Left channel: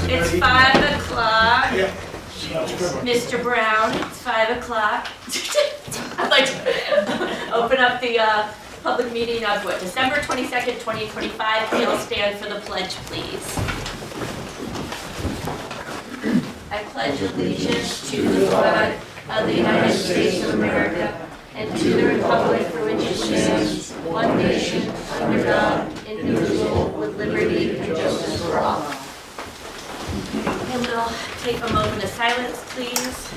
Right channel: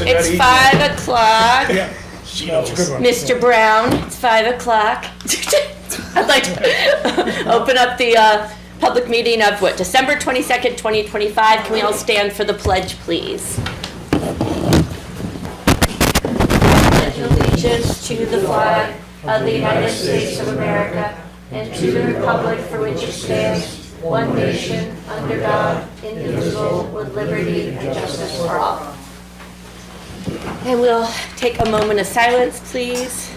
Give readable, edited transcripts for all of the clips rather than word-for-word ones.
It's 5 o'clock. Yeah. That's a good one. Mr. Brown, it's 5 o'clock. I'd like to open up the public meeting of what, December 22nd, 2025. Can we all stand for the pledge, please? Pledge allegiance to the flag of the United States of America and to the republic for which it stands, one nation, under God, indivisible, with liberty and justice for all. And we'll take a moment of silence, please.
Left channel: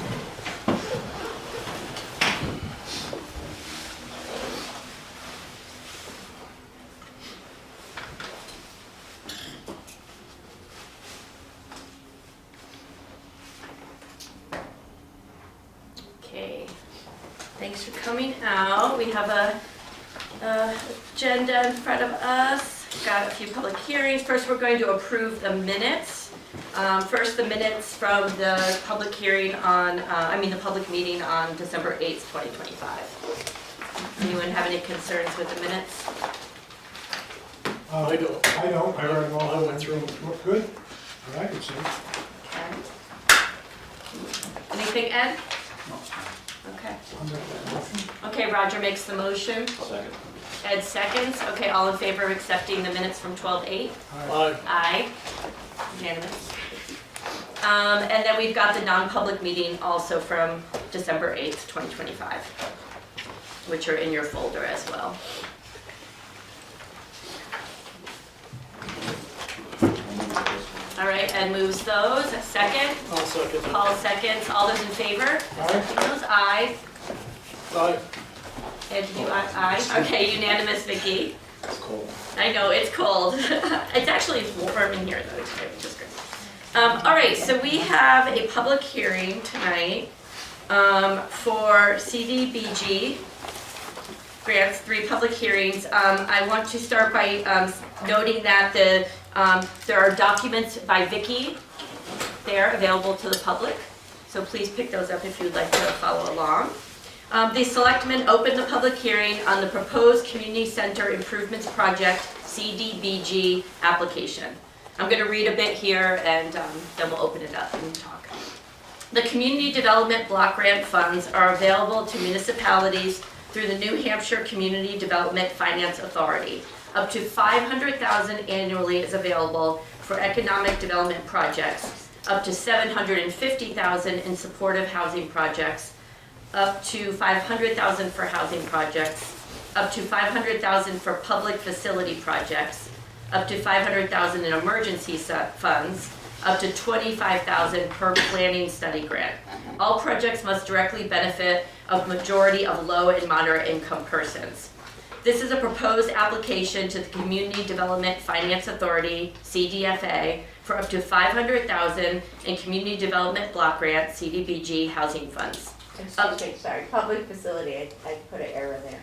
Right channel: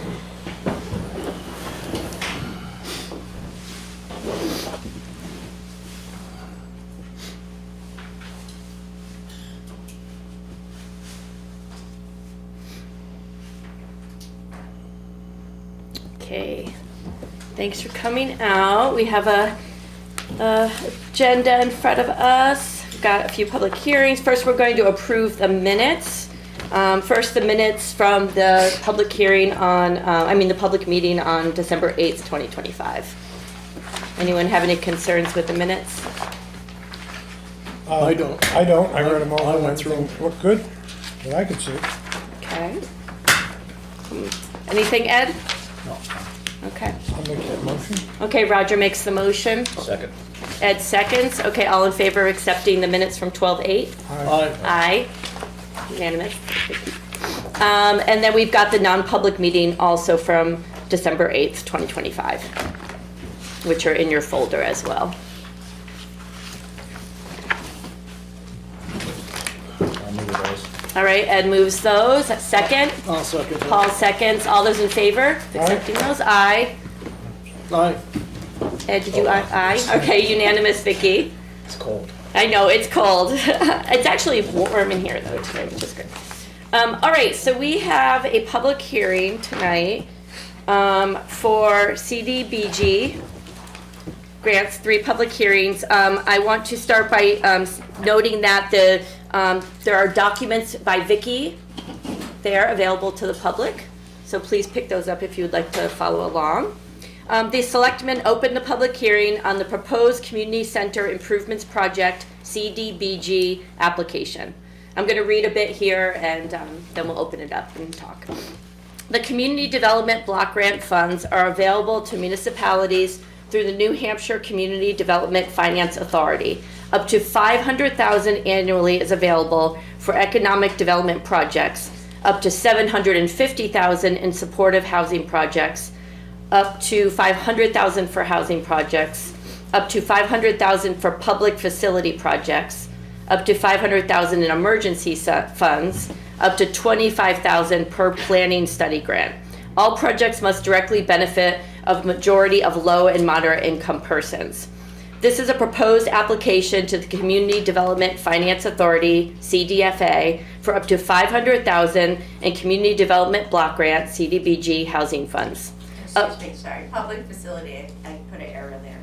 Okay, thanks for coming out. We have a agenda in front of us. We've got a few public hearings. First, we're going to approve the minutes. First, the minutes from the public hearing on, the public meeting on December 8th, 2025. Anyone have any concerns with the minutes? I don't. I read them all. I went through them. Looked good, that I could see. Okay. Anything, Ed? No. Okay. I'll make that motion. Okay, Roger makes the motion. Second. Ed seconds. Okay, all in favor of accepting the minutes from 12/8? Aye. Aye. Unanimous. And then we've got the non-public meeting also from December 8th, 2025, which are in your folder as well. I'll move those. All right, Ed moves those. Second. I'll second. Paul seconds. All those in favor? Accepting those? Aye. Aye. Ed, did you aye? Okay, unanimous, Vicky. It's cold. I know, it's cold. It's actually warm in here though today, which is good. All right, so we have a public hearing tonight for CDBG grants, 3 public hearings. I want to start by noting that there are documents by Vicky there available to the public. So please pick those up if you'd like to follow along. The selectmen opened the public hearing on the proposed community center improvements project CDBG application. I'm going to read a bit here and then we'll open it up and talk. The community development block grant funds are available to municipalities through the New Hampshire Community Development Finance Authority. Up to $500,000 annually is available for economic development projects, up to $750,000 in supportive housing projects, up to $500,000 for housing projects, up to $500,000 for public facility projects, up to $500,000 in emergency funds, up to $25,000 per planning study grant. All projects must directly benefit a majority of low and moderate income persons. This is a proposed application to the Community Development Finance Authority, CDFA, for up to $500,000 in Community Development Block Grant, CDBG housing funds. Excuse me, sorry, public facility, I put an error there.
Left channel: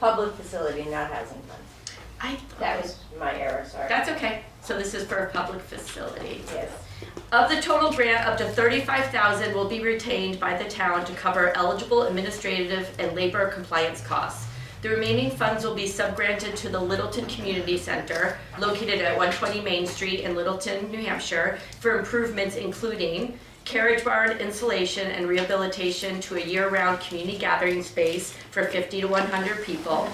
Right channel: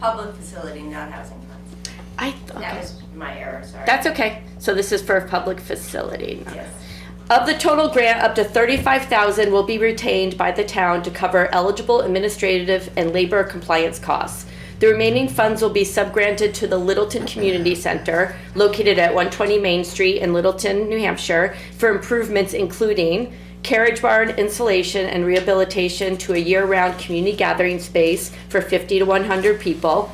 Public facility, not housing funds. That was my error, sorry. That's okay. So this is for public facilities. Yes. Of the total grant, up to $35,000 will be retained by the town to cover eligible administrative and labor compliance costs. The remaining funds will be subgranted to the Littleton Community Center, located at 120 Main Street in Littleton, New Hampshire, for improvements including carriage barn installation and rehabilitation to a year-round community gathering space for 50 to 100 people.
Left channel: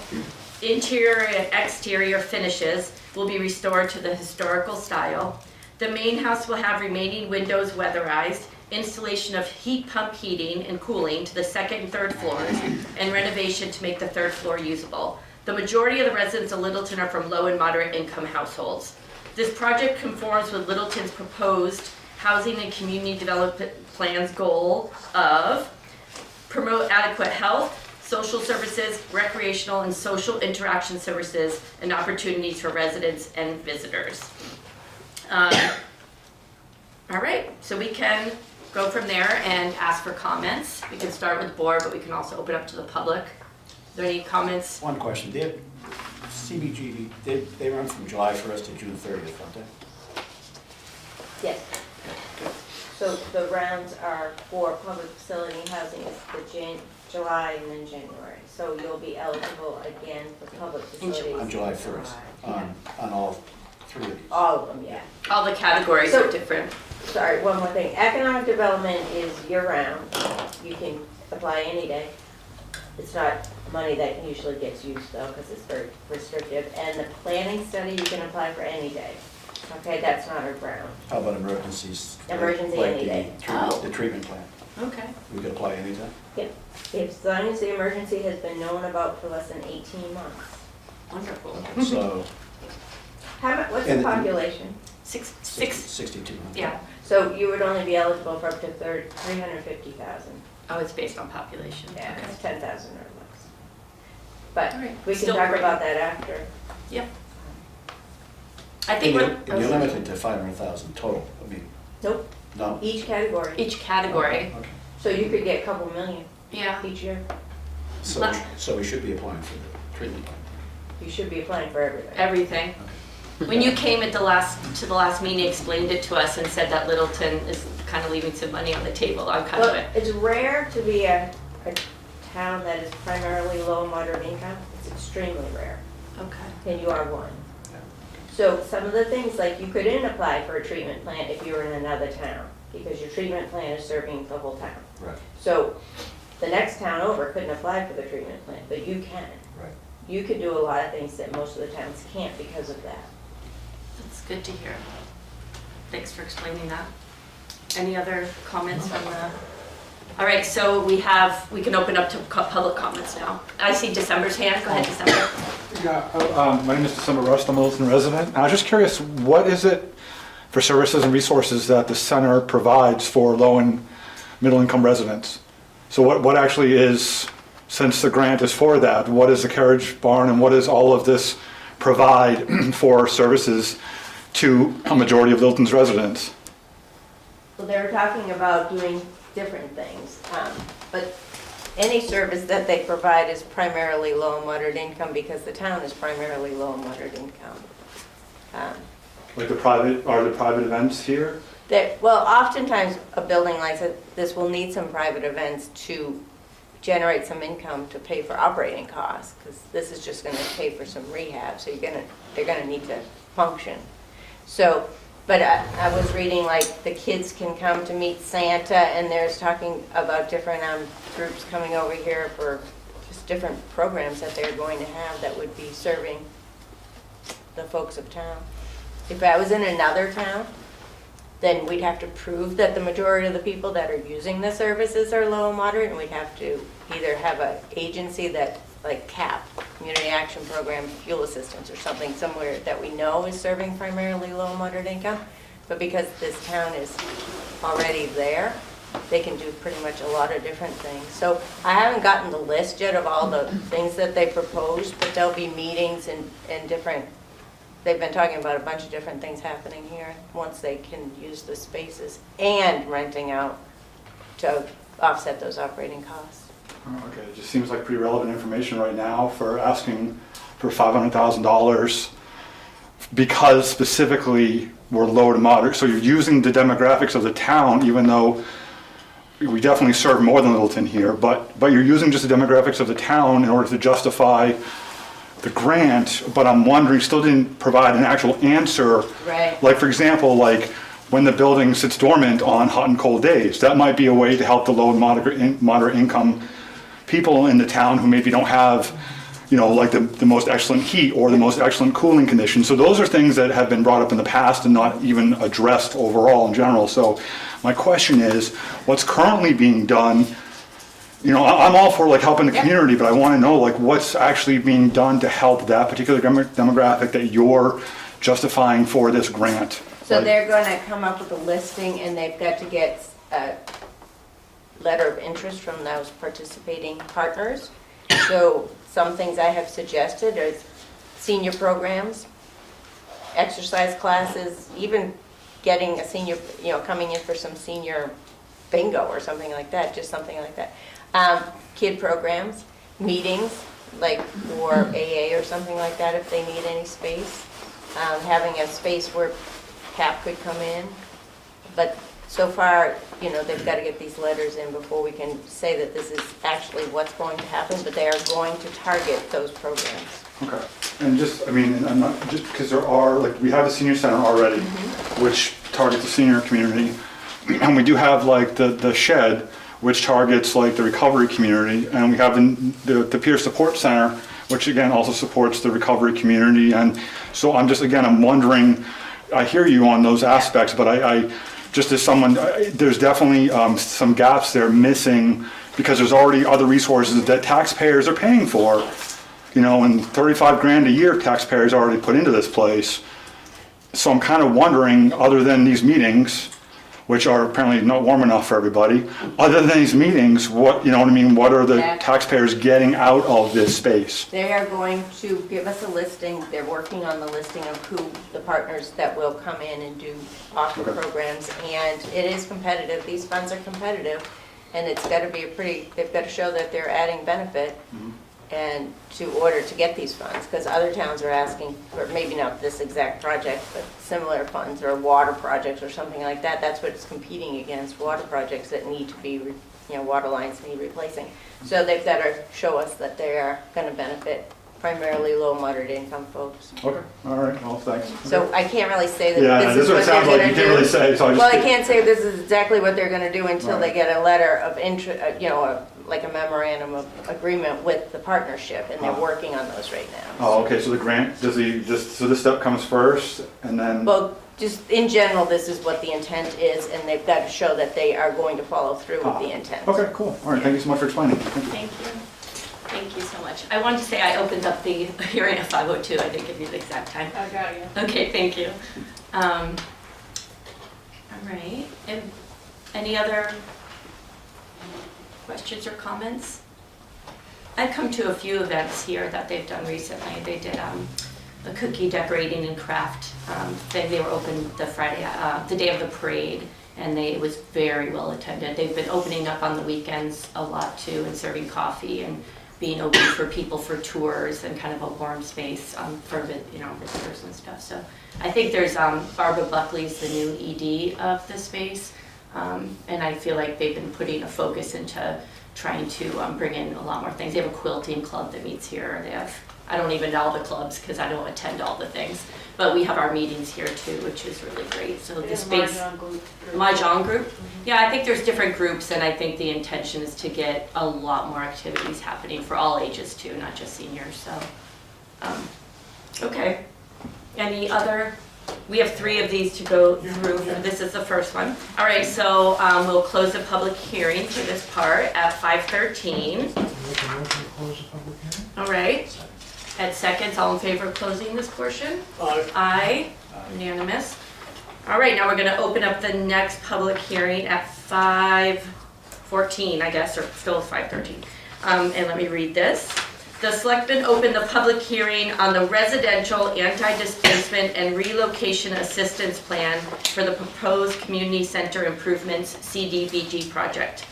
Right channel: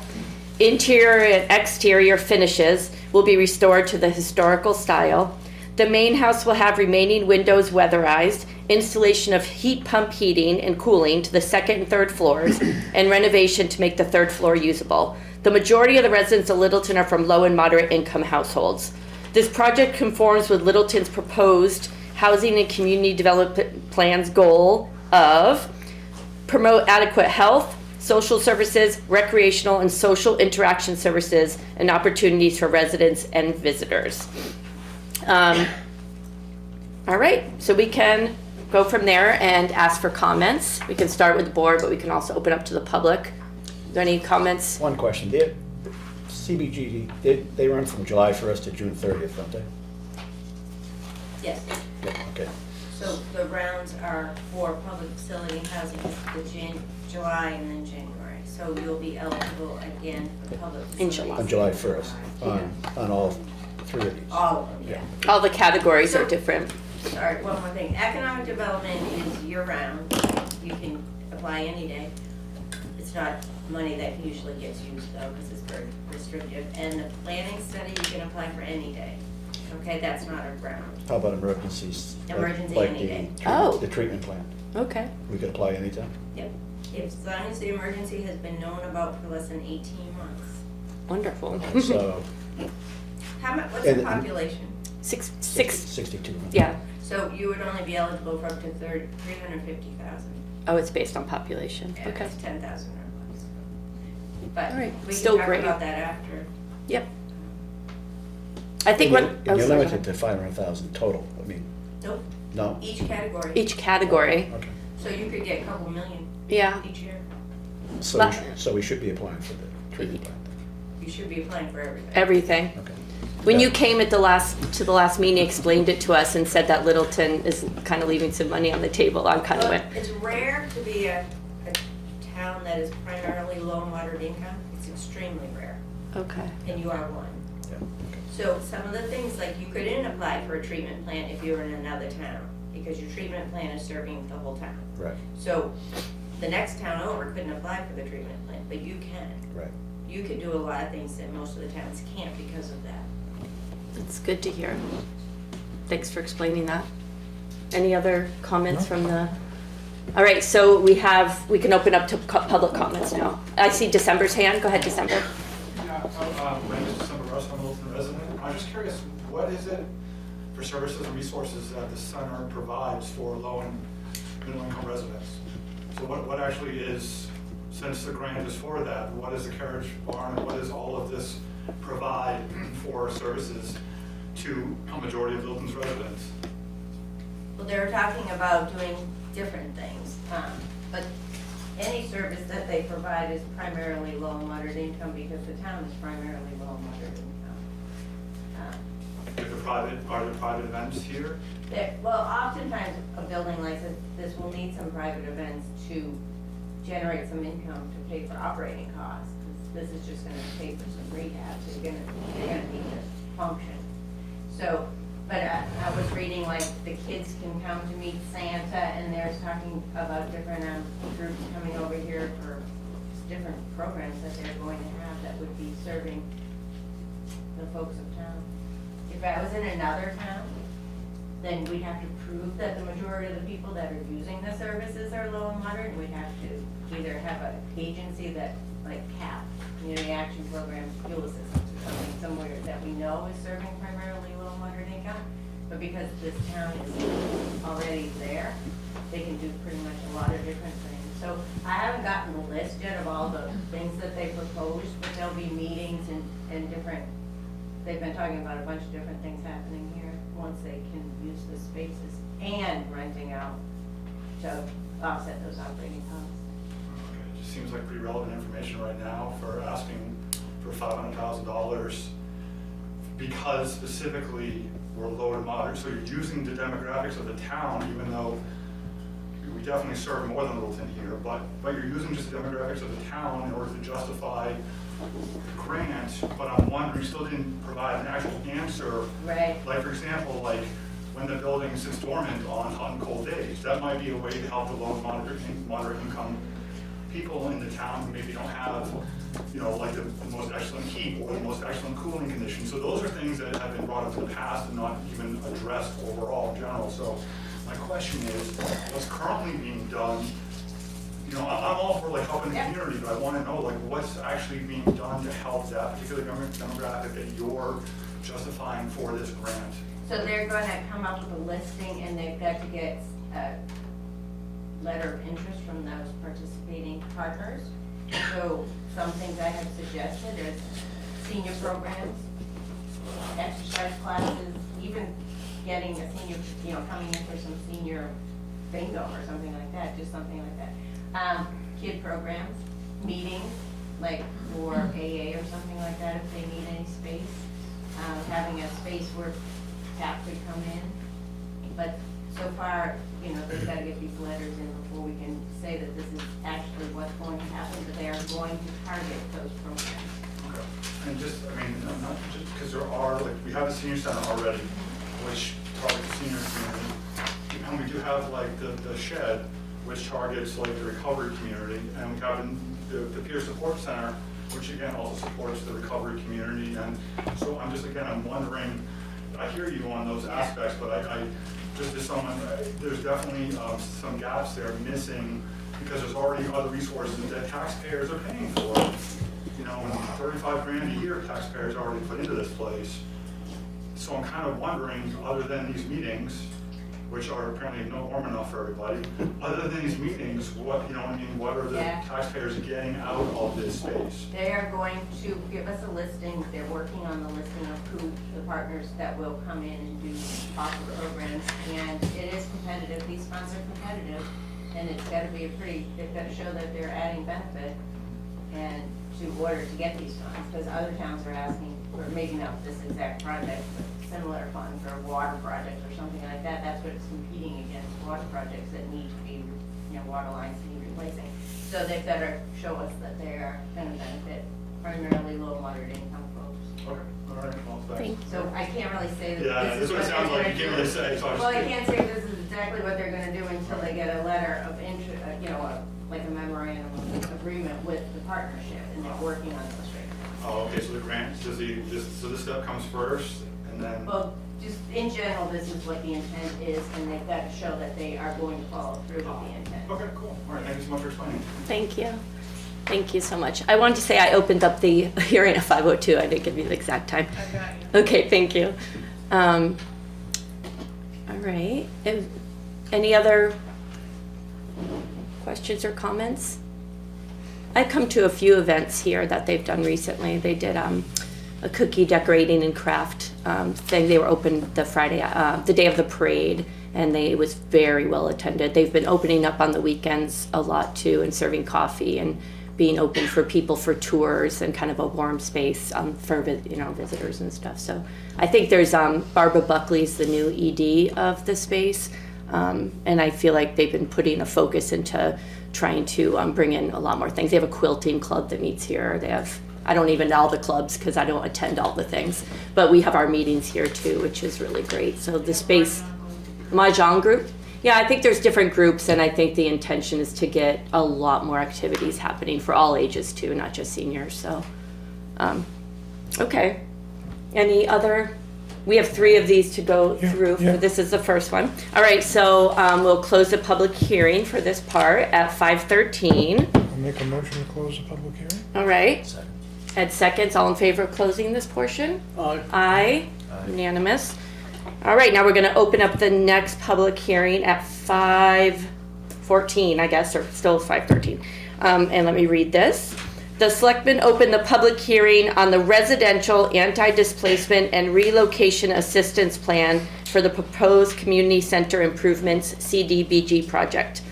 Interior and exterior finishes will be restored to the historical style. The main house will have remaining windows weatherized, installation of heat pump heating and cooling to the 2nd and 3rd floors, and renovation to make the 3rd floor usable. The majority of the residents of Littleton are from low and moderate income households. This project conforms with Littleton's proposed Housing and Community Development Plan's goal of promote adequate health, social services, recreational and social interaction services, and opportunities for residents and visitors. All right, so we can go from there and ask for comments. We can start with the board, but we can also open up to the public. Are there any comments? One question. CBG, they run from July 1st to June 30th, don't they? Yes, Yeah, okay. so the rounds are for public facility housing, the July and then January. So you'll be eligible again for public In facilities. On July 1st, on all 3 of these. All of them, yeah. All the categories are So- different. Sorry, one more thing. Economic development is year-round. You can apply any day. It's not money that usually gets used though, because it's very restrictive. And the planning study, you can apply for any day. Okay, that's not our ground. How about emergencies? Emergency Like any the day. Oh. The treatment plan. Okay. We could apply anytime? As long as the emergency has been known about for less than 18 months. Wonderful. So, How much, what's the And- population? Six. 62 months. Yeah. So you would only be eligible for up to 350,000. Oh, it's based on population. Yeah, Okay. it's 10,000 or less. But All right. we can Still talk great. about that after. Yeah. I think And when you're limited to 500,000 total, I mean, Nope, no? each category. each category. Okay. So you could get a couple million Yeah. each year. So, so we should be applying for the treatment plan. You should be applying for everything. Everything. Okay. When you came to the last meeting, explained it to us and said that Littleton is kind of leaving some money on the table. I'm kind of Well, like, it's rare to be a town that is primarily low and moderate income. It's extremely rare, okay. and you are one. Yeah, okay. So some of the things, like you couldn't apply for a treatment plant if you were in another town, because your treatment plan is serving the whole town. Right, So the next town over couldn't apply for the treatment plant, but you can. right. You could do a lot of things that most of the towns can't because of that. That's good to hear. Thanks for explaining that. Any other comments from the? All right, so we can open up to public comments now. I see December's hand. Go ahead, December. Yeah, my name is December Rust, I'm a Littleton resident. I was just curious, what is it for services and resources that the center provides for low and middle income residents? So what actually is, since the grant is for that, what is the carriage barn and what does all of this provide for services to a majority of Littleton's residents? Well, they're talking about doing different things, but any service that they provide is primarily low and moderate income because the town is primarily low and moderate income. Like are the private events here? Well, oftentimes a building like this will need some private events to generate some income to pay for operating costs, because this is just gonna pay for some rehab, so they're gonna need to function. So, but I was reading like the kids can come to meet Santa, and there's talking about different groups coming over here for just different programs that they're going to have that would be serving the folks of town. If I was in another town, then we'd have to prove that the majority of the people that are using the services are low and moderate, and we'd have to either have an agency that, like CAP, Community Action Program, Fuel Assistance, or something somewhere that we know is serving primarily low and moderate income. But because this town is already there, they can do pretty much a lot of different things. So I haven't gotten the list yet of all the things that they proposed, but there'll be meetings and different, they've been talking about a bunch of different things happening here once they can use the spaces and renting out to offset those operating costs. Okay, it just seems like pretty relevant information right now for asking for $500,000 because specifically we're low to moderate. So you're using the demographics of the town, even though we definitely serve more than Littleton here, but you're using just the demographics of the town in order to justify the grant, but I'm wondering, still didn't provide an actual answer. Right. Like, for example, like when the building sits dormant on hot and cold days, that might be a way to help the low and moderate income people in the town who maybe don't have, like the most excellent heat or the most excellent cooling conditions. So those are things that have been brought up in the past and not even addressed overall in general. So my question is, what's currently being done? I'm all for like helping the community, but I want to know like what's actually being done to help that particular demographic that you're justifying for this grant. So they're going to come up with a listing, and they've got to get a letter of interest from those participating partners. So some things I have suggested are senior programs, exercise classes, even getting a senior, coming in for some senior bingo or something like that, just something like that. Kid programs, meetings, like for AA or something like that if they need any space. Having a space where CAP could come in. But so far, they've got to get these letters in before we can say that this is actually what's going to happen, but they are going to target those programs. Okay. And just, I mean, and I'm not, just because there are, like, we have the senior center already, which targets the senior community. And we do have like the shed, which targets like the recovery community. And we have the peer support center, which again also supports the recovery community. And so I'm just, again, I'm wondering, I hear you on those aspects, but I just as someone, there's definitely some gaps there missing because there's already other resources that taxpayers are paying for. You know, and 35 grand a year taxpayers already put into this place. So I'm kind of wondering, other than these meetings, which are apparently not warm enough for everybody, other than these meetings, what, you know what I mean, what are the Yeah. taxpayers getting out of this space? They are going to give us a listing, they're working on the listing of who the partners that will come in and do offer programs, and it is competitive, these funds are competitive, and it's gotta be they've gotta show that they're adding benefit and to order to get these funds, because other towns are asking for, maybe not this exact project, but similar funds or water projects or something like that. That's what it's competing against, water projects that need to be, water lines need replacing. So they've got to show us that they are going to benefit primarily low, moderate income folks. Okay, all right, well, thanks. So I can't really say that Yeah, this is what it they're sounds like going you to can't really do. say, so I just. Well, I can't say this is exactly what they're going to do until they Right. get a letter of interest, like a memorandum of agreement with the partnership, and they're working on those right now. Oh, okay, so the grant, so this step comes first, and then? Well, just in general, this is what the intent is, and they've got to show that they are going to follow through with the intent. Okay, cool, all right, thank you so much for explaining. Thank you. Thank you so much. I wanted to say I opened up the hearing at 5:02. I didn't give you the exact time. I got you. Okay, thank you. All right, and any other questions or comments? I've come to a few events here that they've done recently. They did a cookie decorating and craft thing. They were open the Friday, the day of the parade, and it was very well attended. They've been opening up on the weekends a lot too, and serving coffee and being open for people for tours and kind of a warm space for visitors and stuff. So I think there's Barbara Buckley's the new ED of the space, and I feel like they've been putting a focus into trying to bring in a lot more things. They have a quilting club that meets here. They have, I don't even know all the clubs because I don't attend all the things, but we have our meetings here too, which is really great. So the space, Mahjong group. Yeah, I think there's different groups, and I think the intention is to get a lot more activities happening for all ages too, not just seniors. So, okay. Any other? We have 3 of these to go through. Yeah. This is the first one. All right, so we'll close the public hearing for this part at 5:13. Make a motion to close the public hearing? All right. At seconds, all in favor of closing this portion? Aye. Unanimous. All right, now we're going to open up the next public hearing at 5:14, I guess, or still 5:13. And let me read this. The selectmen opened the public hearing on the residential anti-displacement and relocation assistance plan for the proposed community center improvements CDBG project.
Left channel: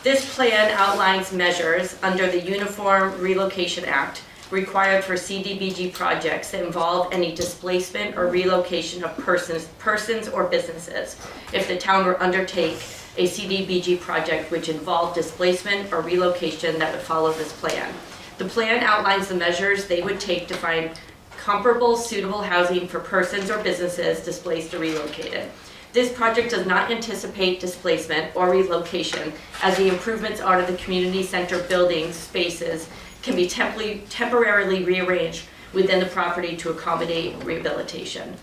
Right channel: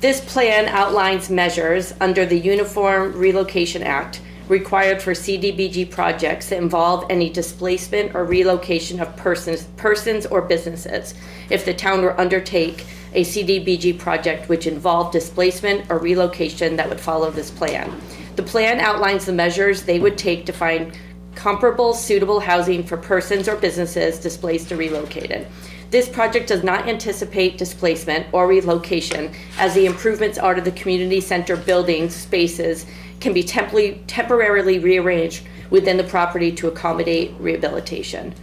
This plan outlines measures under the Uniform Relocation Act required for CDBG projects that involve any displacement or relocation of persons or businesses if the town were undertake a CDBG project which involved displacement or relocation that would follow this plan. The plan outlines the measures they would take to find comparable suitable housing for persons or businesses displaced or relocated. This project does not anticipate displacement or relocation, as the improvements are to the community center building spaces can be temporarily rearranged within the property to accommodate rehabilitation.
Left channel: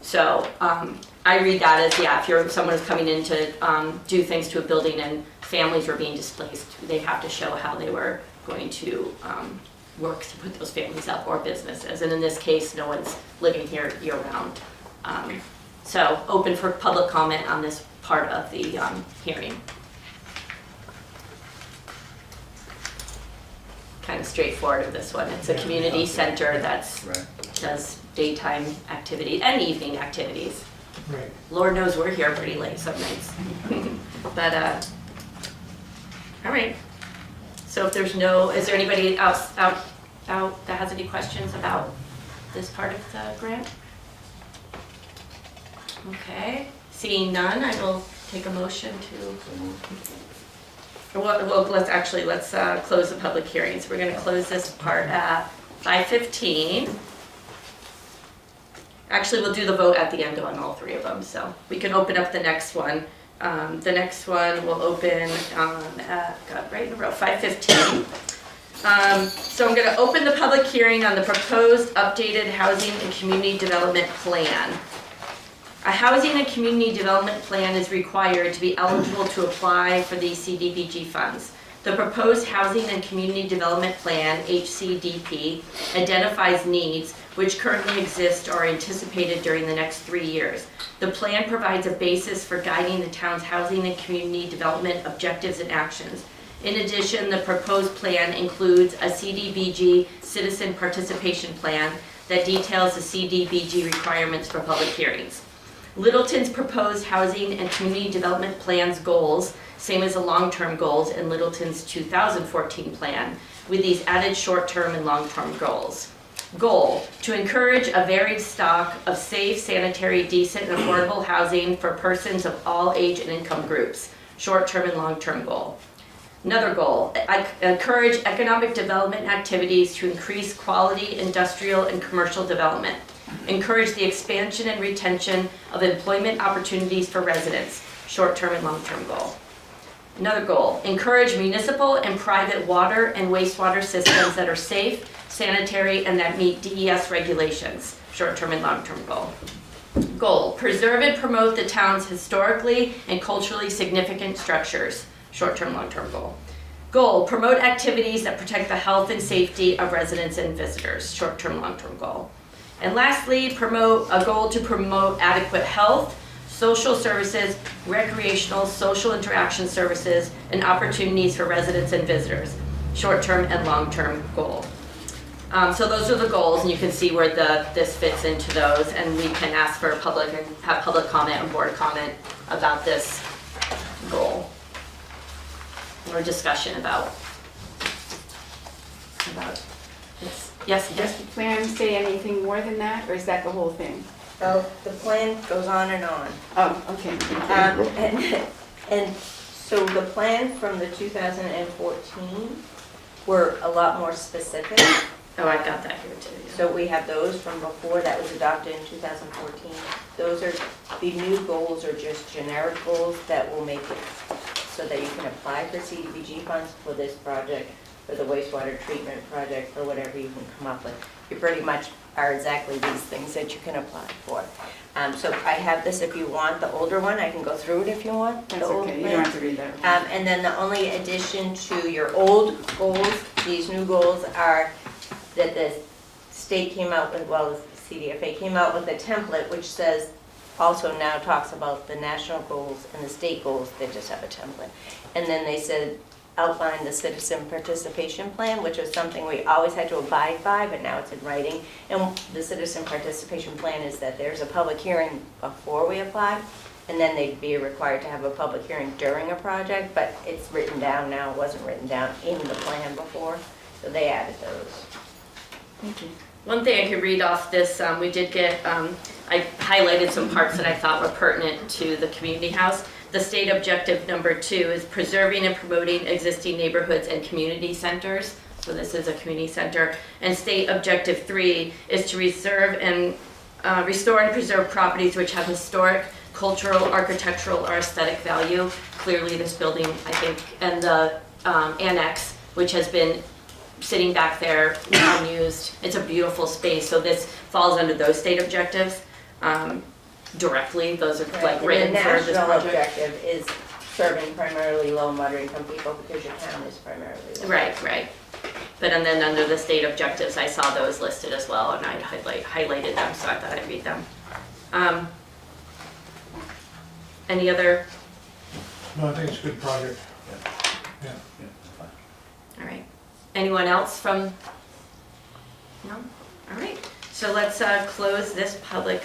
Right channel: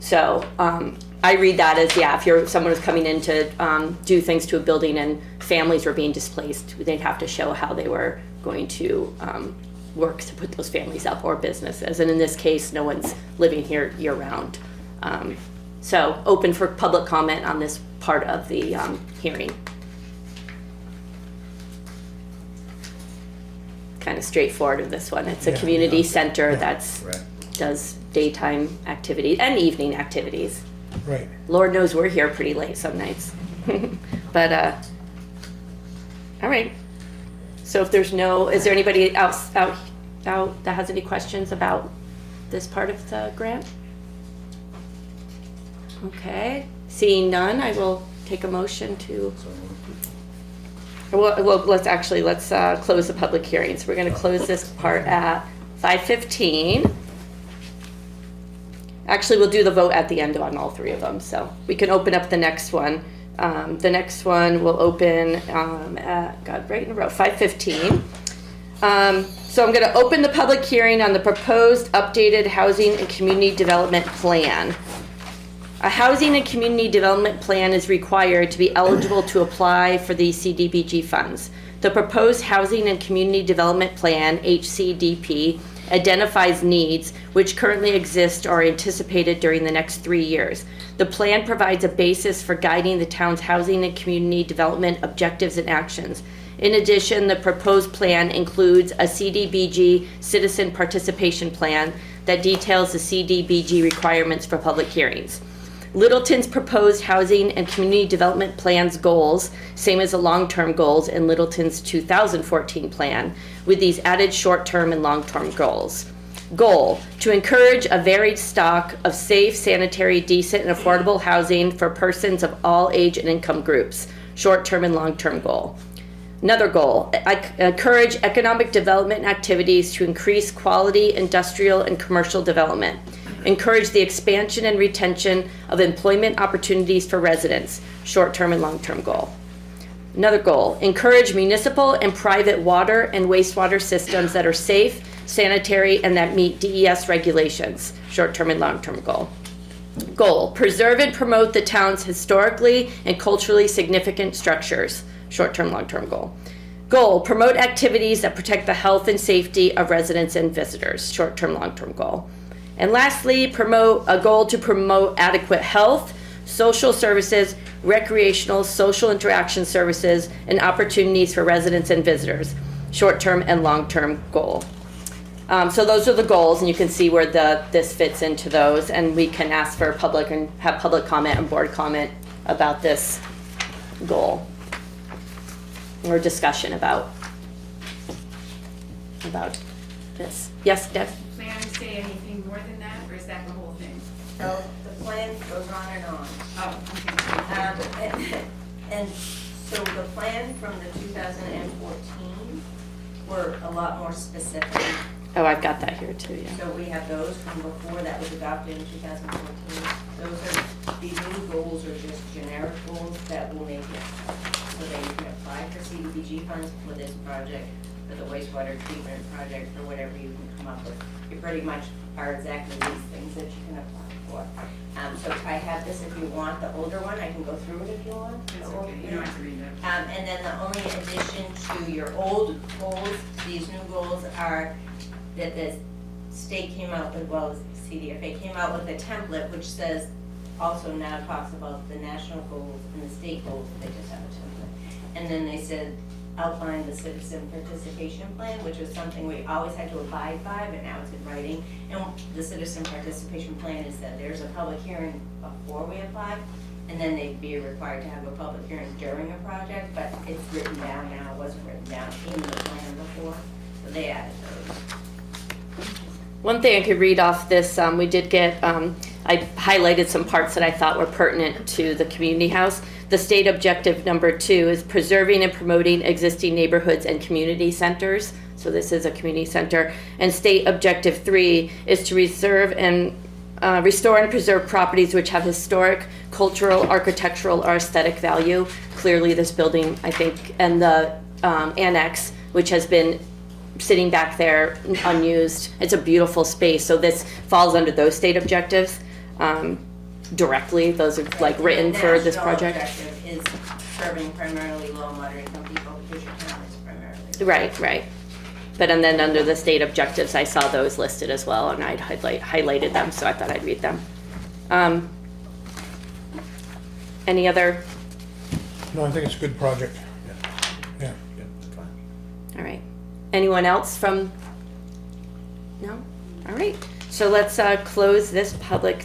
So I read that as, if someone is coming in to do things to a building and families were being displaced, they have to show how they were going to work to put those families up, or businesses. And in this case, no one's living here year round. So open for public comment on this part of the hearing. Kind of straightforward of this one. It's a community center that's does daytime activity and evening activities. Right. Lord knows we're here pretty late some nights. But all right. So if there's is there anybody else out that has any questions about this part of the grant? Okay. Seeing none, I will take a motion to. Well, let's close the public hearing. So we're going to close this part at 5:15. Actually, we'll do the vote at the end on all three of them, so we can open up the next one. The next one will open right in a row, 5:15. So I'm gonna open the public hearing on the proposed updated housing and community development plan. A housing and community development plan is required to be eligible to apply for the CDBG funds. The proposed Housing and Community Development Plan, HCDP, identifies needs which currently exist or are anticipated during the next 3 years. The plan provides a basis for guiding the town's housing and community development objectives and actions. In addition, the proposed plan includes a CDBG citizen participation plan that details the CDBG requirements for public hearings. Littleton's proposed housing and community development plan's goals, same as the long-term goals in Littleton's 2014 plan, with these added short-term and long-term goals. Goal, to encourage a varied stock of safe, sanitary, decent, and affordable housing for persons of all age and income groups, short-term and long-term goal. Another goal, encourage economic development activities to increase quality industrial and commercial development. Encourage the expansion and retention of employment opportunities for residents, short-term and long-term goal. Another goal, encourage municipal and private water and wastewater systems that are safe, sanitary, and that meet DES regulations, short-term and long-term goal. Goal, preserve and promote the town's historically and culturally significant structures, short-term, long-term goal. Goal, promote activities that protect the health and safety of residents and visitors, short-term, long-term goal. And lastly, promote a goal to promote adequate health, social services, recreational, social interaction services, and opportunities for residents and visitors, short-term and long-term goal. So those are the goals, and you can see where this fits into those, and we can ask for public and have public comment and board comment about this goal. Or discussion about this. Yes, Does the plan say anything more than that, or is that the whole thing? Well, the plan goes on and on. Oh, okay. And so the plan from the 2014 were a lot more specific. Oh, I've got that here too. Yeah. So we have those from before that was adopted in 2014. Those are, the new goals are just generic goals that will make it so that you can apply for CDBG funds for this project, for the wastewater treatment project, for whatever you can come up with. You pretty much are exactly these things that you can apply for. So I have this if you want, the older one, I can go through it if you want. That's the old okay, you plan. don't have to read that. And then the only addition to your old goals, these new goals are that the state came out with, well, the CDFA came out with a template which says, also now talks about the national goals and the state goals, they just have a template. And then they said, outline the citizen participation plan, which was something we always had to abide by, but now it's in writing. And the citizen participation plan is that there's a public hearing before we apply, and then they'd be required to have a public hearing during a project, but it's written down now, it wasn't written down in the plan before, so they added those. One thing I could read off this, we did get, I highlighted some parts that I thought were pertinent to the community house. The state objective number 2 is preserving and promoting existing neighborhoods and community centers. So this is a community center. And state objective 3 is to reserve and restore and preserve properties which have historic, cultural, architectural, or aesthetic value. Clearly this building, I think, and the annex, which has been sitting back there unused. It's a beautiful space, so this falls under those state objectives directly. Those are like written for this project. The national objective is serving primarily low and moderate income people because your town is primarily. Right. But and then under the state objectives, I saw those listed as well, and I'd highlighted them, so I thought I'd read them. Any other? No, I think it's a good project. Yeah. All right. Anyone else from? No? All right. So let's close this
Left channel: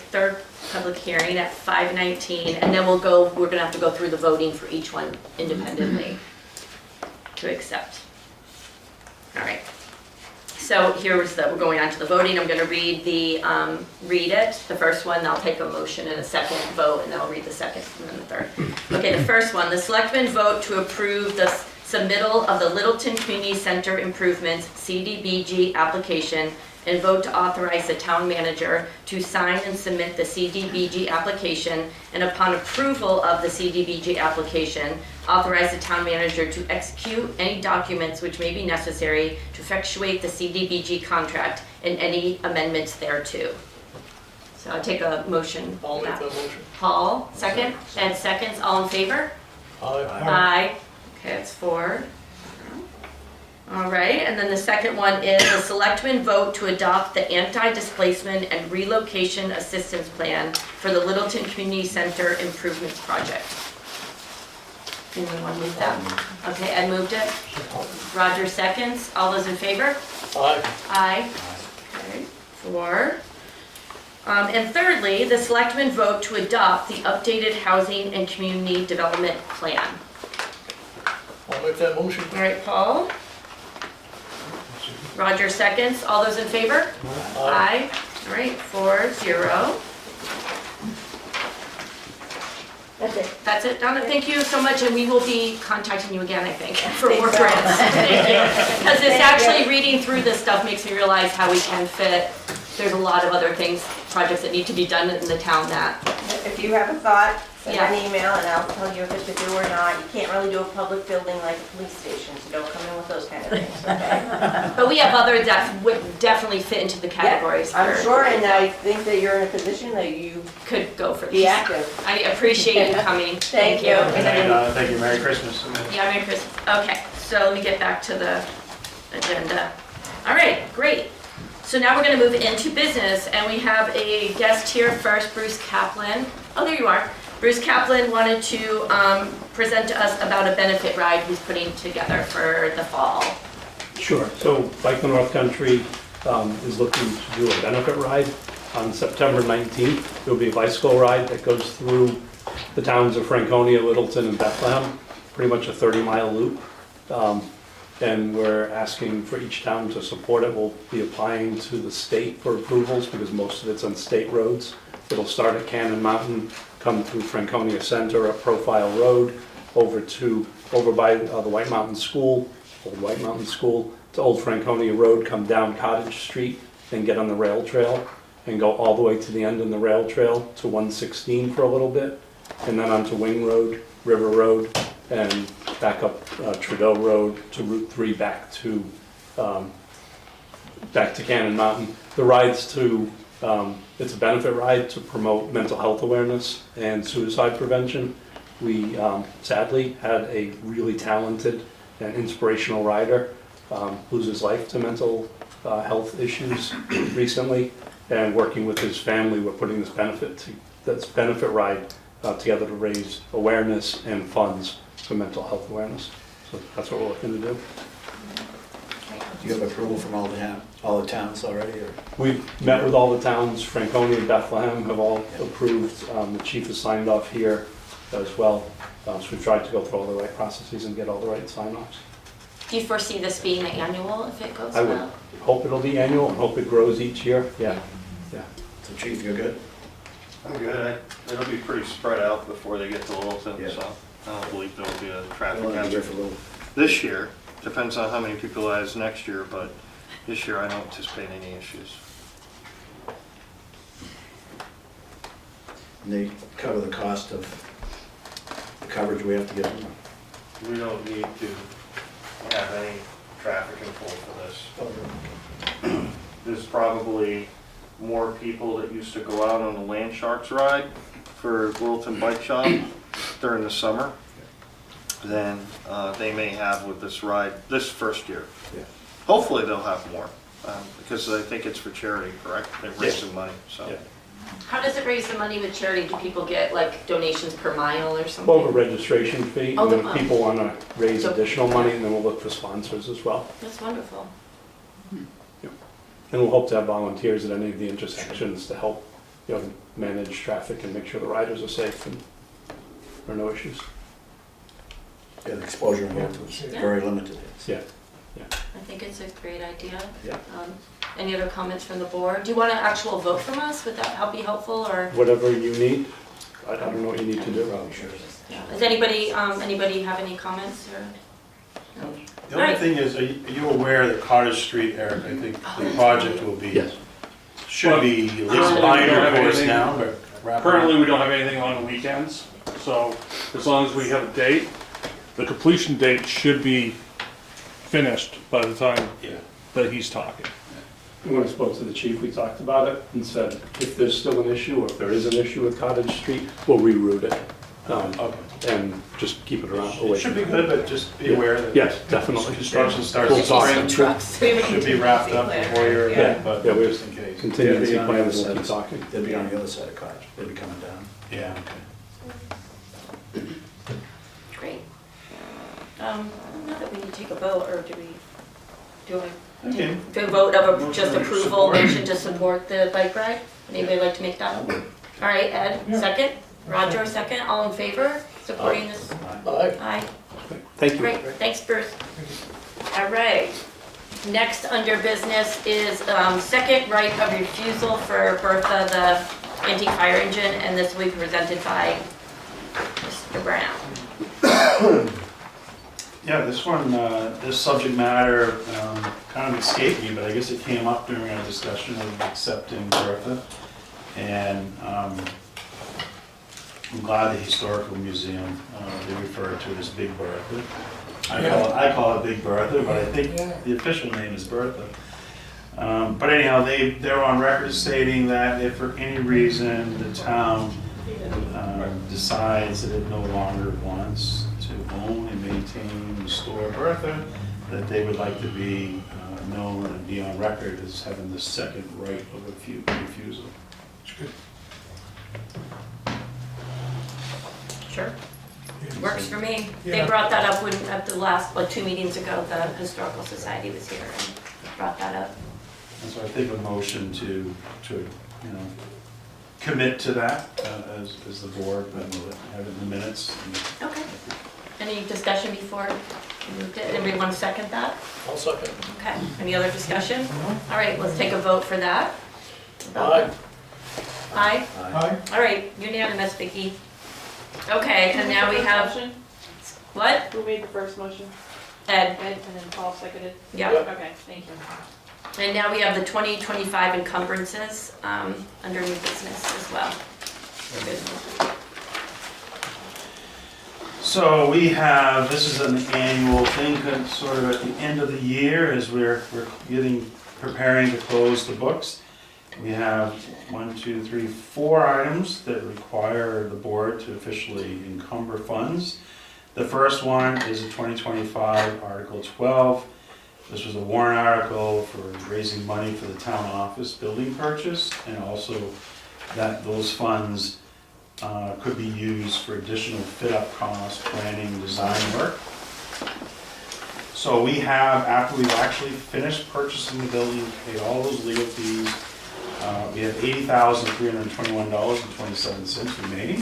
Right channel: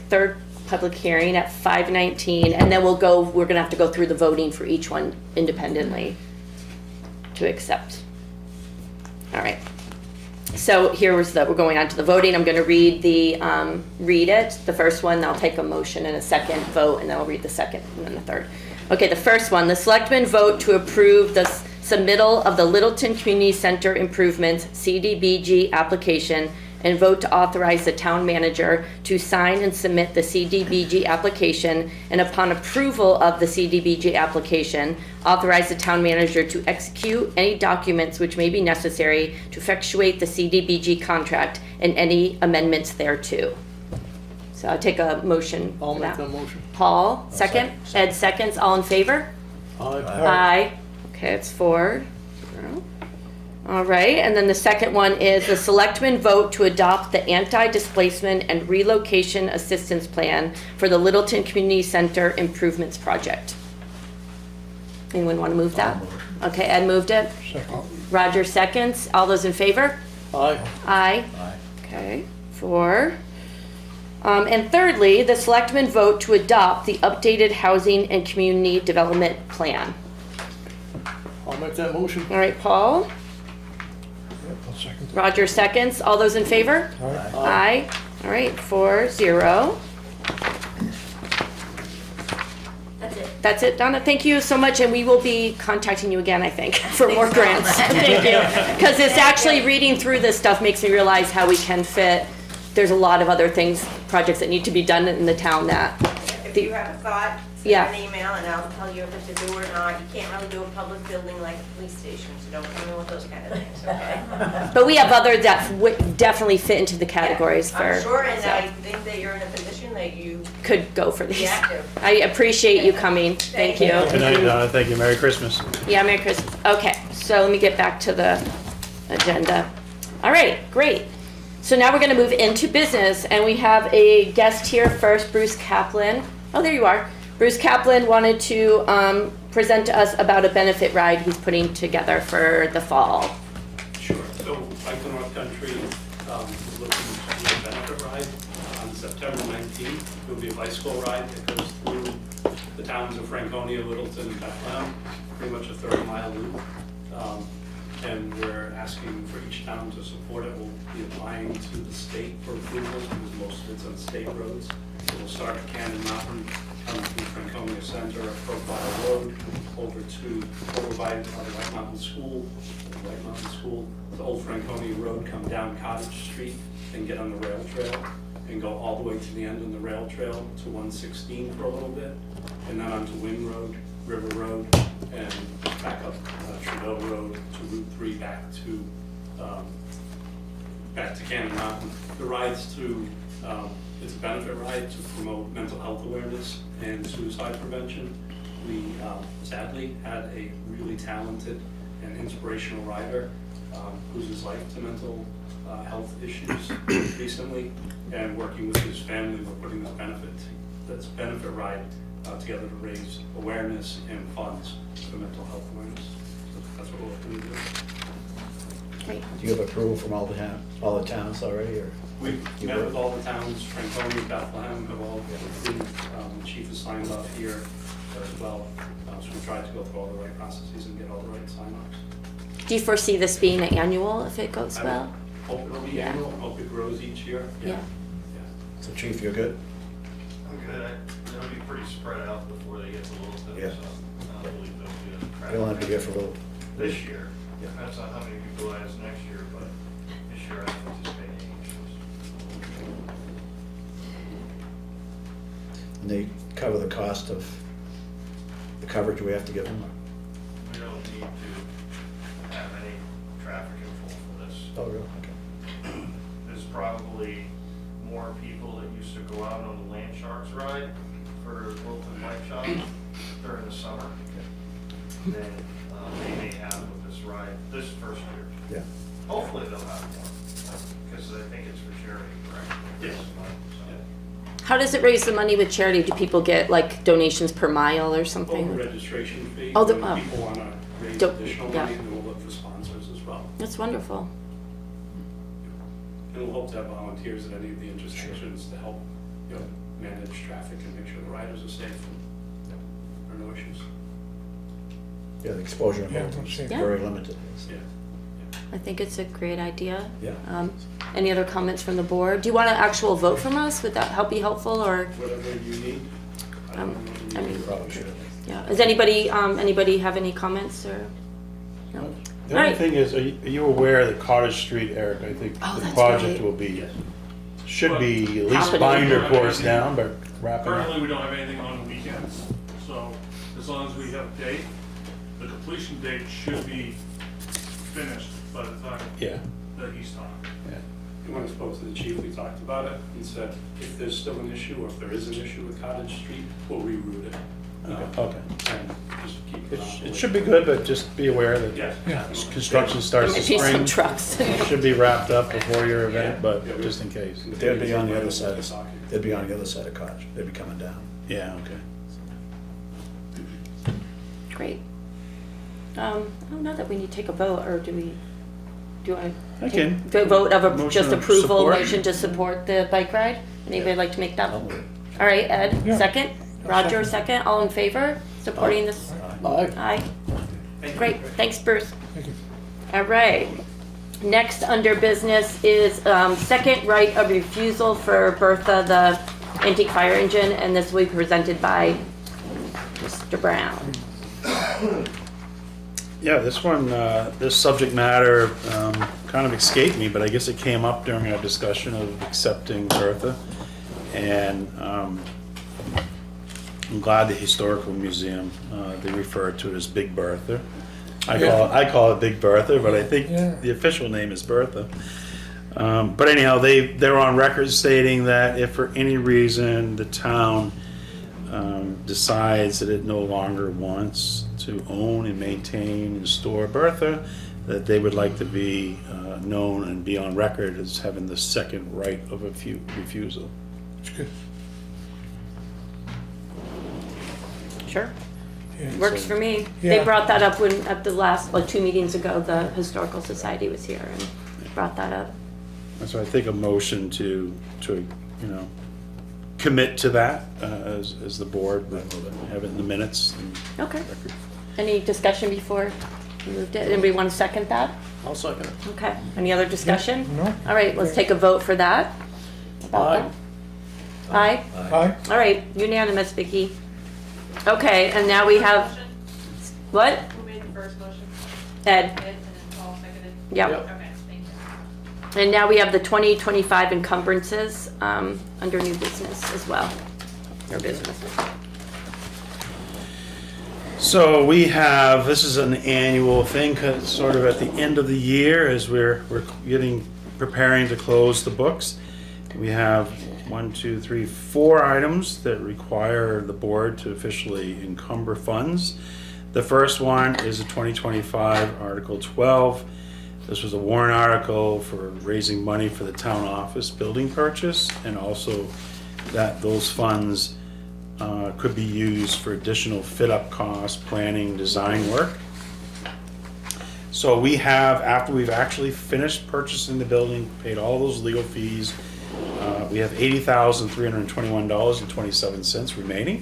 third public hearing at 5:19, and then we're gonna have to go through the voting for each one independently to accept. All right. So we're going on to the voting. I'm gonna read the first one, I'll take a motion and a second vote, and then I'll read the second and then the third. Okay, the first one, the selectmen vote to approve the submittal of the Littleton Community Center Improvements CDBG application and vote to authorize the town manager to sign and submit the CDBG application, and upon approval of the CDBG application, authorize the town manager to execute any documents which may be necessary to effectuate the CDBG contract and any amendments thereto. So I'll take a motion. I'll make that motion. Paul, second. Ed seconds. All in favor? Aye. Okay, it's 4. All right, and then the second one is the selectmen vote to adopt the Anti-Displacement and Relocation Assistance Plan for the Littleton Community Center Improvements Project. Anyone want to move that? Okay, Ed moved it. Roger seconds. All those in favor? Aye. Aye. Okay, 4. And thirdly, the selectmen vote to adopt the updated Housing and Community Development Plan. I'll make that motion. All right, Paul. Roger seconds. All those in favor? Aye. All right, 4-0. That's it. That's it, Donna. Thank you so much, and we will be contacting you again, I think, for more Thanks, grants. Thank you. Because it's Thank actually you. reading through this stuff makes me realize how we can fit. There's a lot of other things, projects that need to be done in the town that, If you have a thought, send Yeah. an email and I'll tell you if it's a do or not. You can't really do a public building like a police station, so don't come in with those kind of things, okay? but we have other that would definitely fit into the categories for. I'm sure, and I think that you're in a position that you Could go for be these. active. I appreciate you coming. Thank you. Good night, thank you, Merry Christmas. Yeah, Merry Christmas. Okay, so let me get back to the agenda. All right, great. So now we're gonna move into business, and we have a guest here first, Bruce Caplain. Oh, there you are. Bruce Caplain wanted to present to us about a benefit ride he's putting together for the fall. Sure. So Bike the North Country is looking to do a benefit ride on September 19th. There'll be a bicycle ride that goes through the towns of Franconia, Littleton, and Bethlehem, pretty much a 30-mile loop. And we're asking for each town to support it. We'll be applying to the state for approvals because most of it's on state roads. It'll start at Cannon Mountain, come through Franconia Center up Profile Road, over by the White Mountain School, to Old Franconia Road, come down Cottage Street, and get on the rail trail, and go all the way to the end on the rail trail to 116 for a little bit, and then onto Wing Road, River Road, and back up Trudeau Road to Route 3 back to Cannon Mountain. The rides to, it's a benefit ride to promote mental health awareness and suicide prevention. We sadly had a really talented and inspirational rider lose his life to mental health issues recently, and working with his family, we're putting this benefit ride together to raise awareness and funds for mental health awareness. So that's what we're looking to do. Do you have approval from all the towns already, or? We've met with all the towns. Franconia and Bethlehem have all approved. The chief has signed off here as well. So we've tried to go through all the right processes and get all the right sign-offs. Do you foresee this being annual if it goes I would well? hope it'll be annual, hope it grows each year. Yeah. So Chief, you're good? I'm good, it'll be pretty spread out before they get to Littleton, Yeah. so I don't believe there'll be a We traffic want to be here hazard for a little. this year. Depends on how many people it is next year, but this year I don't anticipate any issues. And they cover the cost of the coverage we have to give them? We don't need to have any traffic control for this. Oh, really? There's probably more people that used to go out on the Land Sharks ride for Littleton Bike Shop during the summer than they may have with this ride this first year. Yeah. Hopefully they'll have more, because I think it's for charity, correct? They raise Yeah. some money, so. Yeah. How does it raise the money with charity? Do people get like donations per mile or Well, a something? registration fee, Oh, and the- if people want to raise Do- additional money, and then we'll look for sponsors as well. That's wonderful. And we'll hope to have volunteers at any of the intersections to help, manage traffic and make sure the riders are safe and there are no issues. Yeah, the exposure involved is Yeah. very limited. Yeah. I think it's a great idea. Yeah. Any other comments from the board? Do you want an actual vote from us? Would that be helpful, or? Whatever you need, I don't know what you need to do. Probably should. Yeah. Does anybody have any comments or? No? The only Right. thing is, are you aware that Cottage Street, Eric, I think Oh, the that's project right. will be, Yes. should be at least Currently, we binder don't have course anything. now, but wrap it up. Currently, we don't have anything on the weekends, so as long as we have a date, the completion date should be finished by the time Yeah. that he's talking. When I spoke to the chief, we talked about it and said, if there's still an issue, or if there is an issue with Cottage Street, we'll reroute it. Okay. And just keep it around. It should be good, but just be aware that Yes, definitely. construction starts We'll in see some spring. trucks. Should be wrapped up before your event, but Yeah, we just in case. Contingency They'll be on the plan, other we'll side. keep talking. They'll be on the other side of Cottage, they'll be coming down. Yeah, okay. Great. I don't know that we need to take a vote, or do I? Okay. Do a vote of Motion just of approval, support. motion to support the bike ride? Anybody like to make that? That would- All right, Ed, Yeah. second? Roger, second, all in favor, supporting this? Aye. Thank you. Great, thanks Bruce. All right, next under business is second right of refusal for Bertha, the antique fire engine, and this will be presented by Mr. Brown. Yeah, this one, this subject matter kind of escaped me, but I guess it came up during our discussion of accepting Bertha. And I'm glad the Historical Museum, they refer to it as Big Bertha. I call it Big Bertha, but I think Yeah. the official name is Bertha. But anyhow, they're on record stating that if for any reason the town decides that it no longer wants to own and maintain and store Bertha, that they would like to be known and be on record as having the second right of refusal. Sure, Yeah. works for me. They Yeah. brought that up when, at the last, 2 meetings ago, the Historical Society was here and brought that up. And so I think a motion to commit to that as the board, but we'll have it in the minutes. Okay. Any discussion before we moved it? Anybody want to second that? I'll second. Okay, any other discussion? No? All right, let's take a vote for that. Aye. Aye? Aye. All right, unanimous, Vicky. Okay, and now we have, Motion? what? Who made the first motion? Ed, Ed, and then Paul seconded? yeah. Okay, thank you. And now we have the 2025 encumbrances under new business as well. Or business. So we have, this is an annual thing, 'cause it's sort of at the end of the year as we're preparing to close the books. We have 4 items that require the board to officially encumber funds. The first one is a 2025 Article 12. This was a warrant article for raising money for the town office building purchase, and also that those funds could be used for additional fit-up costs, planning, design work. So we have, after we've actually finished purchasing the building, paid all those legal fees, we have $80,321.27 remaining.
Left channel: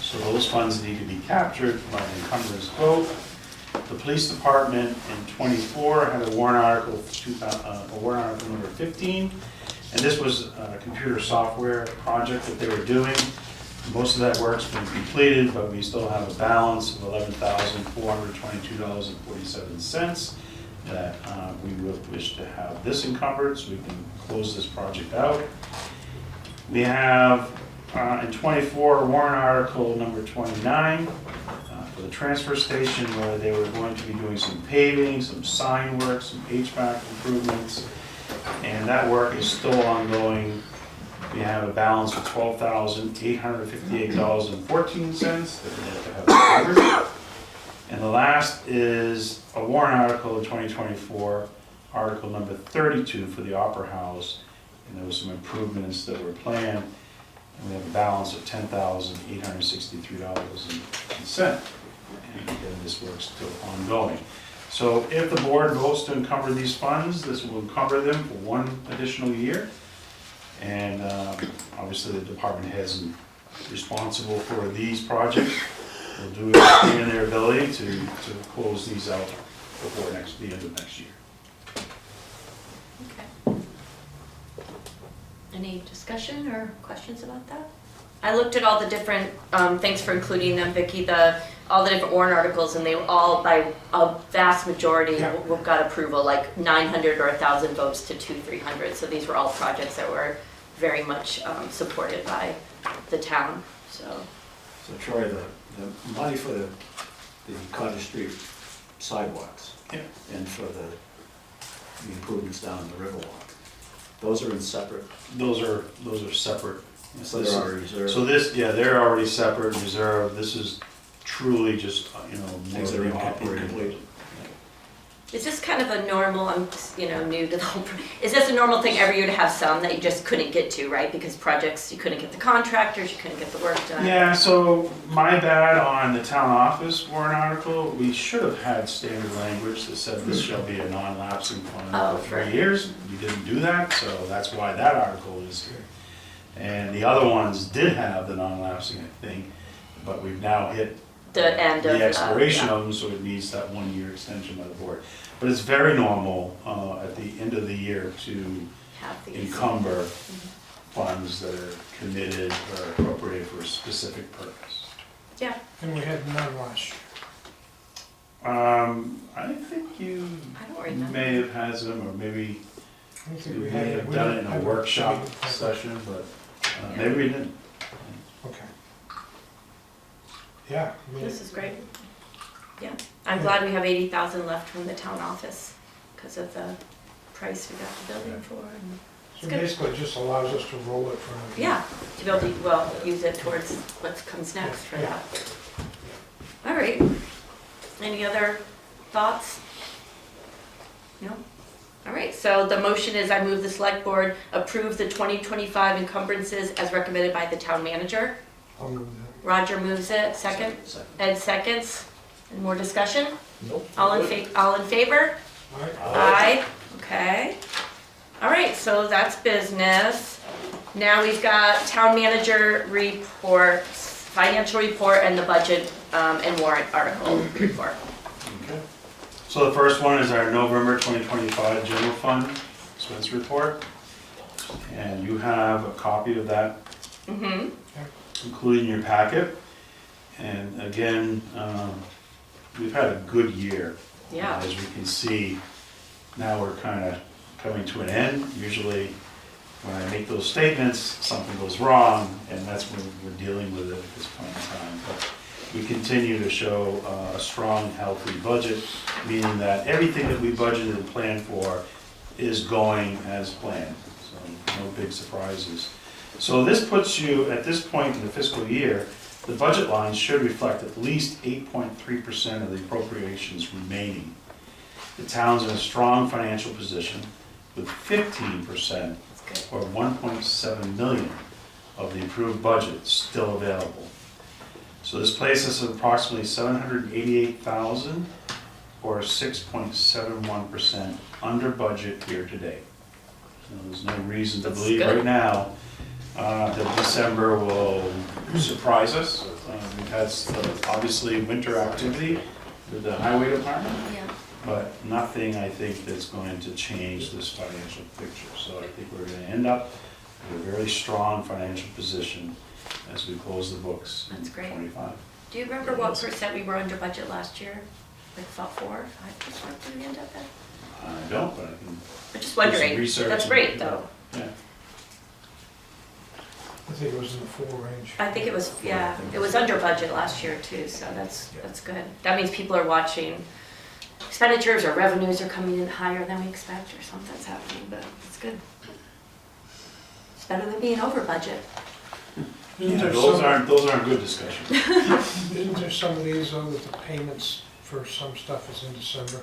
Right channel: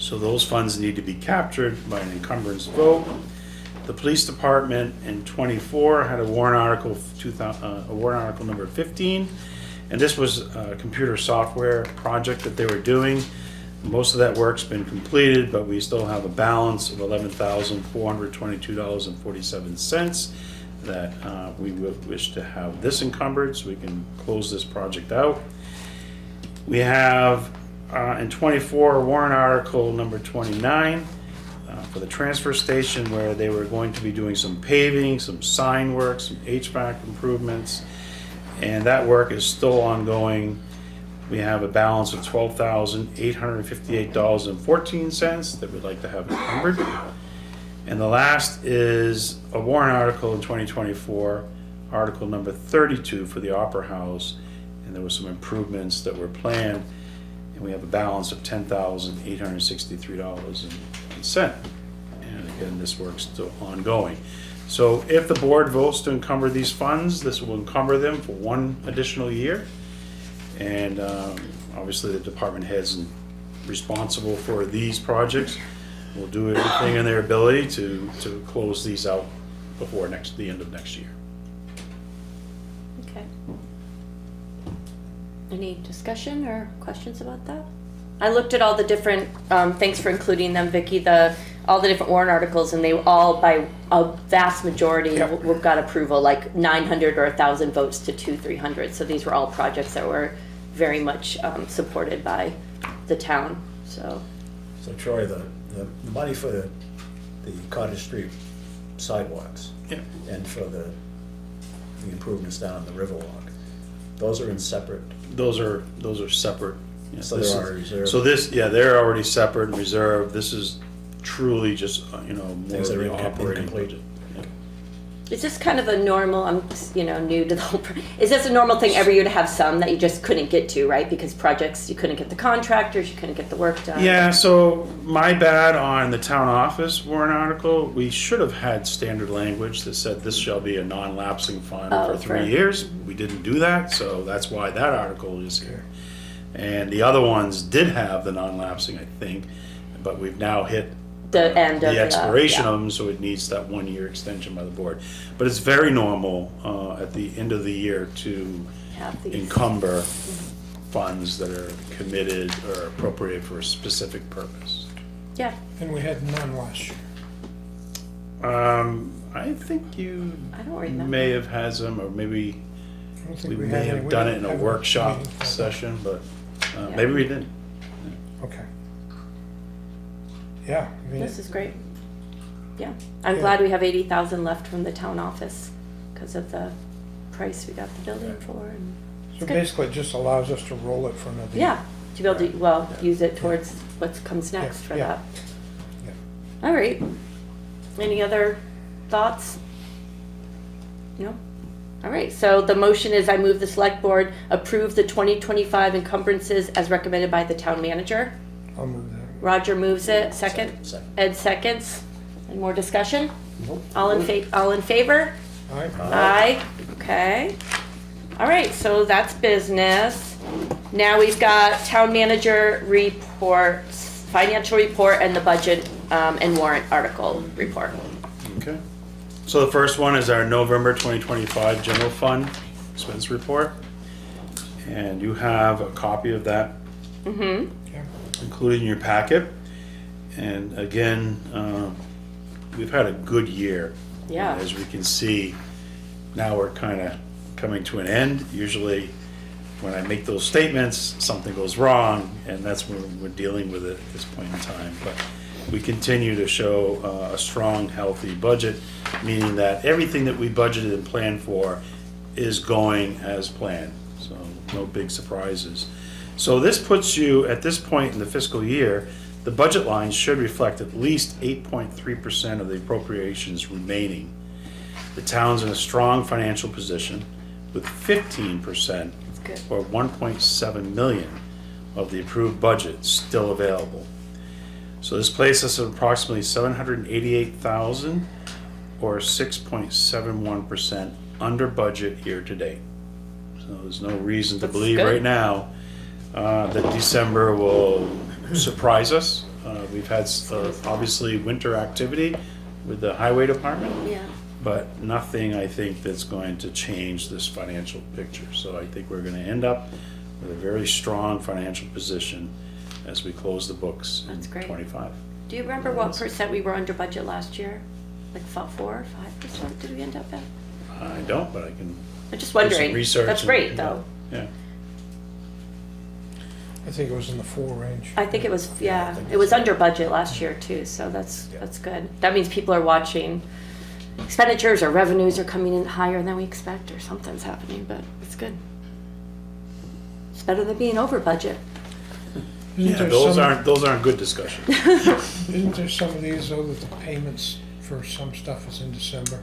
So those funds need to be captured by an encumbrance vote. The police department in '24 had a warrant article, warrant article number 15, and this was a computer software project that they were doing. Most of that work's been completed, but we still have a balance of $11,422.47 that we will wish to have this encumbered so we can close this project out. We have in '24 warrant article number 29 for the transfer station, where they were going to be doing some paving, some sign work, some HVAC improvements, and that work is still ongoing. We have a balance of $12,858.14 that we'd like to have covered. And the last is a warrant article in 2024, article number 32 for the Opera House, and there were some improvements that were planned, and we have a balance of $10,863.01. And again, this work's still ongoing. So if the board votes to encumber these funds, this will encumber them for 1 additional year. And obviously the department heads responsible for these projects will do everything in their ability to close these out before the end of next year. Okay. Any discussion or questions about that? I looked at all the different, thanks for including them, Vicky, all the different warrant articles, and they all, by a vast majority, got approval, like 900 or 1,000 votes to 200-300. So these were all projects that were very much supported by the town, so. So Troy, the money for the Cottage Street sidewalks and for the improvements down the Riverwalk, those are in separate. Those are separate. Yeah, So they're already reserved. So this, yeah, they're already separate, reserved. This is truly just, more Things that are operating. incomplete. Is this kind of a normal, I'm, new developer, is this a normal thing every year to have some that you just couldn't get to, right? Because projects, you couldn't get the contractors, you couldn't get the work done. Yeah, so my bad on the town office warrant article, we should have had standard language that said this shall be a non-lapsing fund for 3 years. We didn't do that, so that's why that article is here. And the other ones did have the non-lapsing, I think, but we've now hit The end of the expiration yeah. of them, so it needs that 1 year extension by the board. But it's very normal at the end of the year to Have these. encumber funds that are committed or appropriated for a specific purpose. Yeah, And we had none last year. I think you I don't remember. may have had some, or maybe I don't think we had may any- have we done it didn't in a have workshop meeting. session, but maybe we didn't. Okay. Yeah, I mean, This is great. Yeah, I'm Yeah. glad we have 80,000 left from the town office because of the price we got the building for. And so good. basically it just allows us to roll it from a. yeah, to be able to, well, use it towards what comes next for Yeah. that. All right. Any other thoughts? No? All right, so the motion is I move the select board approve the 2025 encumbrances as recommended by the town manager. I'll move that. Roger moves it, second. Second. Ed seconds. Any more discussion? Nope. All in favor? All right. Aye. Okay. All right, so that's business. Now we've got town manager reports, financial report, and the budget and warrant article report. Okay. So the first one is our November 2025 general fund expense report. And you have a copy of that Mm-hmm. including your packet. And again, we've had a good year. Yeah. As we can see, now we're kind of coming to an end. Usually when I make those statements, something goes wrong, and that's when we're dealing with it at this point in time. But we continue to show a strong, healthy budget, meaning that everything that we budgeted and planned for is going as planned. So no big surprises. So this puts you, at this point in the fiscal year, the budget lines should reflect at least 8.3% of the appropriations remaining. The town's in a strong financial position with 15%, or 1.7 million, of the approved budget still available. So this places us at approximately 788,000, or 6.71% under budget year to date. So there's no reason to That's believe good. right now that December will surprise us. We've had obviously winter activity with the highway department, Yeah. but nothing I think that's going to change this financial picture. So I think we're going to end up with a very strong financial position as we close the books in That's great. 25. Do you remember what percent we were under budget last year? Like 4 or 5% did we end up at? I don't, but I can. I'm just wondering. Research That's and- great though. Yeah. I think it was in the 4 range. I think it was, yeah, it was under budget last year too, so that's good. That means people are watching expenditures or revenues are coming in higher than we expect or something's happening, but it's good. It's better than being over budget. Isn't Yeah, there those aren't good discussions. Isn't there some of these though that the payments for some stuff is in December?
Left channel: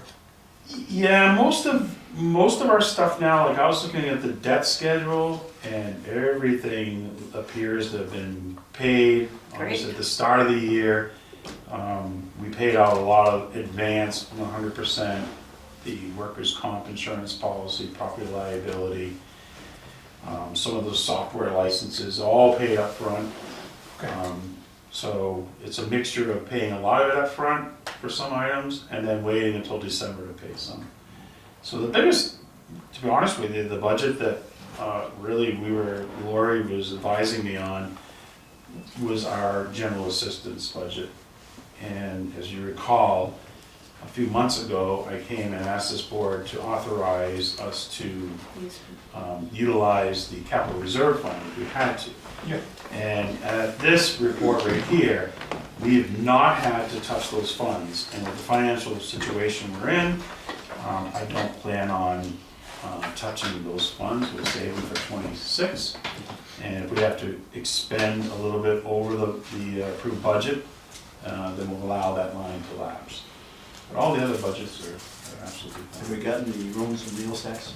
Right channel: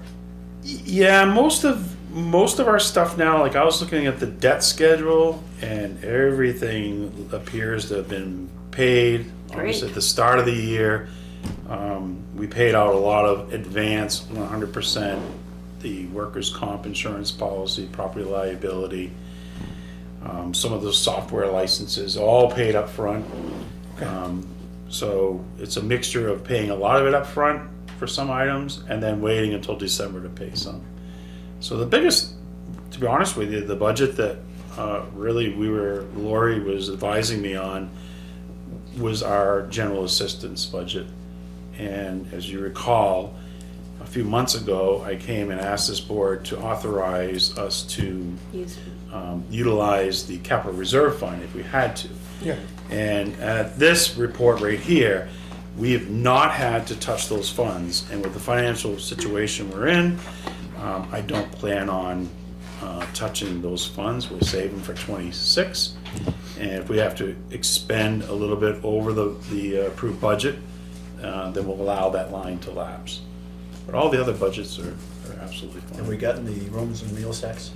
Yeah, most of our stuff now, like I was looking at the debt schedule and everything appears to have been paid. Great. At the start of the year, we paid out a lot of advance, 100%, the workers' comp insurance policy, property liability, some of the software licenses, all paid up front. So it's a mixture of paying a lot of it up front for some items and then waiting until December to pay some. So the biggest, to be honest with you, the budget that really Lori was advising me on was our general assistance budget. And as you recall, a few months ago, I came and asked this board to authorize us to utilize the capital reserve fund if we had to. Yeah. And this report right here, we have not had to touch those funds. And with the financial situation we're in, I don't plan on touching those funds. We're saving for '26. And if we have to expend a little bit over the approved budget, then we'll allow that line to lapse. But all the other budgets are absolutely Have we fine. gotten the rooms and meals tax?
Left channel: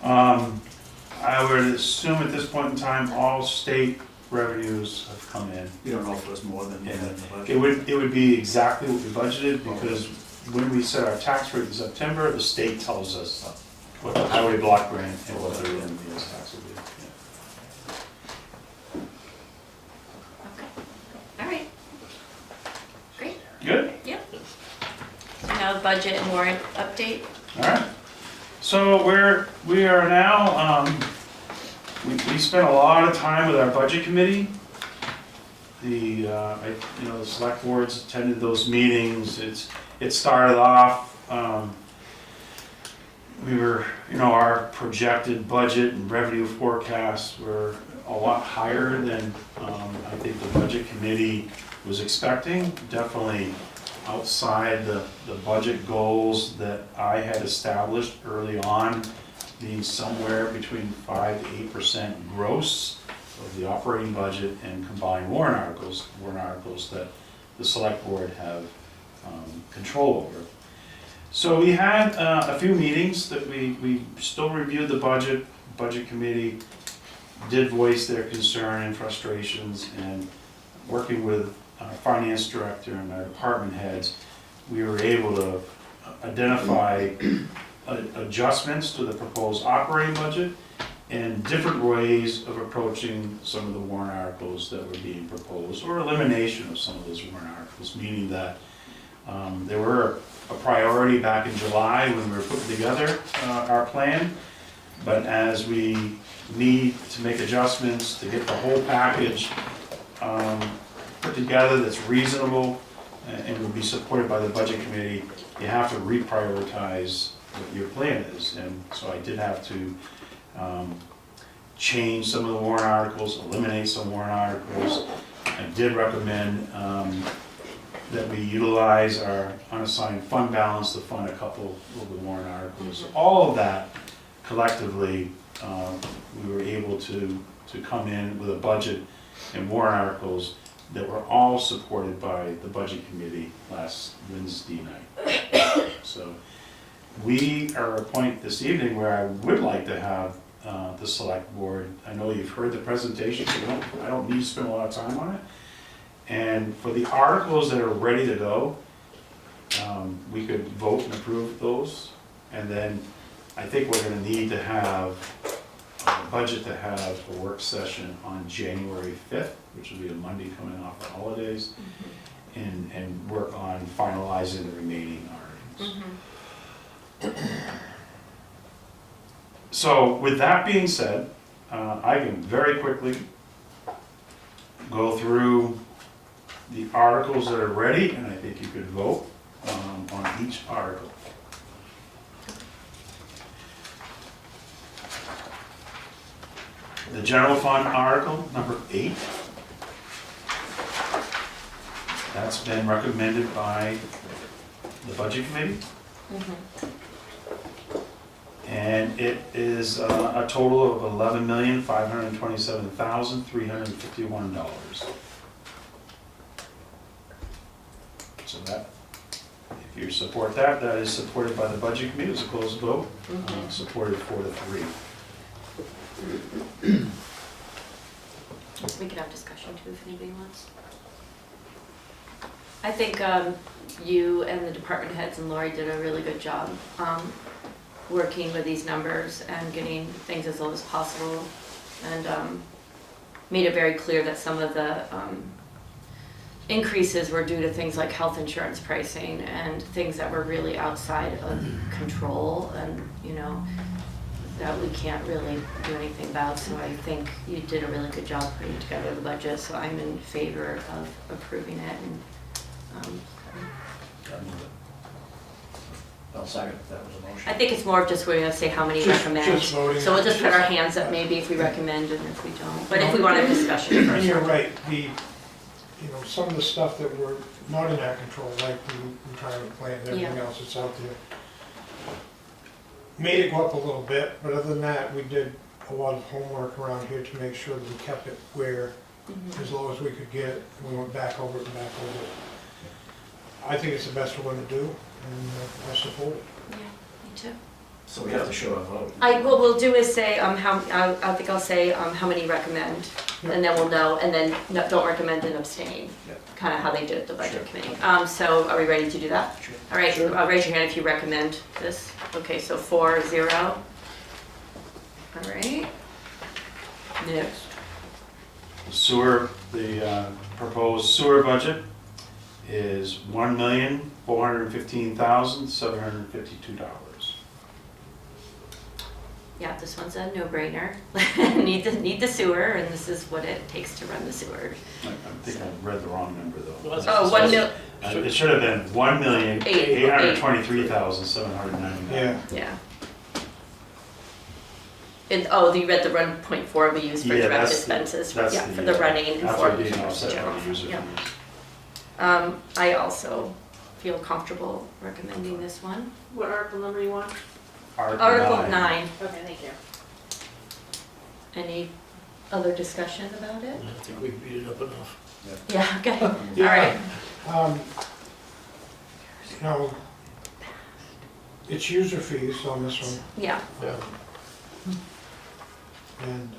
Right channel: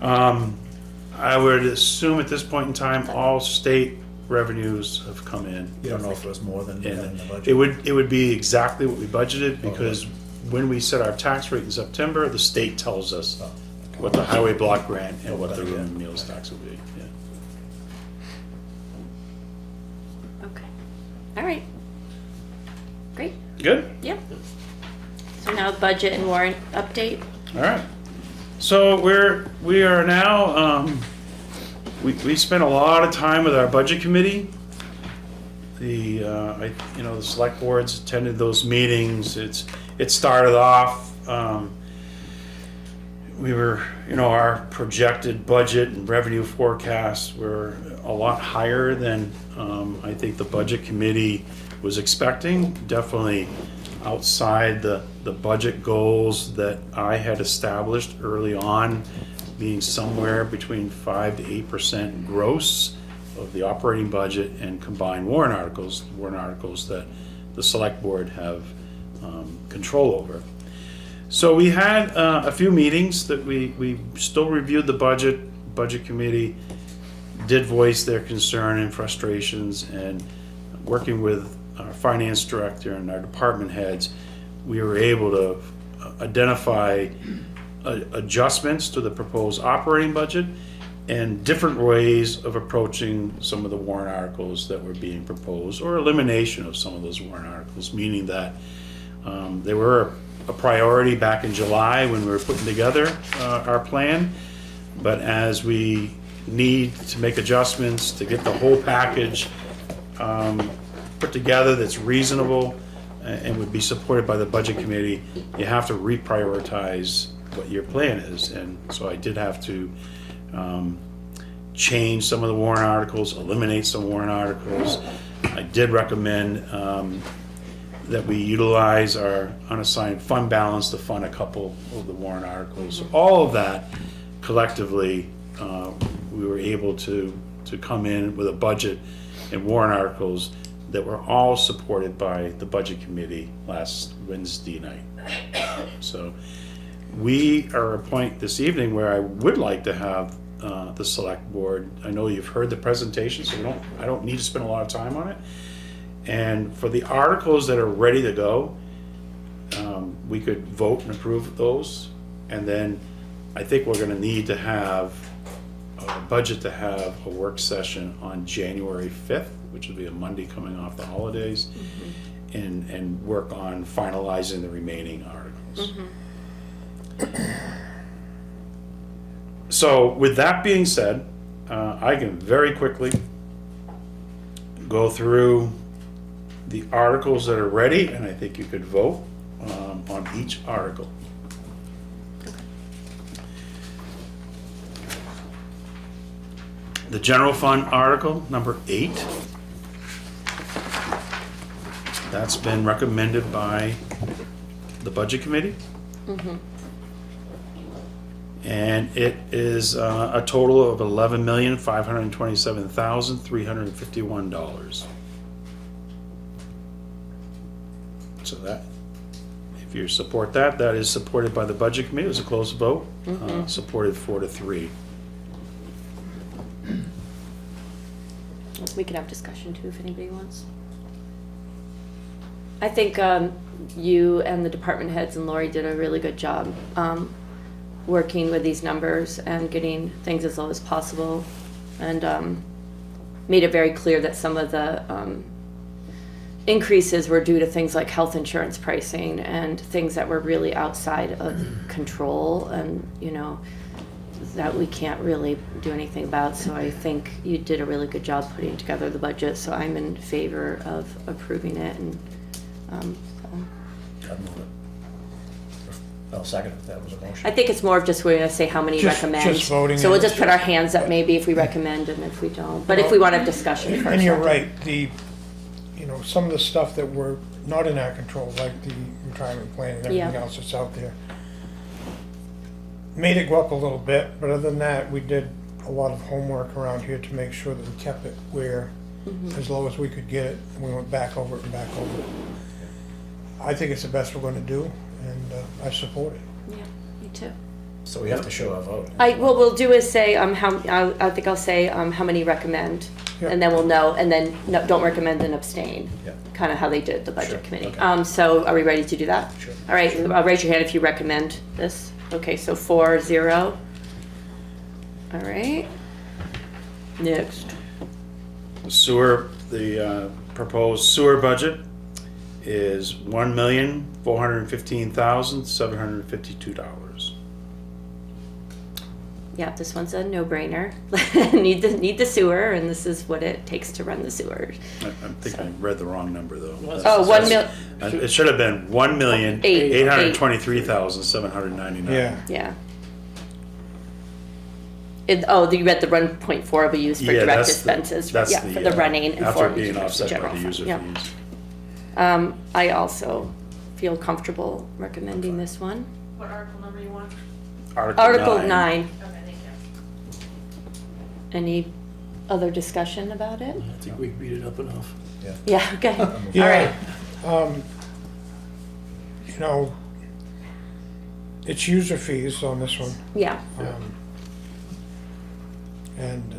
I would assume at this point in time, all state revenues have come in. You don't know if it was more than And the budget? it would be exactly what we budgeted, because when we set our tax rate in September, the state tells us what the highway block grant and what the room and meals tax will be. Yeah. Okay. All right. Great. Good? Yep. So now budget and warrant update. All right. So we are now, we spent a lot of time with our budget committee. The select boards attended those meetings. It started off, we were, our projected budget and revenue forecasts were a lot higher than I think the budget committee was expecting. Definitely outside the budget goals that I had established early on, being somewhere between 5 to 8% gross of the operating budget and combined warrant articles that the select board have control over. So we had a few meetings that we still reviewed the budget. Budget committee did voice their concern and frustrations, and working with our finance director and our department heads, we were able to identify adjustments to the proposed operating budget and different ways of approaching some of the warrant articles that were being proposed, or elimination of some of those warrant articles, meaning that they were a priority back in July when we were putting together our plan, but as we need to make adjustments to get the whole package put together that's reasonable and would be supported by the budget committee, you have to reprioritize what your plan is. And so I did have to change some of the warrant articles, eliminate some warrant articles. I did recommend that we utilize our unassigned fund balance to fund a couple of the warrant articles. So all of that collectively, we were able to come in with a budget and warrant articles that were all supported by the budget committee last Wednesday night. So we are at a point this evening where I would like to have the select board. I know you've heard the presentation, so I don't need to spend a lot of time on it. And for the articles that are ready to go, we could vote and approve those. And then I think we're gonna need to have a budget to have a work session on January 5th, which will be a Monday coming off the holidays, and work on finalizing the remaining articles. So with that being said, I can very quickly go through the articles that are ready, and I think you could vote on each article. The general fund article, number 8. That's been recommended by the budget committee. And it is a total of $11,527,351. So that, if you support that, that is supported by the budget committee. It was a close vote, supported 4-3. We can have discussion too if anybody wants. I think you and the department heads and Lori did a really good job working with these numbers and getting things as low as possible, and made it very clear that some of the increases were due to things like health insurance pricing and things that were really outside of control, and that we can't really do anything about, so I think you did a really good job putting together the budget, so I'm in favor of approving it and, I'd move it. I'll second if that was a motion. I think it's more of just we're gonna say how many Just recommend. voting So we'll on just it. put our hands up maybe if we recommend and if we don't, but if we want a discussion first. And you're right, some of the stuff that were not in our control, like the retirement plan and everything Yeah. else that's out there, made it go up a little bit, but other than that, we did a lot of homework around here to make sure that we kept it where, Mhm. as low as we could get it, we went back over it and back over it. I think it's the best we're gonna do, and I support it. Yeah, me too. So we have to show our vote. What we'll do is say, I think I'll say, how many recommend, Yeah. and then we'll know, and then don't recommend and abstain. Yeah. Kind of how they did at the budget Sure. committee. So are we ready to do that? Sure. All right, raise your hand if you recommend this. Okay, so 4-0. All right. Next. Sewer, the proposed sewer budget is $1,415,752. Yeah, this one's a no-brainer. Need the sewer, and this is what it takes to run the sewer. I think I read the wrong number though. Oh, 1 mil, It should have been $1,823,799. Yeah, yeah. You read the 1.4 we use for Yeah, direct that's expenses, that's yeah, for the running and after for being offset by general the fund, user yeah. fees. I also feel comfortable recommending this one. What article number you want? Article 9. Okay, thank you. Any other discussion about it? I think we beat it up enough. Yeah, okay, all Yeah. right. It's user fees on this one. Yeah, And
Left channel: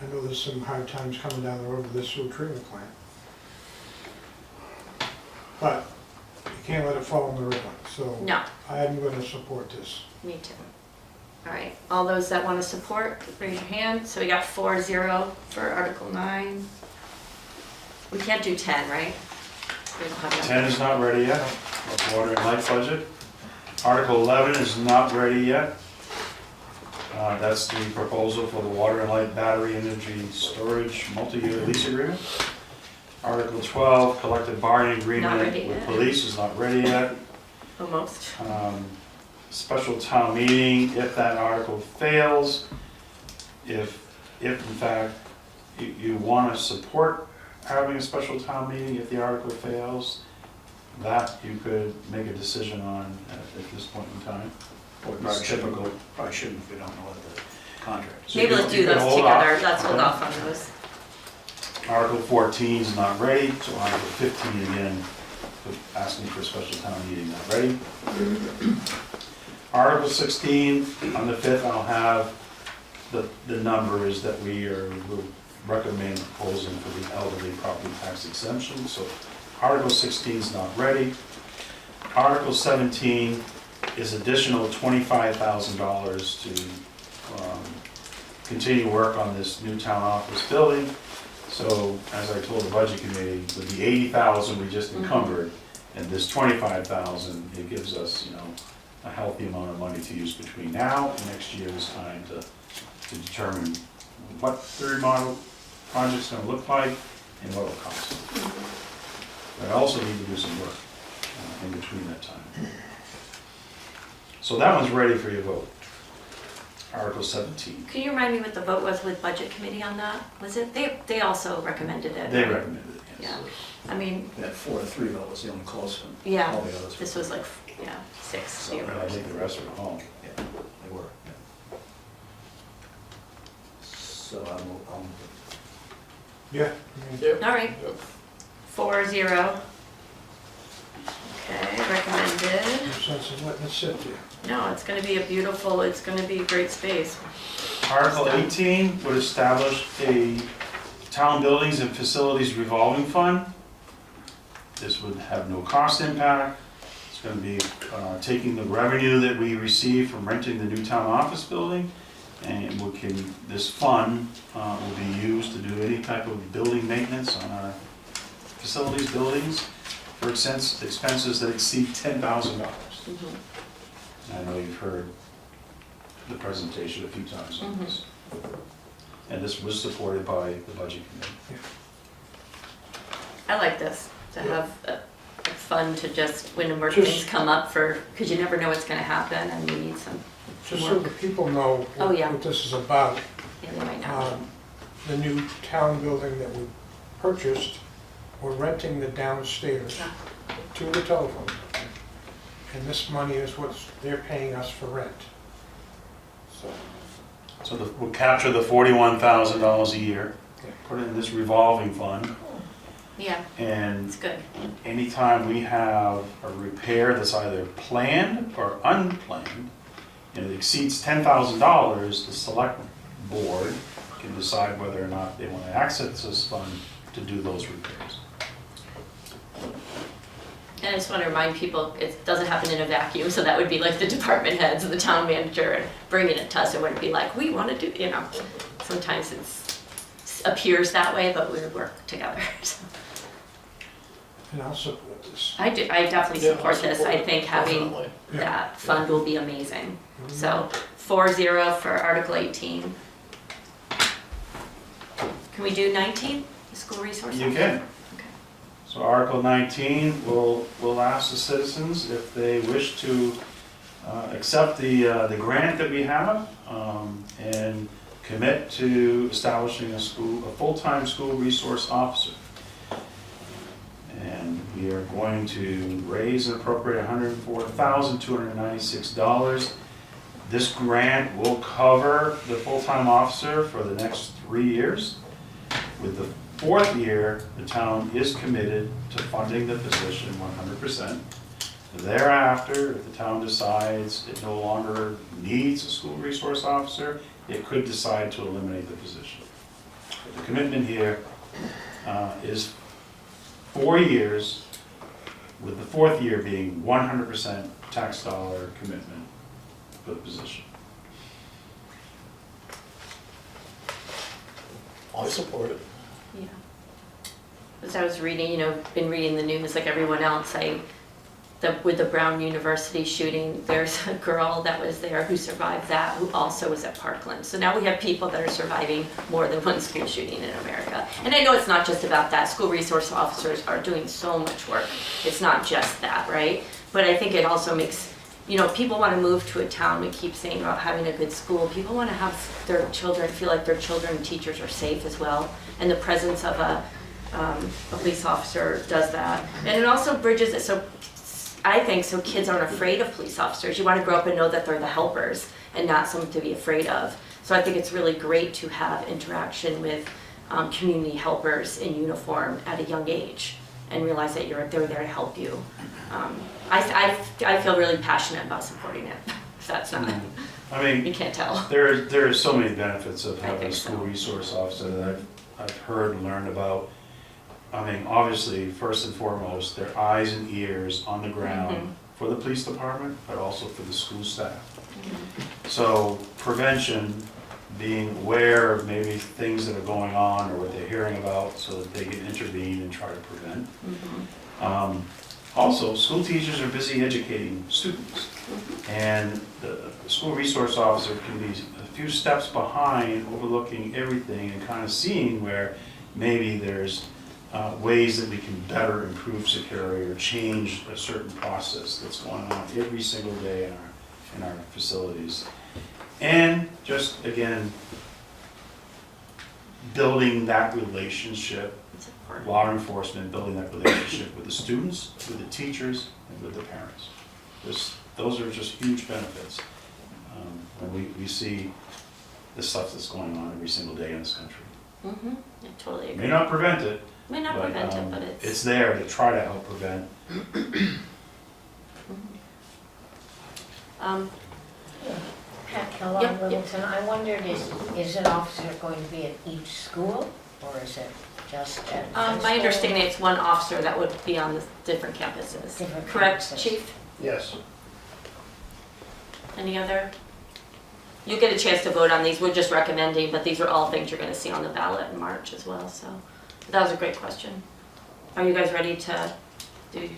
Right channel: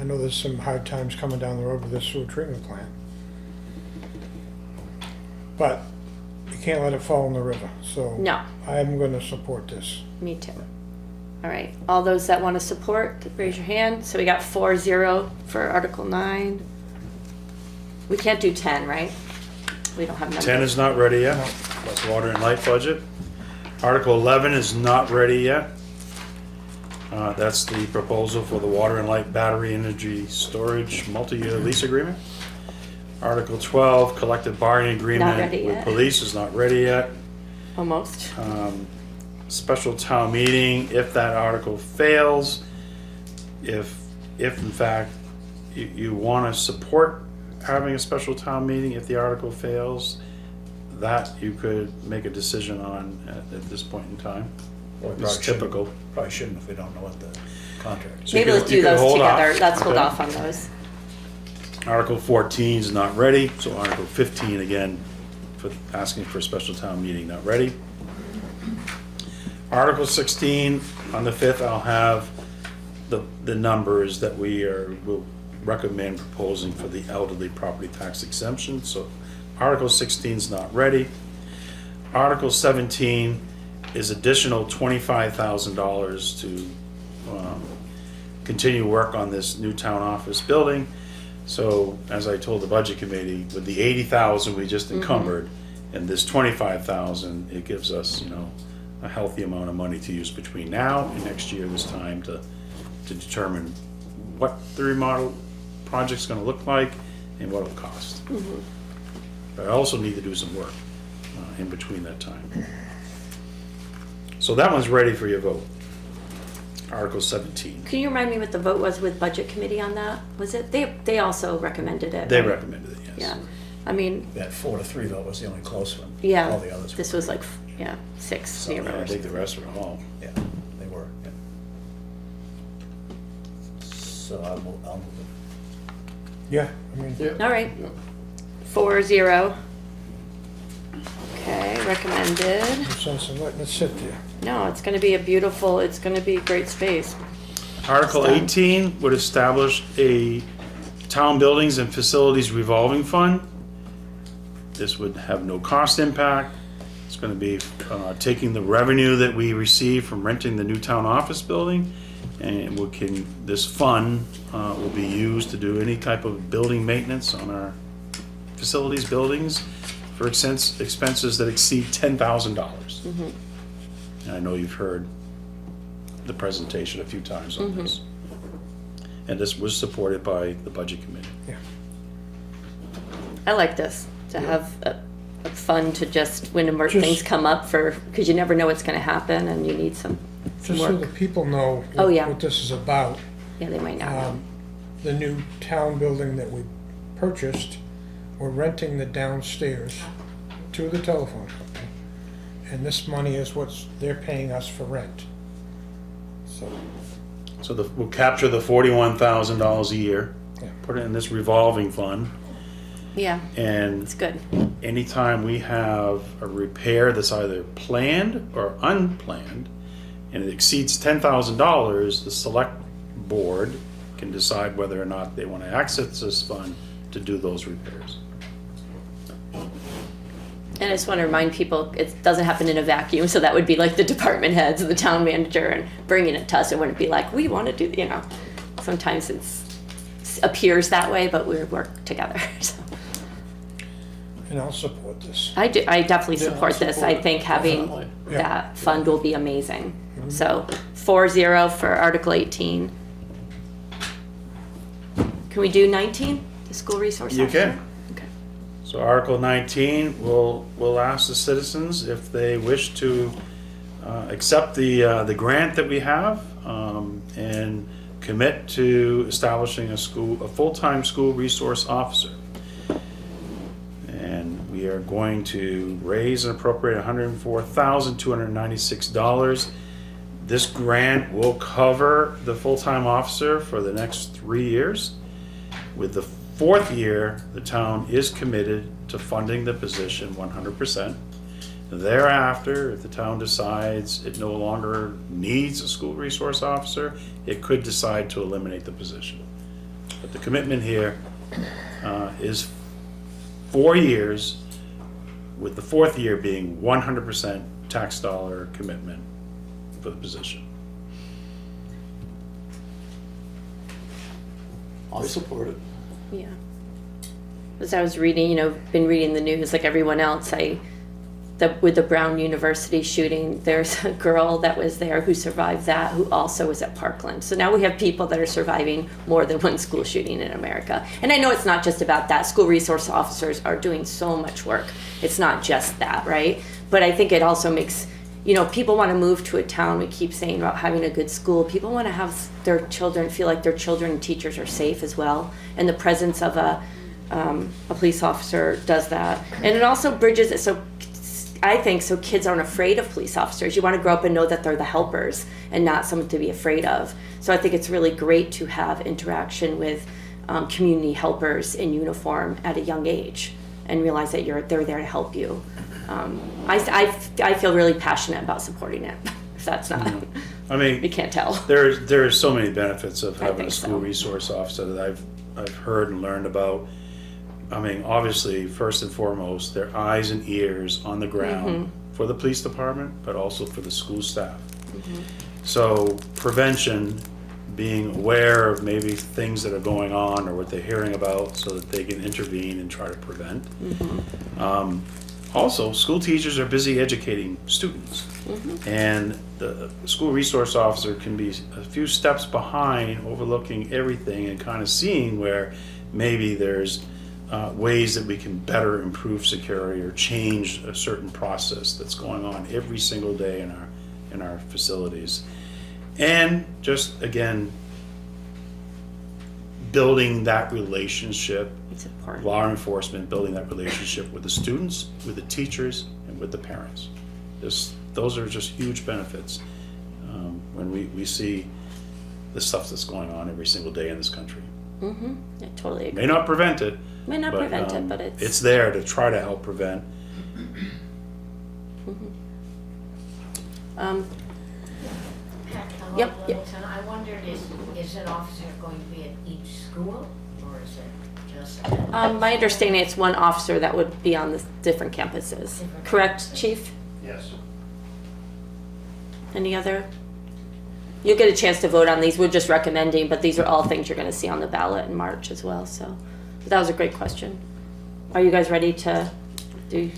I know there's some hard times coming down the road with this sewer treatment plant. But you can't let it fall in the river, so no, I'm gonna support this. me too. All right, all those that want to support, raise your hand. So we got 4-0 for Article 9. We can't do 10, right? We don't have. 10 is not ready yet, water and light budget. Article 11 is not ready yet. That's the proposal for the water and light battery energy storage multi-year lease agreement. Article 12, collective bargaining agreement ready with yet. police is not ready yet. Almost. Special town meeting, if that article fails, if in fact you want to support having a special town meeting, if the article fails, that you could make a decision on at this point in time. It's typical. Probably shouldn't if we don't know what the contract is. Maybe you let's could- do you could those hold together. off. Let's hold Okay. off on those. Article 14 is not ready, so Article 15 again, for asking for a special town meeting, not ready. Article 16, on the 5th, I'll have the numbers that will recommend proposing for the elderly property tax exemption, so Article 16 is not ready. Article 17 is additional $25,000 to continue work on this new town office building. So, as I told the budget committee, with the 80,000 we just encumbered, and this 25,000, it gives us, a healthy amount of money to use between now and next year this time to determine what the remodel project's gonna look like and what it'll cost. But I also need to do some work in between that time. So that one's ready for your vote. Article 17. Can you remind me what the vote was with budget committee on that? Was it, they also recommended it? They right? recommended it, yes. Yeah, I mean, We had 4-3 though, was the only close one. yeah, All the others. this was like, 6 So, maybe. I think the rest are all. Yeah, they were, yeah. So I'll move it. Yeah, I mean, All right, 4-0. Okay, recommended. no sense of letting it sit there. No, it's gonna be it's gonna be great space. Article 18 would establish a town buildings and facilities revolving fund. This would have no cost impact. It's going to be taking the revenue that we receive from renting the new town office building, and this fund will be used to do any type of building maintenance on our facilities buildings for expenses that exceed $10,000. Mhm. I know you've heard the presentation a few times on Mhm. this. And this was supported by the budget committee. I like this, to have like fun to just, when Just- things come up because you never know what's gonna happen and you need some Just so work. that people know Oh, yeah. what this is about. Yeah, they might know. The new town building that we purchased, we're renting the downstairs to the telephone company. And this money is they're paying us for rent. So, So we'll capture the $41,000 a year, Yeah. put it in this revolving fund, Yeah, and it's good. anytime we have a repair that's either planned or unplanned, and it exceeds $10,000, the select board can decide whether or not they want to access this fund to do those repairs. And I just want to remind people, it doesn't happen in a vacuum, so that would be like the department heads, the town manager, and bringing it to us. It wouldn't be like, we want to do, sometimes it appears that way, but we work together. So. and I'll support this. I definitely Yeah, support this. support I it, think having definitely. Yeah. that fund will be amazing. Mhm. So 4-0 for Article 18. Can we do 19, the school resource You officer? can. Okay. So Article 19, we'll ask the citizens if they wish to accept the grant that we have and commit to establishing a full-time school resource officer. And we are going to raise and appropriate $104,296. This grant will cover the full-time officer for the next 3 years. With the 4th year, the town is committed to funding the position 100%. Thereafter, if the town decides it no longer needs a school resource officer, it could decide to eliminate the position. But the commitment here is 4 years, with the 4th year being 100% tax dollar commitment for the position. I'll support it. Yeah. As I was reading, been reading the news like everyone else, with the Brown University shooting, there's a girl that was there who survived that, who also was at Parkland. So now we have people that are surviving more than one school shooting in America. And I know it's not just about that. School resource officers are doing so much work. It's not just that, right? But I think it also makes, people want to move to a town. We keep saying about having a good school. People want to have their children feel like their children and teachers are safe as well. And the presence of a police officer does that. And it also bridges it so kids aren't afraid of police officers. You want to grow up and know that they're the helpers and not something to be afraid of. So I think it's really great to have interaction with community helpers in uniform at a young age and realize that they're there to help you. I feel really passionate about supporting it. If that's not, you can't tell. There are so many benefits of I having think a school so. resource officer that I've heard and learned about. Obviously, first and foremost, their eyes and ears on the ground for the police department, but also for the school staff. So prevention, being aware of maybe things that are going on or what they're hearing about so that they can intervene and try to prevent. Also, school teachers are busy educating students. And the school resource officer can be a few steps behind, overlooking everything and kind of seeing where maybe there's ways that we can better improve security or change a certain process that's going on every single day in our facilities. And just, again, building that relationship, It's important. law enforcement, building that relationship with the students, with the teachers, and with the parents. Those are just huge benefits when we see the stuff that's going on every single day in this country. I totally agree. May not prevent it, May not prevent it, but it's there to try to help prevent. Hello, Yep, yep. Littleton. I wondered, is an officer going to be at each school, or is it just at? My understanding, it's one officer that would be on the different campuses. Different Correct, campuses. Chief? Yes. Any other? You'll get a chance to vote on these. We're just recommending, but these are all things you're gonna see on the ballot in March as well, so. That was a great question. Are you guys ready to do?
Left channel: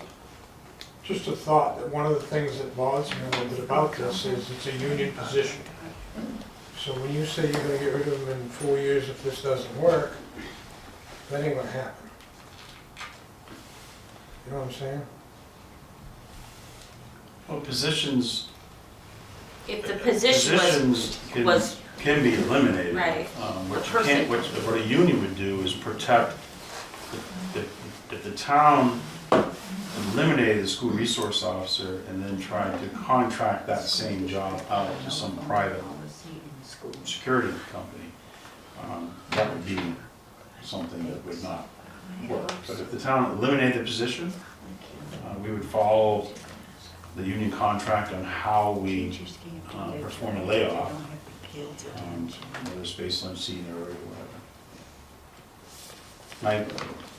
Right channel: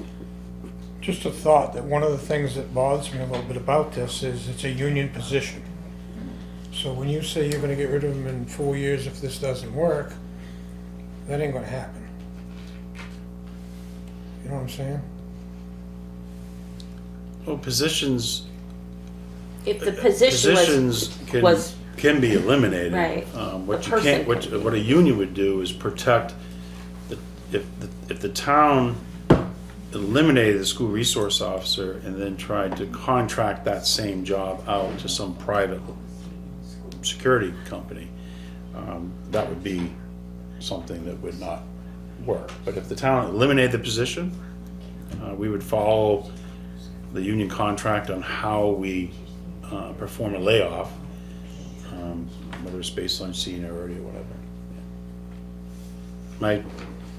Just a thought that one of the things that bothers me a little bit about this is it's a union position. So when you say you're gonna get rid of them in 4 years if this doesn't work, that ain't gonna happen. You know what I'm saying? Well, positions If the position was, can be eliminated. Right. What The you can't, what a union would do is protect, if the town eliminated the school resource officer and then tried to contract that same job out to some private security company, that would be something that would not work. But if the town eliminated the position, we would follow the union contract on how we perform a layoff, whether it's based on seniority or whatever.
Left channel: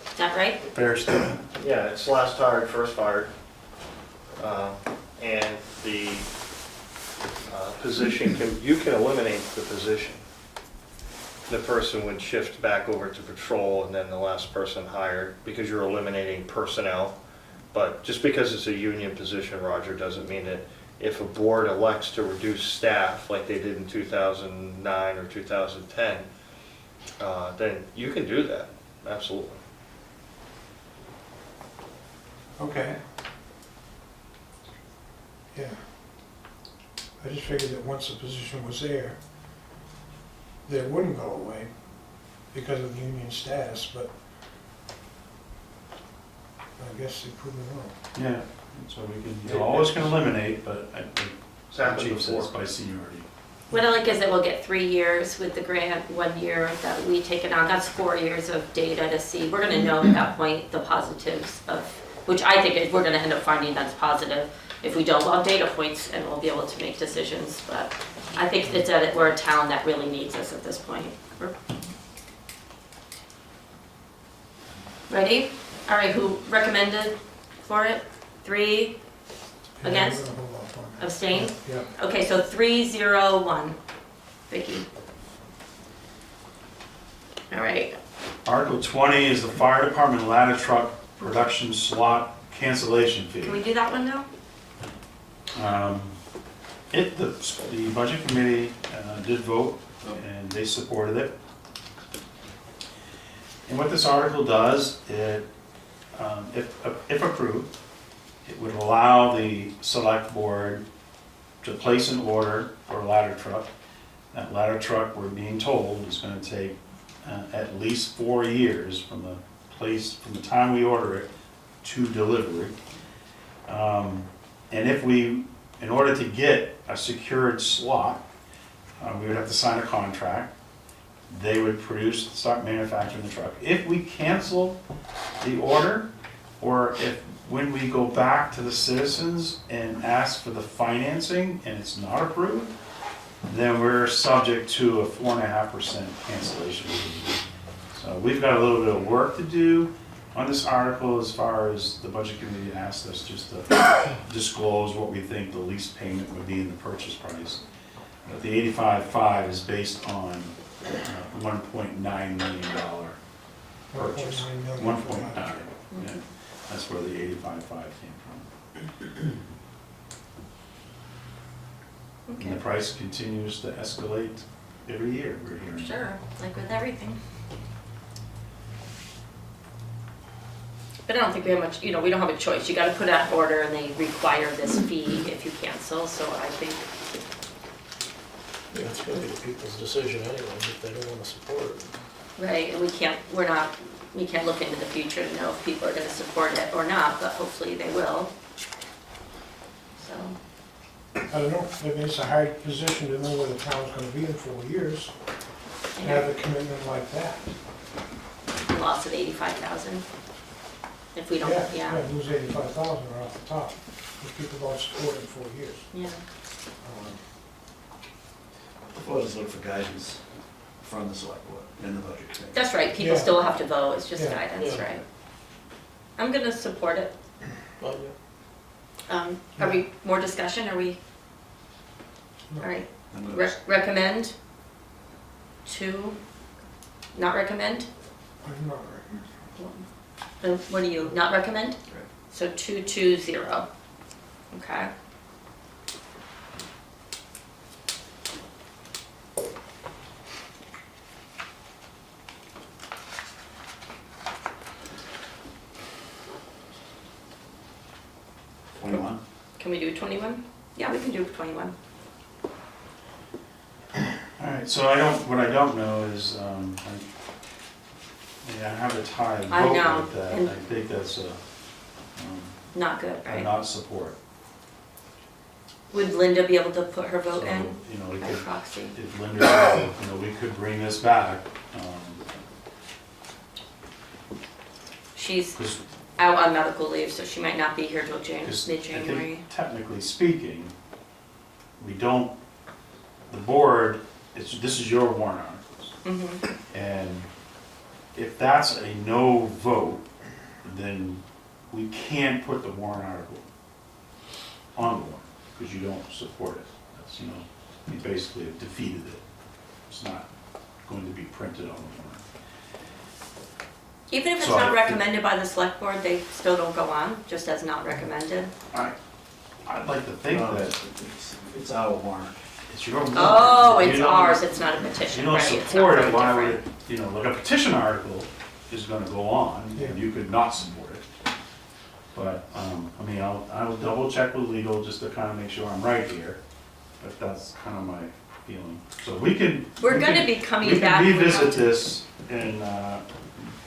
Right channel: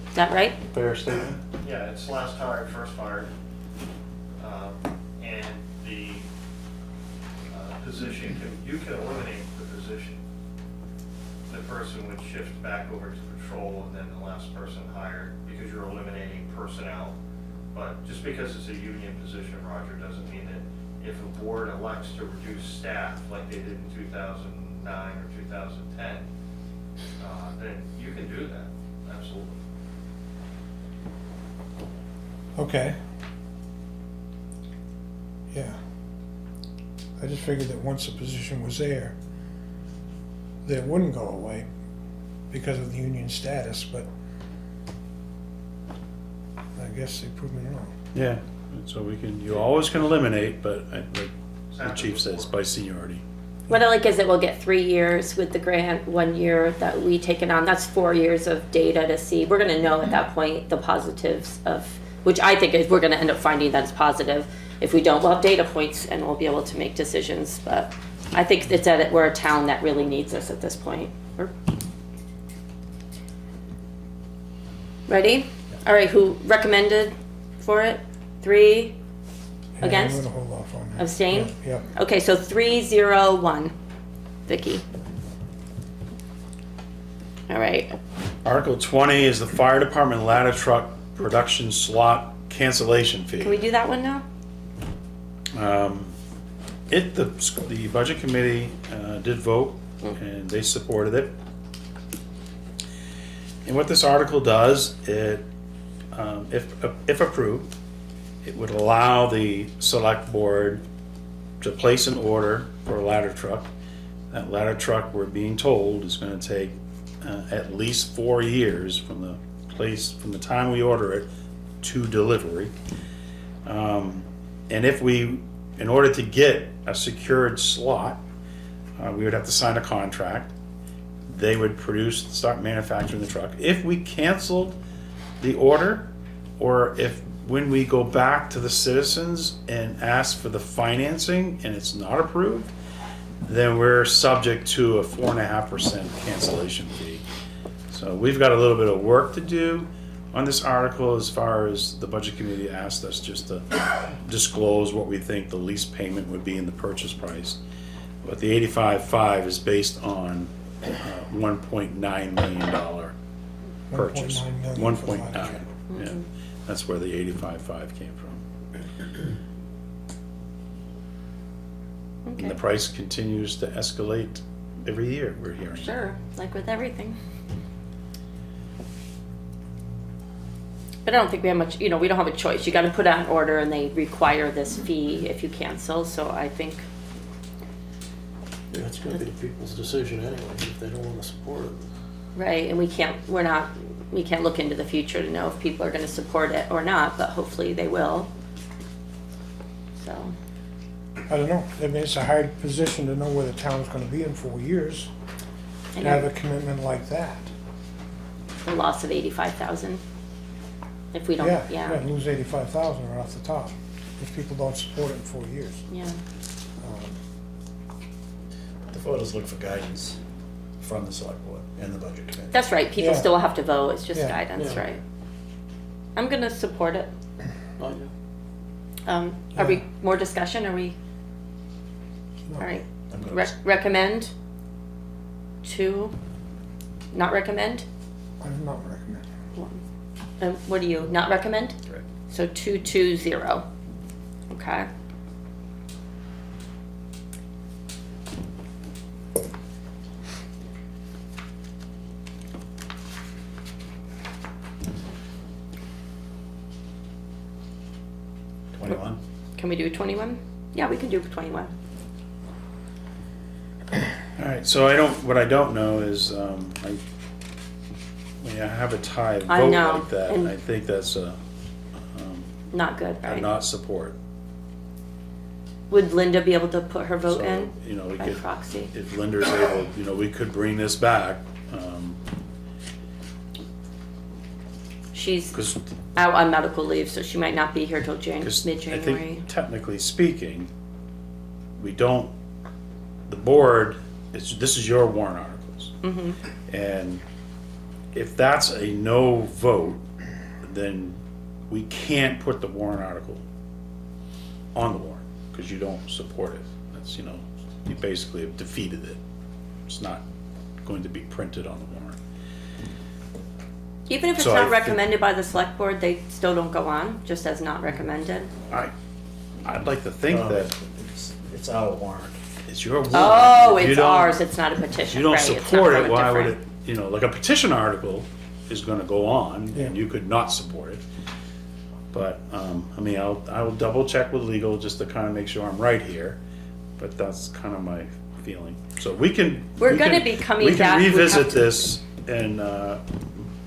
is that right? Fair statement. Yeah, it's last hired, first fired. And the position you can eliminate the position. The person would shift back over to patrol and then the last person hired because you're eliminating personnel. But just because it's a union position, Roger, doesn't mean that if a board elects to reduce staff like they did in 2009 or 2010, then you can do that, absolutely. Okay. Yeah. I just figured that once the position was there, that it wouldn't go away because of the union status, but I guess they proved me wrong. Yeah, so you always can eliminate, but the happened chief says before. by seniority. What I like is that we'll get 3 years with the grant, 1 year that we take it on, that's 4 years of data to see. We're gonna know at that point the positives of, which I think is we're gonna end up finding that's positive. If we don't, we'll have data points and we'll be able to make decisions, but I think it's that we're a town that really needs us at this point. Ready? All right, who recommended for it? 3? And I'm Against? gonna hold off on that. Abstain? Yeah. Okay, so 3-0-1. Vicky. All right. Article 20 is the fire department ladder truck production slot cancellation Can fee. we do that one now? The budget committee did vote, and they supported it. And what this article does, if approved, it would allow the select board to place an order for a ladder truck. That ladder truck, we're being told, is gonna take at least 4 years from the time we order it to delivery. And in order to get a secured slot, we would have to sign a contract. They would start manufacturing the truck. If we cancel the order, or when we go back to the citizens and ask for the financing and it's not approved, then we're subject to a 4.5% cancellation fee. So we've got a little bit of work to do on this article as far as the budget committee asked us just to disclose what we think the lease payment would be in the purchase price. But the 85.5 is based on $1.9 million purchase. 1.9 million. 1.9, yeah. That's where the 85.5 came from. And the price continues to escalate every year, we're hearing. Sure, like with everything. But I don't think we have much, we don't have a choice. You gotta put out an order and they require this fee if you cancel, so I think, It's gonna be people's decision anyway, if they don't wanna support it. right, and we can't look into the future to know if people are gonna support it or not, but hopefully they will. So, I don't know, I mean, it's a hard position to know where the town's gonna be in 4 years, to have a commitment like that. a loss of 85,000. If we don't, yeah, Yeah, lose 85,000 right off the top, if people don't support it in 4 years. yeah. The voters look for guidance from the select board and the budget committee. That's right, people Yeah. still have to vote, it's just Yeah, guidance, yeah. right? I'm gonna support it. Well, Are we, more discussion, are we, No. all right, I'm gonna- recommend to, not recommend? I'm not recommending. What do you, not recommend? That's right. So 2-2-0, okay. 21? Can we do 21? Yeah, we can do 21. All right, so what I don't know is, I have a tie I vote know, like that, and- I think that's Not good, a right? not support. Would Linda be able to put her vote So, in you know, we by could, proxy? if Linda's able, you know, we could bring this back, She's because out on medical leave, so she might not be here till I mid-January. think technically speaking, we don't, the board, this is your warrant articles. Mm-hmm. And if that's a no vote, then we can't put the warrant article on the warrant, because you don't support it. That's, you know, you basically have defeated it. It's not going to be printed on the warrant. Even if it's So I not think- recommended by the select board, they still don't go on, just as not recommended? I'd like to think that It's our warrant. it's your warrant. Oh, You it's don't- ours, it's not a petition, You don't right? It's not support really it, why would different. it, you know, like a petition article is gonna go on, and Yeah. you could not support it. But, I mean, I'll double check with legal just to kind of make sure I'm right here, but that's kind of my feeling. So we can. We're we gonna can- be coming We back. can revisit this and,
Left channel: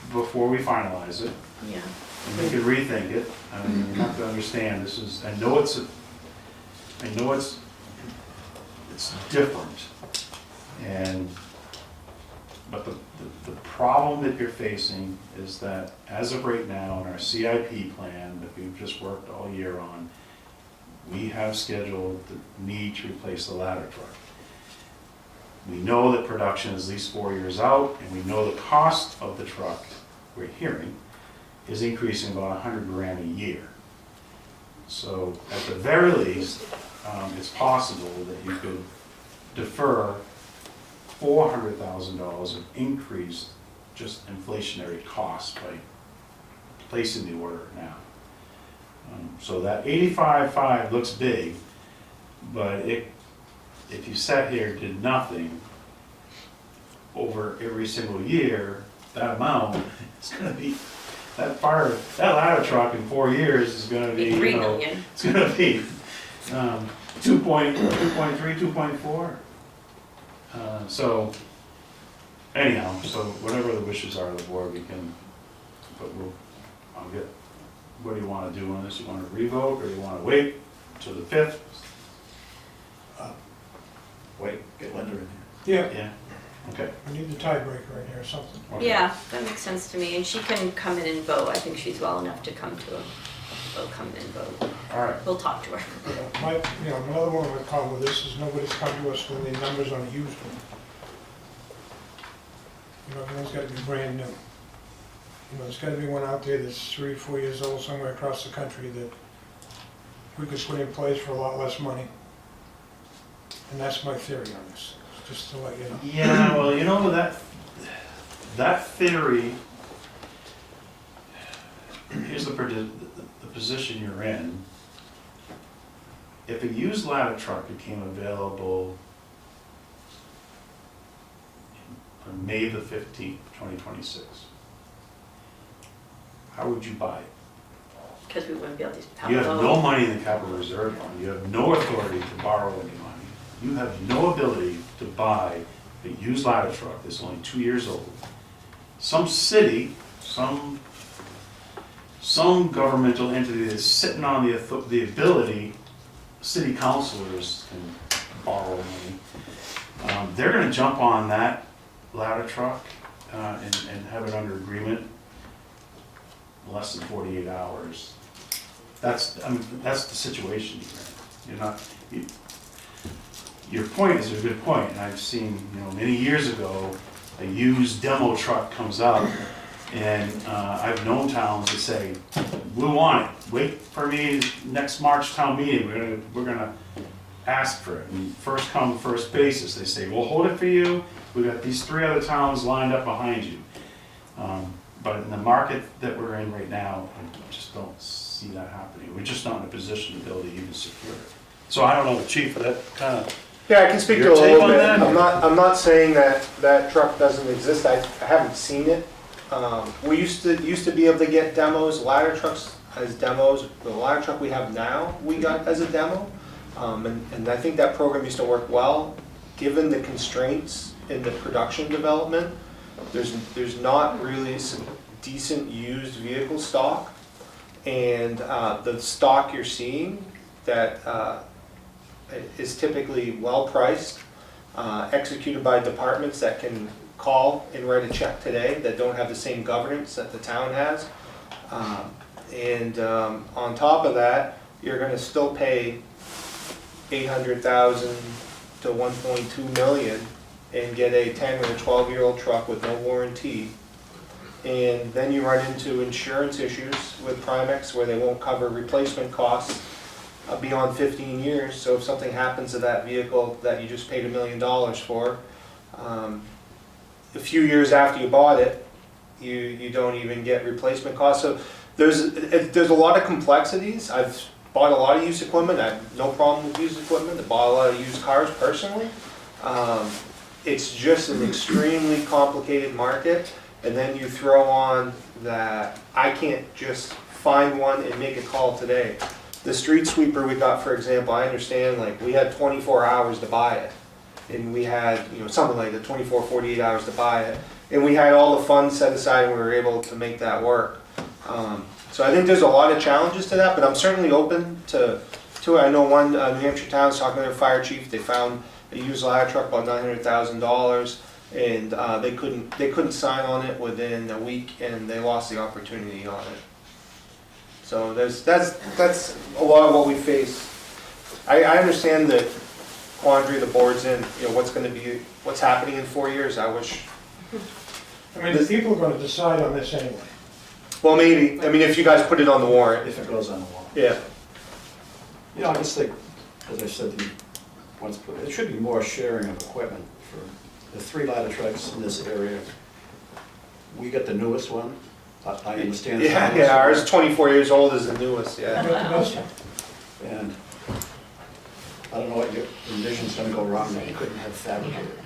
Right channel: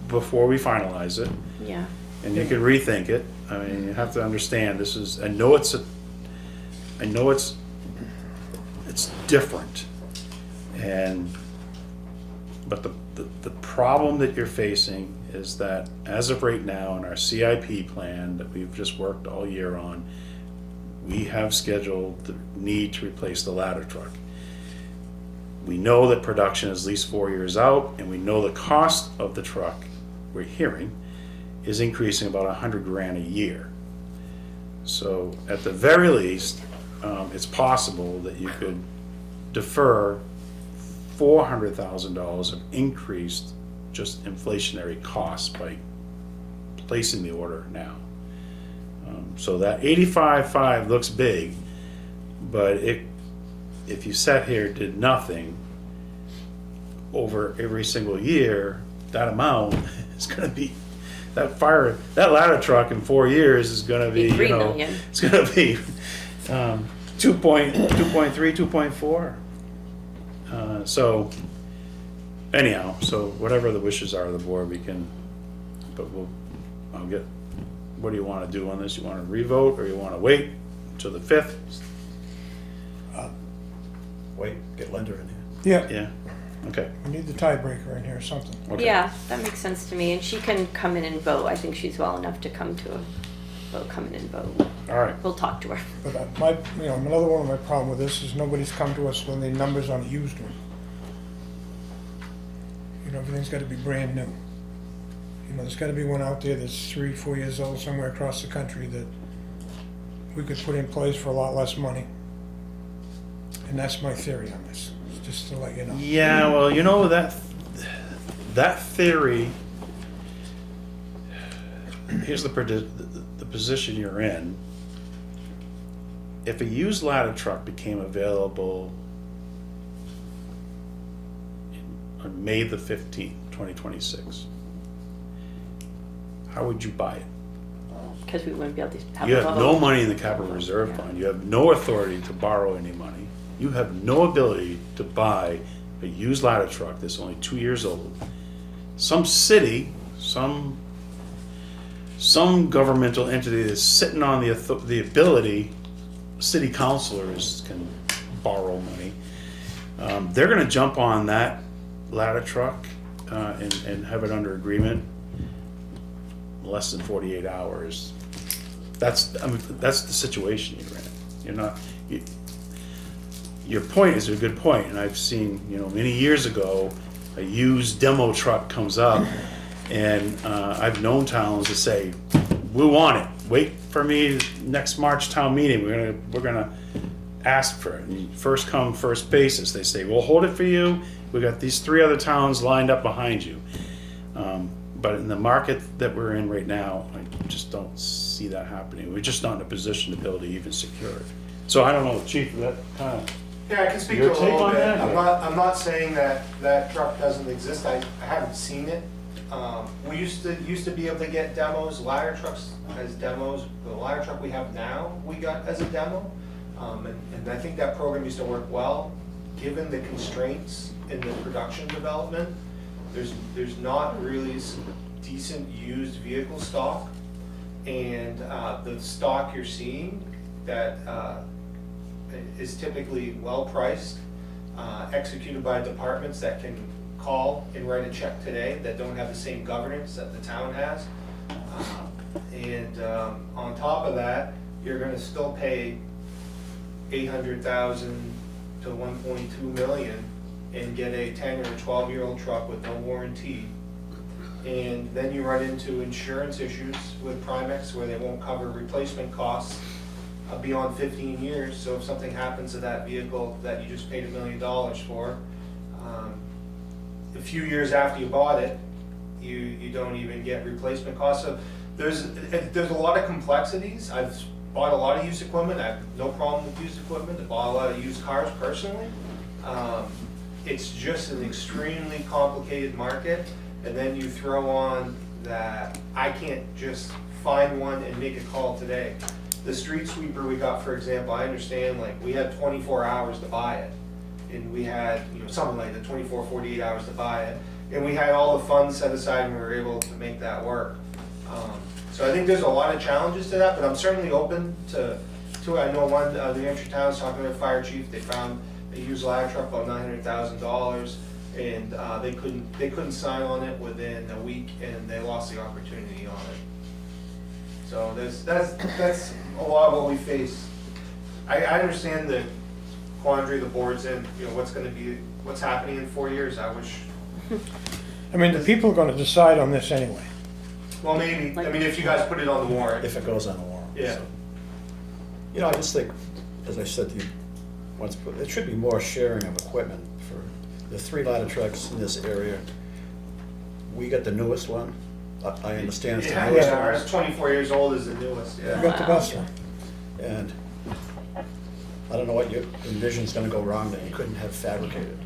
before we finalize it, Yeah. and you can rethink it. I mean, you have to understand, this is, I know it's different. And, but the problem that you're facing is that as of right now in our CIP plan that we've just worked all year on, we have scheduled the need to replace the ladder truck. We know that production is at least 4 years out, and we know the cost of the truck, we're hearing, is increasing about $100,000 a year. So at the very least, it's possible that you could defer $400,000 of increased just inflationary costs by placing the order now. So that 85.5 looks big, but if you sat here and did nothing over every single year, that amount is gonna be, that ladder truck in 4 years is gonna be, $3 you know, million. it's gonna be 2.3, 2.4. So anyhow, so whatever the wishes are of the board, we can, but I'll get, what do you wanna do on this? You wanna revote, or you wanna wait till the 5th? Wait, get Linda in Yeah, Yeah, okay. we need the tiebreaker in here or something. Okay. Yeah, that makes sense to me, and she can come in and vote. I think she's well enough to come to a vote, come in and vote. All right. We'll talk to her. But another one of my problem with this is nobody's come to us when the numbers on a used one. Everything's gotta be brand new. There's gotta be one out there that's 3, 4 years old somewhere across the country that we could put in place for a lot less money. And that's my theory on this, just to let you know. Yeah, well, you know, that theory, here's the position you're in. If a used ladder truck became available on May the 15th, 2026, how would you buy it? Because we wouldn't be able to have You a have vote. no money in the capital reserve fund, you have no authority to borrow any money. You have no ability to buy a used ladder truck that's only 2 years old. Some city, some governmental entity that's sitting on the ability, city councilors can borrow money. They're gonna jump on that ladder truck and have it under agreement in less than 48 hours. That's the situation you're in. Your point is a good point, and I've seen, many years ago, a used demo truck comes up, and I've known towns that say, we want it, wait for me next March town meeting, we're gonna ask for it, and first come, first basis, they say, we'll hold it for you, we got these 3 other towns lined up behind you. But in the market that we're in right now, I just don't see that happening, we're just not in a position to be able to even secure it. So I don't know, Chief, for that kind of. Yeah, I can speak to Your it a take little on bit. that? I'm not saying that truck doesn't exist. I haven't seen it. We used to be able to get demos, ladder trucks as demos. The ladder truck we have now, we got as a demo. And I think that program used to work well. Given the constraints in the production development, there's not really some decent used vehicle stock. And the stock you're seeing that is typically well priced, executed by departments that can call and write a check today that don't have the same governance that the town has. And on top of that, you're gonna still pay 800,000 to 1.2 million and get a 10 or a 12-year-old truck with no warranty. And then you run into insurance issues with Primex where they won't cover replacement costs beyond 15 years. So if something happens to that vehicle that you just paid $1 million for, a few years after you bought it, you don't even get replacement costs. So there's a lot of complexities. I've bought a lot of used equipment. I have no problem with used equipment. I bought a lot of used cars personally. It's just an extremely complicated market. And then you throw on that I can't just find one and make a call today. The street sweeper we got, for example, I understand, like, we had 24 hours to buy it. And we had, something like the 24, 48 hours to buy it. And we had all the funds set aside and we were able to make that work. So I think there's a lot of challenges to that, but I'm certainly open to it. I know one New Hampshire town was talking to their fire chief. They found a used ladder truck about $900,000. And they couldn't sign on it within a week, and they lost the opportunity on it. So that's a lot of what we face. I understand the quandary the board's in. What's happening in 4 years. I wish. I mean, the people are gonna decide on this anyway. Well, maybe. I mean, if you guys put it on the warrant. If it goes on the warrant. Yeah. I just think, as I said to you once before, there should be more sharing of equipment. The 3 ladder trucks in this area, we got the newest one. I understand. It's the newest Yeah, one. ours 24 years old is the newest, I yeah. got the best one. And I don't know what your envision's gonna go wrong that you couldn't have fabricated.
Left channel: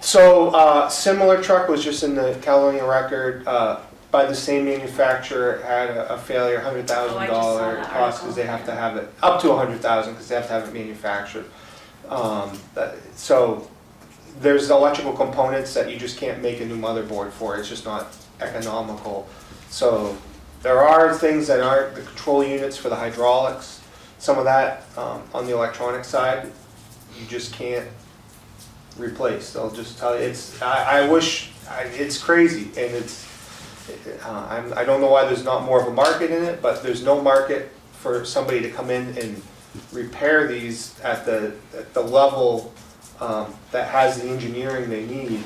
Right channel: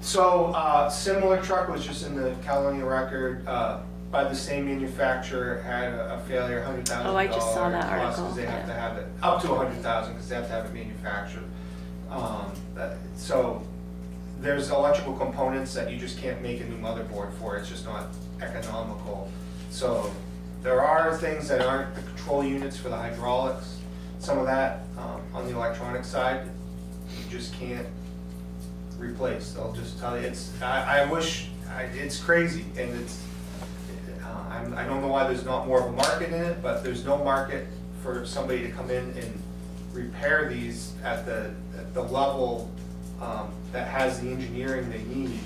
So, similar truck was just in the Caledonia record, by the same manufacturer, had a failure, $100,000 Oh, I just saw that cost, article. because they have to have it, up to $100,000, because they have to have it manufactured. So, there's electrical components that you just can't make a new motherboard for, it's just not economical. So, there are things that aren't the control units for the hydraulics, some of that, on the electronic side, you just can't replace. They'll just tell you, it's crazy, and I don't know why there's not more of a market in it, but there's no market for somebody to come in and repair these at the level that has the engineering they need.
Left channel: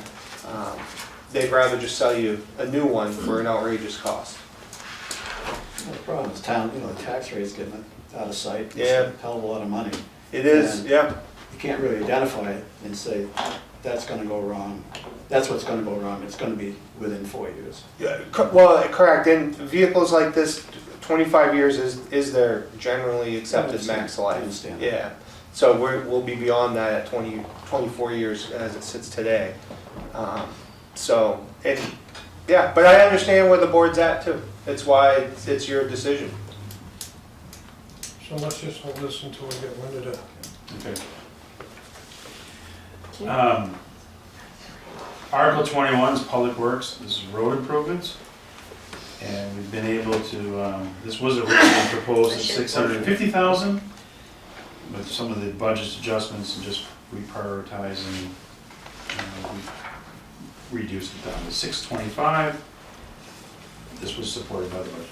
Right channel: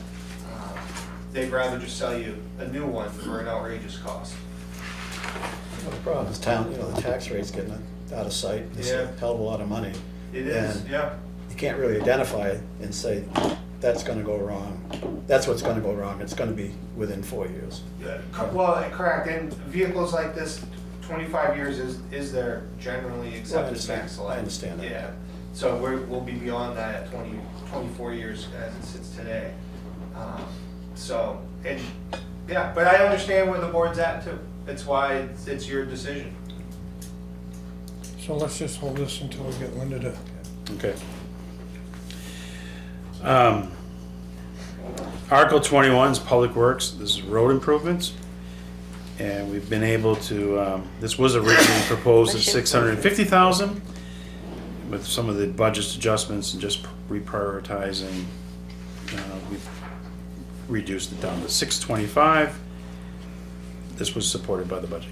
They'd rather just sell you a new one for an outrageous cost. The problem is town, the tax rate's getting out of sight. It's Yeah. a hell of a lot of money. It is, And yeah. You can't really identify it and say, that's gonna go wrong. That's what's gonna go wrong. It's gonna be within 4 years. Yeah, well, correct, and vehicles like this, 25 years is their generally accepted max life. I understand that. Yeah, so we'll be beyond that at 24 years as it sits today. But I understand where the board's at too. It's why it's your decision. So let's just hold this until we get wind of it. Okay. Article 21 is Public Works, this is road improvements. And we've been able to, this was originally proposed at $650,000 with some of the budget adjustments and just reprioritizing, we've reduced it down to $625. This was supported by the budget.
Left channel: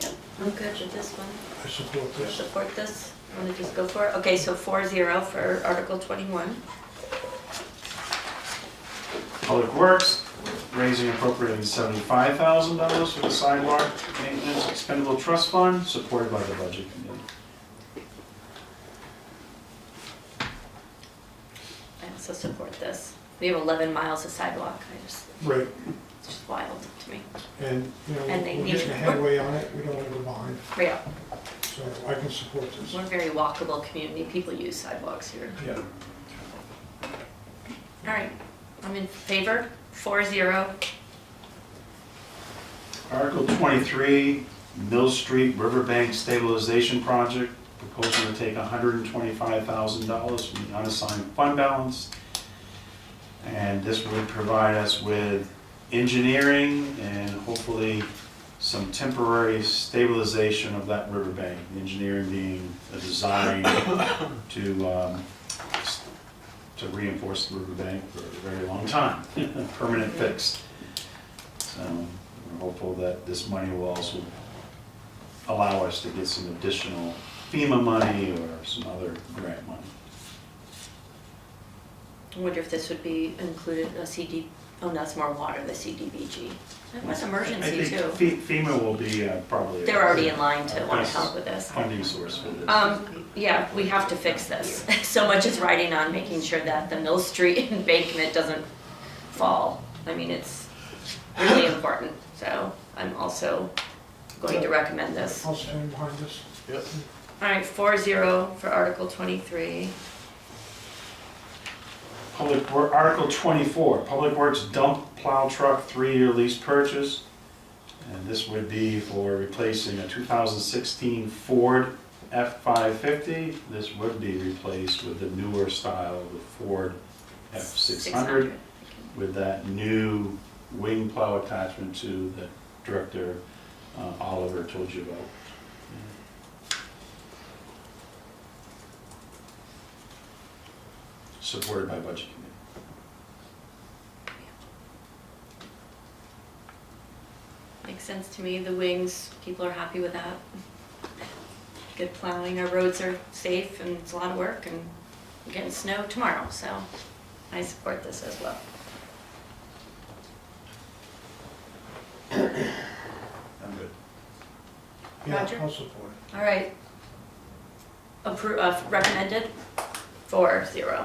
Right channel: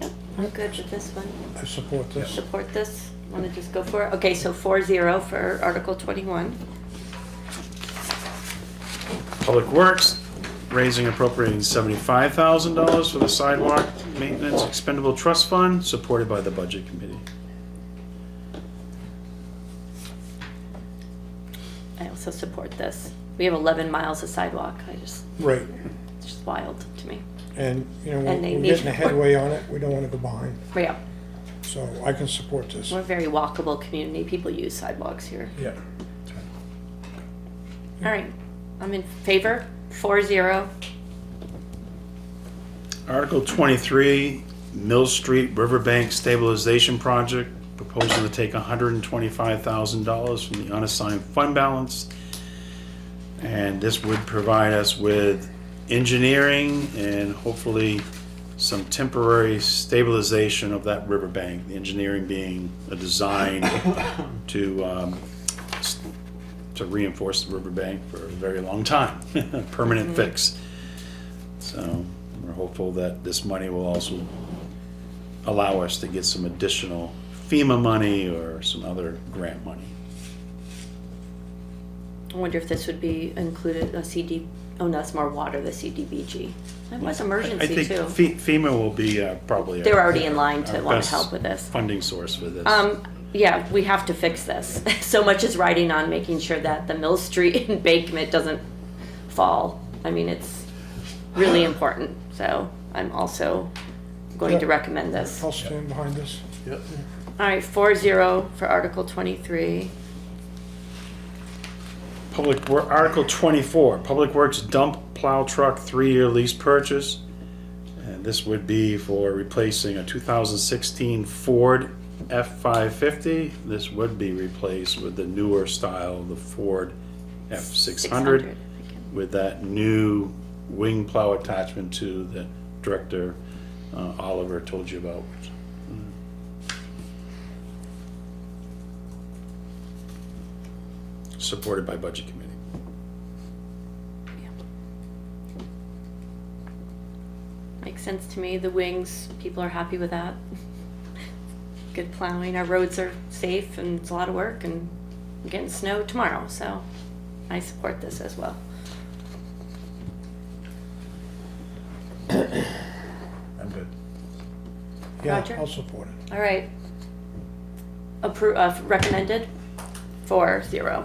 Yep, I'm good with this one. I support this. Support this? Want to just go for it? Okay, so 4-0 for Article 21. Public Works, raising appropriating $75,000 for the sidewalk maintenance expendable trust fund, supported by the budget committee. I also support this. We have 11 miles of sidewalk. Right, It's just wild to me. and, And they we're need- getting a headway on it, we don't want to go behind, Yeah, so I can support this. we're a very walkable community. People use sidewalks here. Yeah. All right, I'm in favor, 4-0. Article 23, Mill Street Riverbank Stabilization Project, proposing to take $125,000 from the unassigned fund balance. And this would provide us with engineering and hopefully some temporary stabilization of that riverbank. The engineering being a design to reinforce the riverbank for a very long time, permanent fix. So we're hopeful that this money will also allow us to get some additional FEMA money or some other grant money. I wonder if this would be included, oh, that's more water, the CDBG. That was emergency too. I think FEMA will be probably. They're already in line to want to best help with this. funding source for this. Yeah, we have to fix this. So much is riding on making sure that the Mill Street embankment doesn't fall. I mean, it's really important. So I'm also going to recommend this. I'll stand behind this. Yep. All right, 4-0 for Article 23. Article 24, Public Works Dump Plow Truck 3-year lease purchase. And this would be for replacing a 2016 Ford F550. This would be replaced with the newer style of the Ford F600 with that new wing plow attachment to that Director Oliver told you about. Supported by Budget Committee. Makes sense to me. The wings, people are happy with that. Good plowing. Our roads are safe and it's a lot of work and we're getting snow tomorrow, so I support this as well. I'm good. Yeah, Roger? I'll support it. All right. Recommended? 4-0. Okay.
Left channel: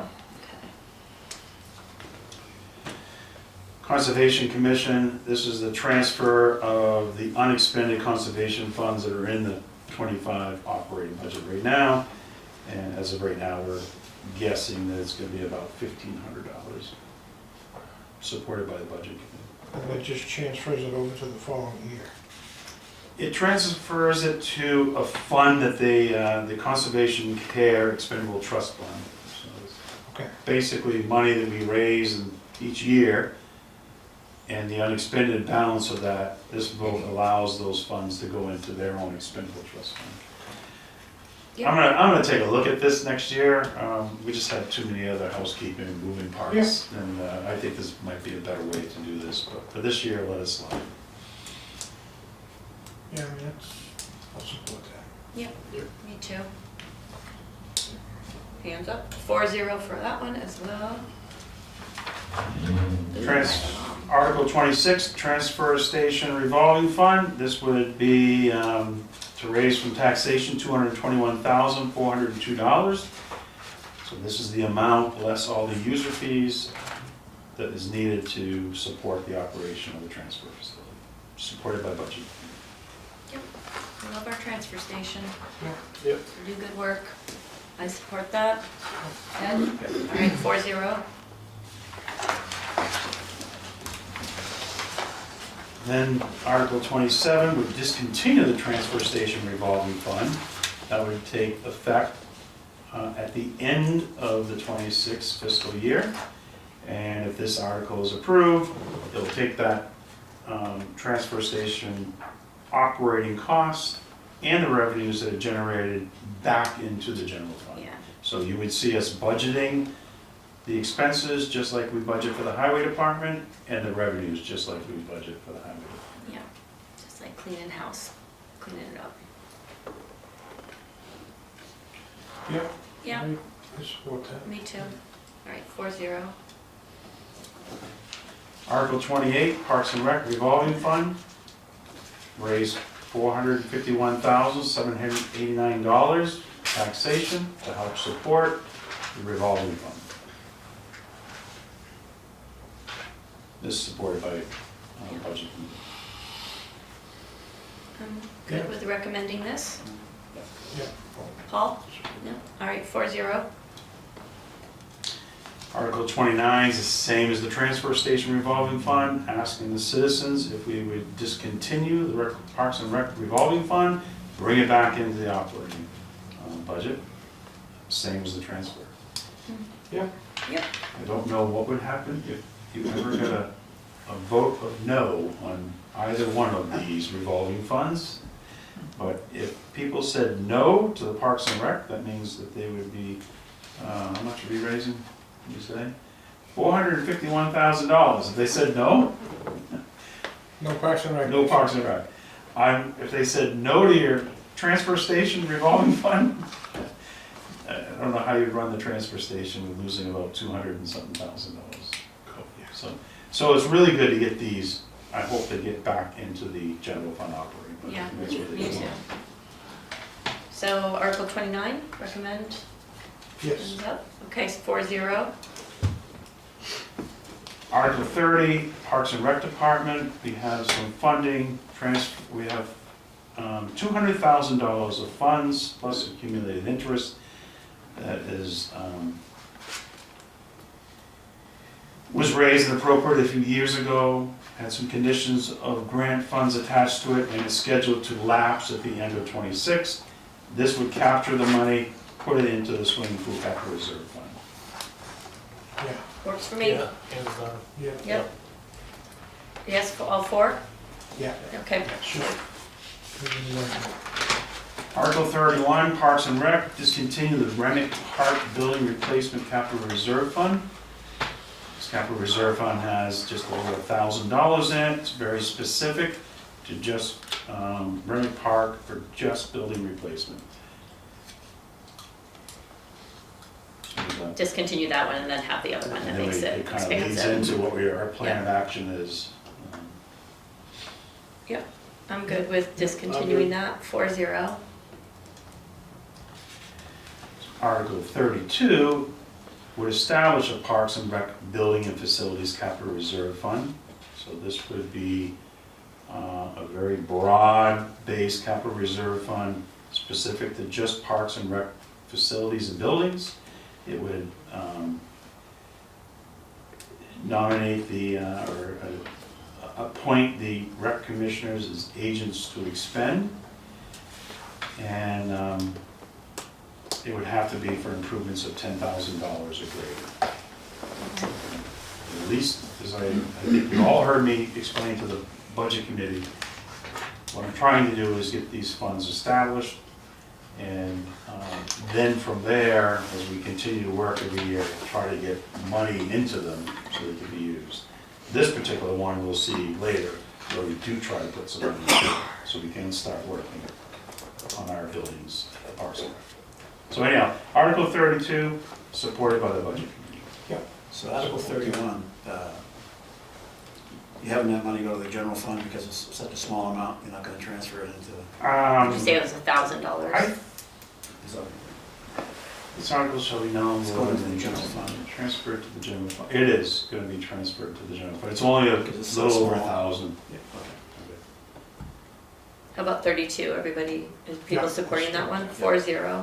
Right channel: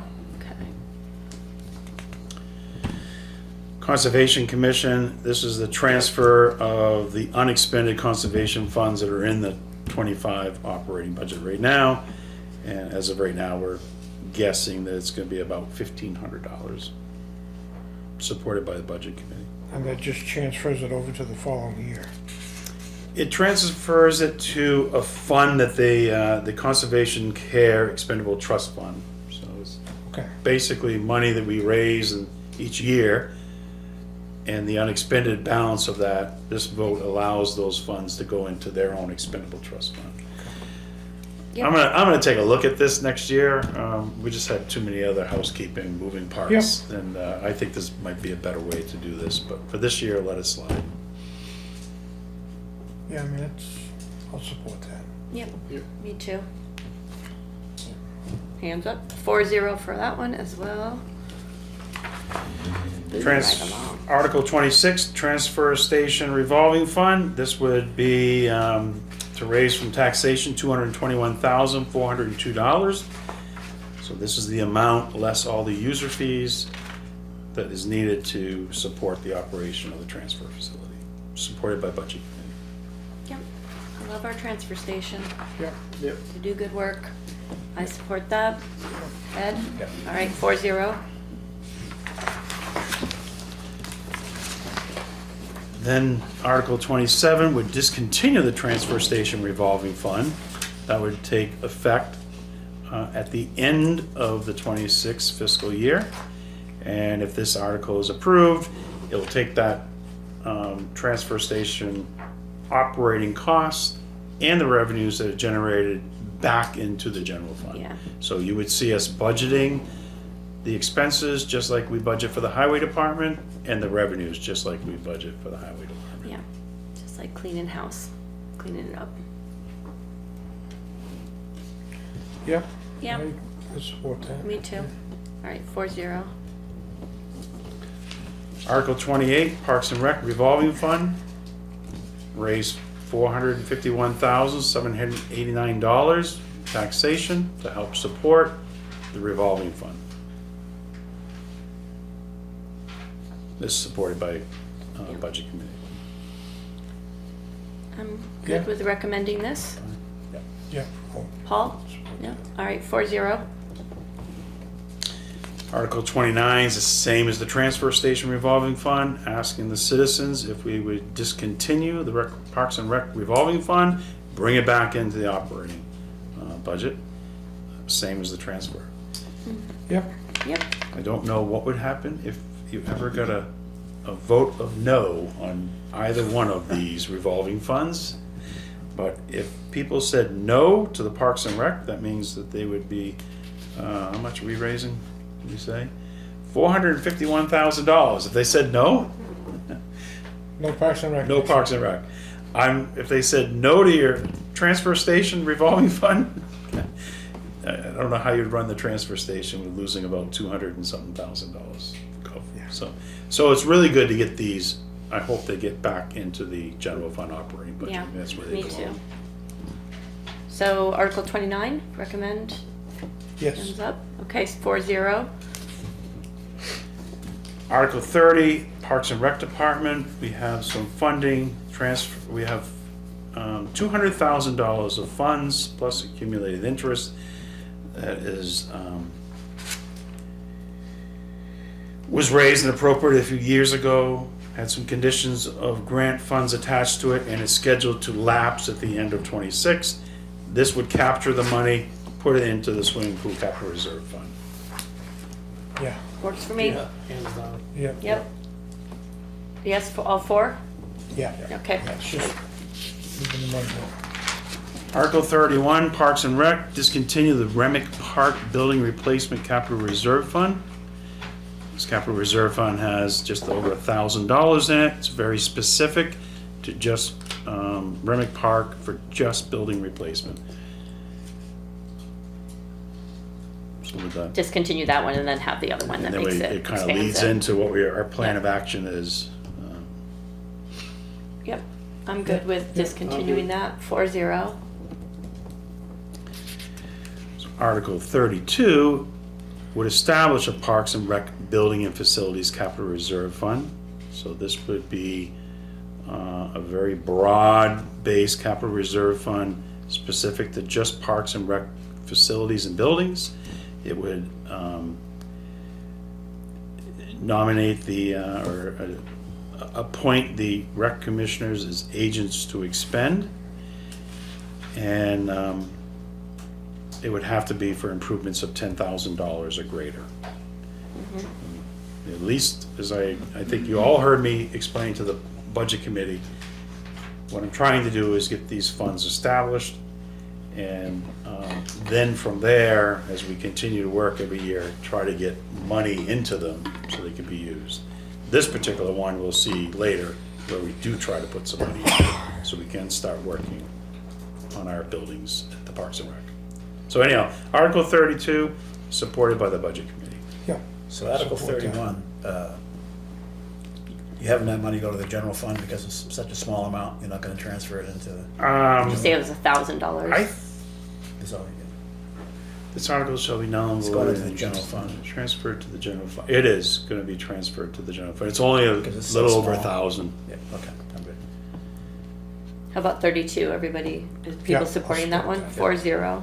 Conservation Commission, this is the transfer of the unexpended conservation funds that are in the 25 operating budget right now. And as of right now, we're guessing that it's going to be about $1,500, supported by the Budget Committee. And that just transfers it over to the following year. It transfers it to a fund that the Conservation Care Expendable Trust Fund. So it's Okay. basically money that we raise each year, and the unexpended balance of that, this vote allows those funds to go into their own expendable trust fund. Yep. I'm gonna take a look at this next year. We just have too many other housekeeping moving parts, and I think this might be a better way to do this, but for this year, let it slide. Yeah, I mean, I'll support that. Yeah, me too. Hands up. 4-0 for that one as well. Article 26, Transfer Station Revolving Fund. This would be to raise from taxation $221,402. So this is the amount less all the user fees that is needed to support the operation of the transfer facility, supported by Budget. Yep. I love our transfer station. Yeah. Yep. They do good work. I support that. Ed? All right, 4-0. Then Article 27 would discontinue the transfer station revolving fund. That would take effect at the end of the 26 fiscal year. And if this article is approved, it will take that transfer station operating costs and the revenues that are generated back into the general fund. Yeah. So you would see us budgeting the expenses just like we budget for the highway department, and the revenues just like we budget for the highway department. Yeah. Just like cleaning house, cleaning it up. Yeah. Yeah. I support that. Me too. All right, 4-0. Article 28, Parks and Rec revolving fund, raised $451,789 taxation to help support the revolving fund. This is supported by Budget Committee. I'm good Yeah. with recommending this. Yeah. Well, Paul? Yeah. All right, 4-0. Article 29 is the same as the transfer station revolving fund, asking the citizens if we would discontinue the Parks and Rec revolving fund, bring it back into the operating budget, same as the transfer. Yep. Yep. I don't know what would happen if you ever got a vote of no on either one of these revolving funds. But if people said no to the Parks and Rec, that means that they would be, how much are we raising, did you say? $451,000. If they said no, No Parks and Rec. no Parks and Rec. If they said no to your transfer station revolving fund, I don't know how you'd run the transfer station with losing about $200 and something thousand. So it's really good to get these. I hope they get back into the general fund operating budget. Yeah, That's where they me too. belong. So Article 29, recommend, Yes. thumbs up. Okay, 4-0. Article 30, Parks and Rec Department, we have some funding transfer, we have $200,000 of funds plus accumulated interest that is, was raised and appropriated a few years ago, had some conditions of grant funds attached to it, and is scheduled to lapse at the end of '26. This would capture the money, put it into the swimming pool capital reserve fund. Yeah. Works for me. Yeah, and, Yeah. Yep. Yes, for all 4? Yeah. Okay. That's just. even more. Article 31, Parks and Rec, discontinue the Remick Park Building Replacement Capital Reserve Fund. This capital reserve fund has just over $1,000 in it. It's very specific to just Remick Park for just building replacement. So with that, Discontinue that one and then have the other one that and then makes it kind of expands leads it. into what our plan of action is. Yep, I'm good with discontinuing that, 4-0. Article 32 would establish a Parks and Rec Building and Facilities Capital Reserve Fund. So this would be a very broad-based capital reserve fund specific to just Parks and Rec facilities and buildings. It would nominate or appoint the rec commissioners as agents to expend. And it would have to be for improvements of $10,000 or greater. At least, as I think you all heard me explain to the budget committee, what I'm trying to do is get these funds established, and then from there, as we continue to work every year, try to get money into them so they can be used. This particular one we'll see later, where we do try to put some money in, so we can start working on our buildings at Parks and Rec. So anyhow, Article 32, supported by the budget committee. Yeah. So Article 31, you having that money go to the general fund because it's such a small amount, you're not gonna transfer it into, You say it was $1,000. so This article shall be known. It's going into the general fund. Transferred to the general fund. It is gonna be transferred to the general fund. It's only a Because it's so little over small. 1,000. yeah, okay, I'm good. How about 32, everybody, is people Yeah, supporting that one? yeah. 4-0.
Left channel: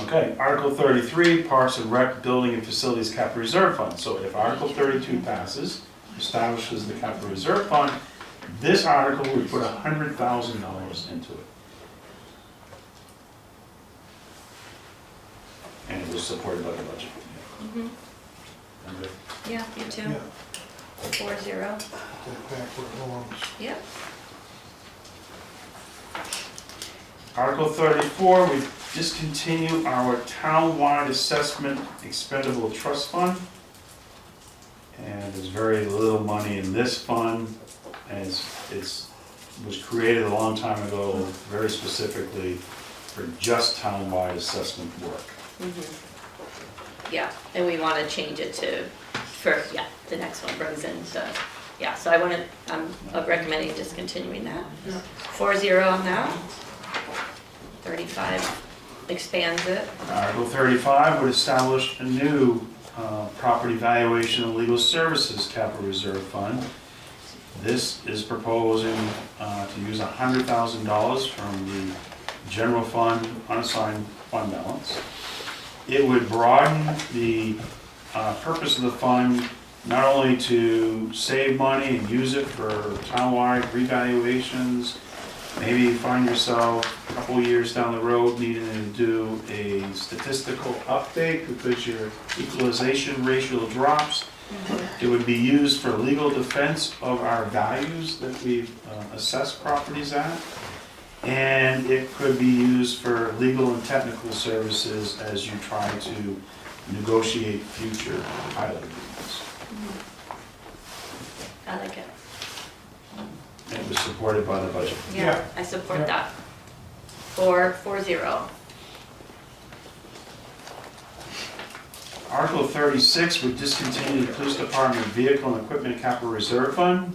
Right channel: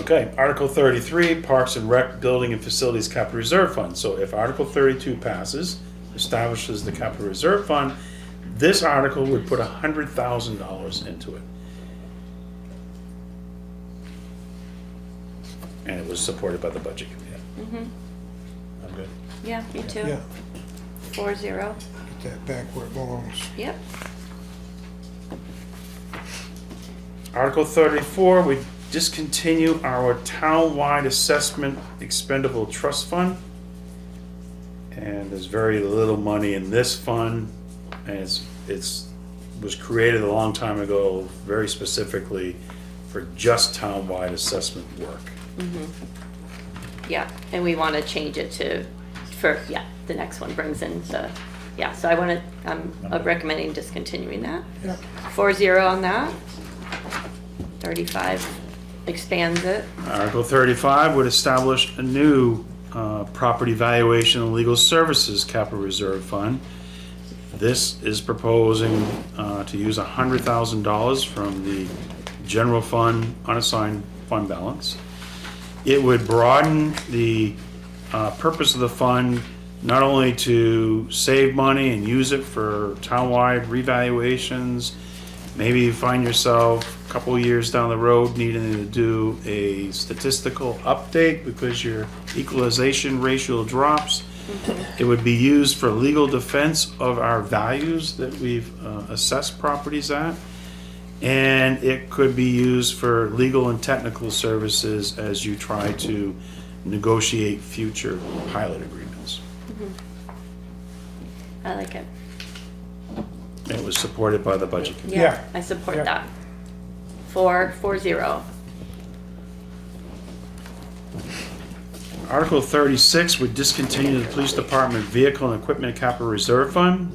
Okay, Article 33, Parks and Rec Building and Facilities Capital Reserve Fund. So if Article 32 passes, establishes the Capital Reserve Fund, this article would put $100,000 into it. And it was supported by the budget committee. Mhm. I'm good. Yeah, me too. Yeah. 4-0. Get back where it belongs. Yep. Article 34, we discontinue our town-wide assessment expendable trust fund. And there's very little money in this fund, and it's was created a long time ago, very specifically for just town-wide assessment work. Yeah, and we want to change it to, the next one brings in so I want to, I'm recommending discontinuing that. 4-0 on that. 35 expands it. Article 35 would establish a new property valuation and legal services capital reserve fund. This is proposing to use $100,000 from the general fund unassigned fund balance. It would broaden the purpose of the fund, not only to save money and use it for townwide revaluations. Maybe you find yourself a couple of years down the road needing to do a statistical update because your equalization ratio drops. It would be used for legal defense of our values that we've assessed properties at. And it could be used for legal and technical services as you try to negotiate future pilot agreements. I like it. It was supported by the budget. Yeah. I support Yeah. that. 4-0. Article 36 would discontinue the police department vehicle and equipment capital reserve fund.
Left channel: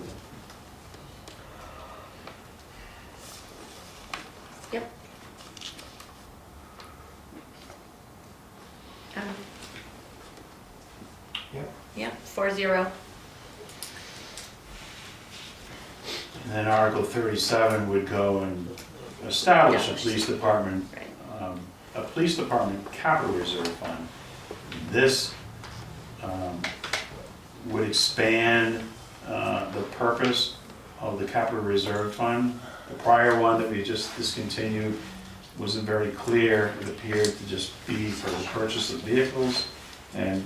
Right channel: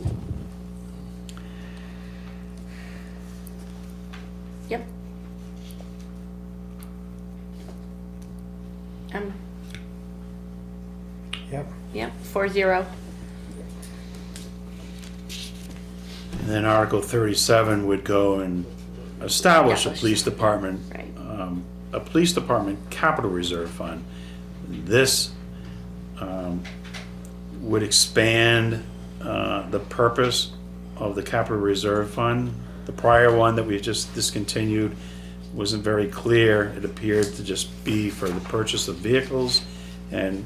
Yep. Yep. Yeah, 4-0. And then Article 37 would go and establish a police department, Right. a police department capital reserve fund. This would expand the purpose of the capital reserve fund. The prior one that we just discontinued wasn't very clear. It appeared to just be for the purchase of vehicles, and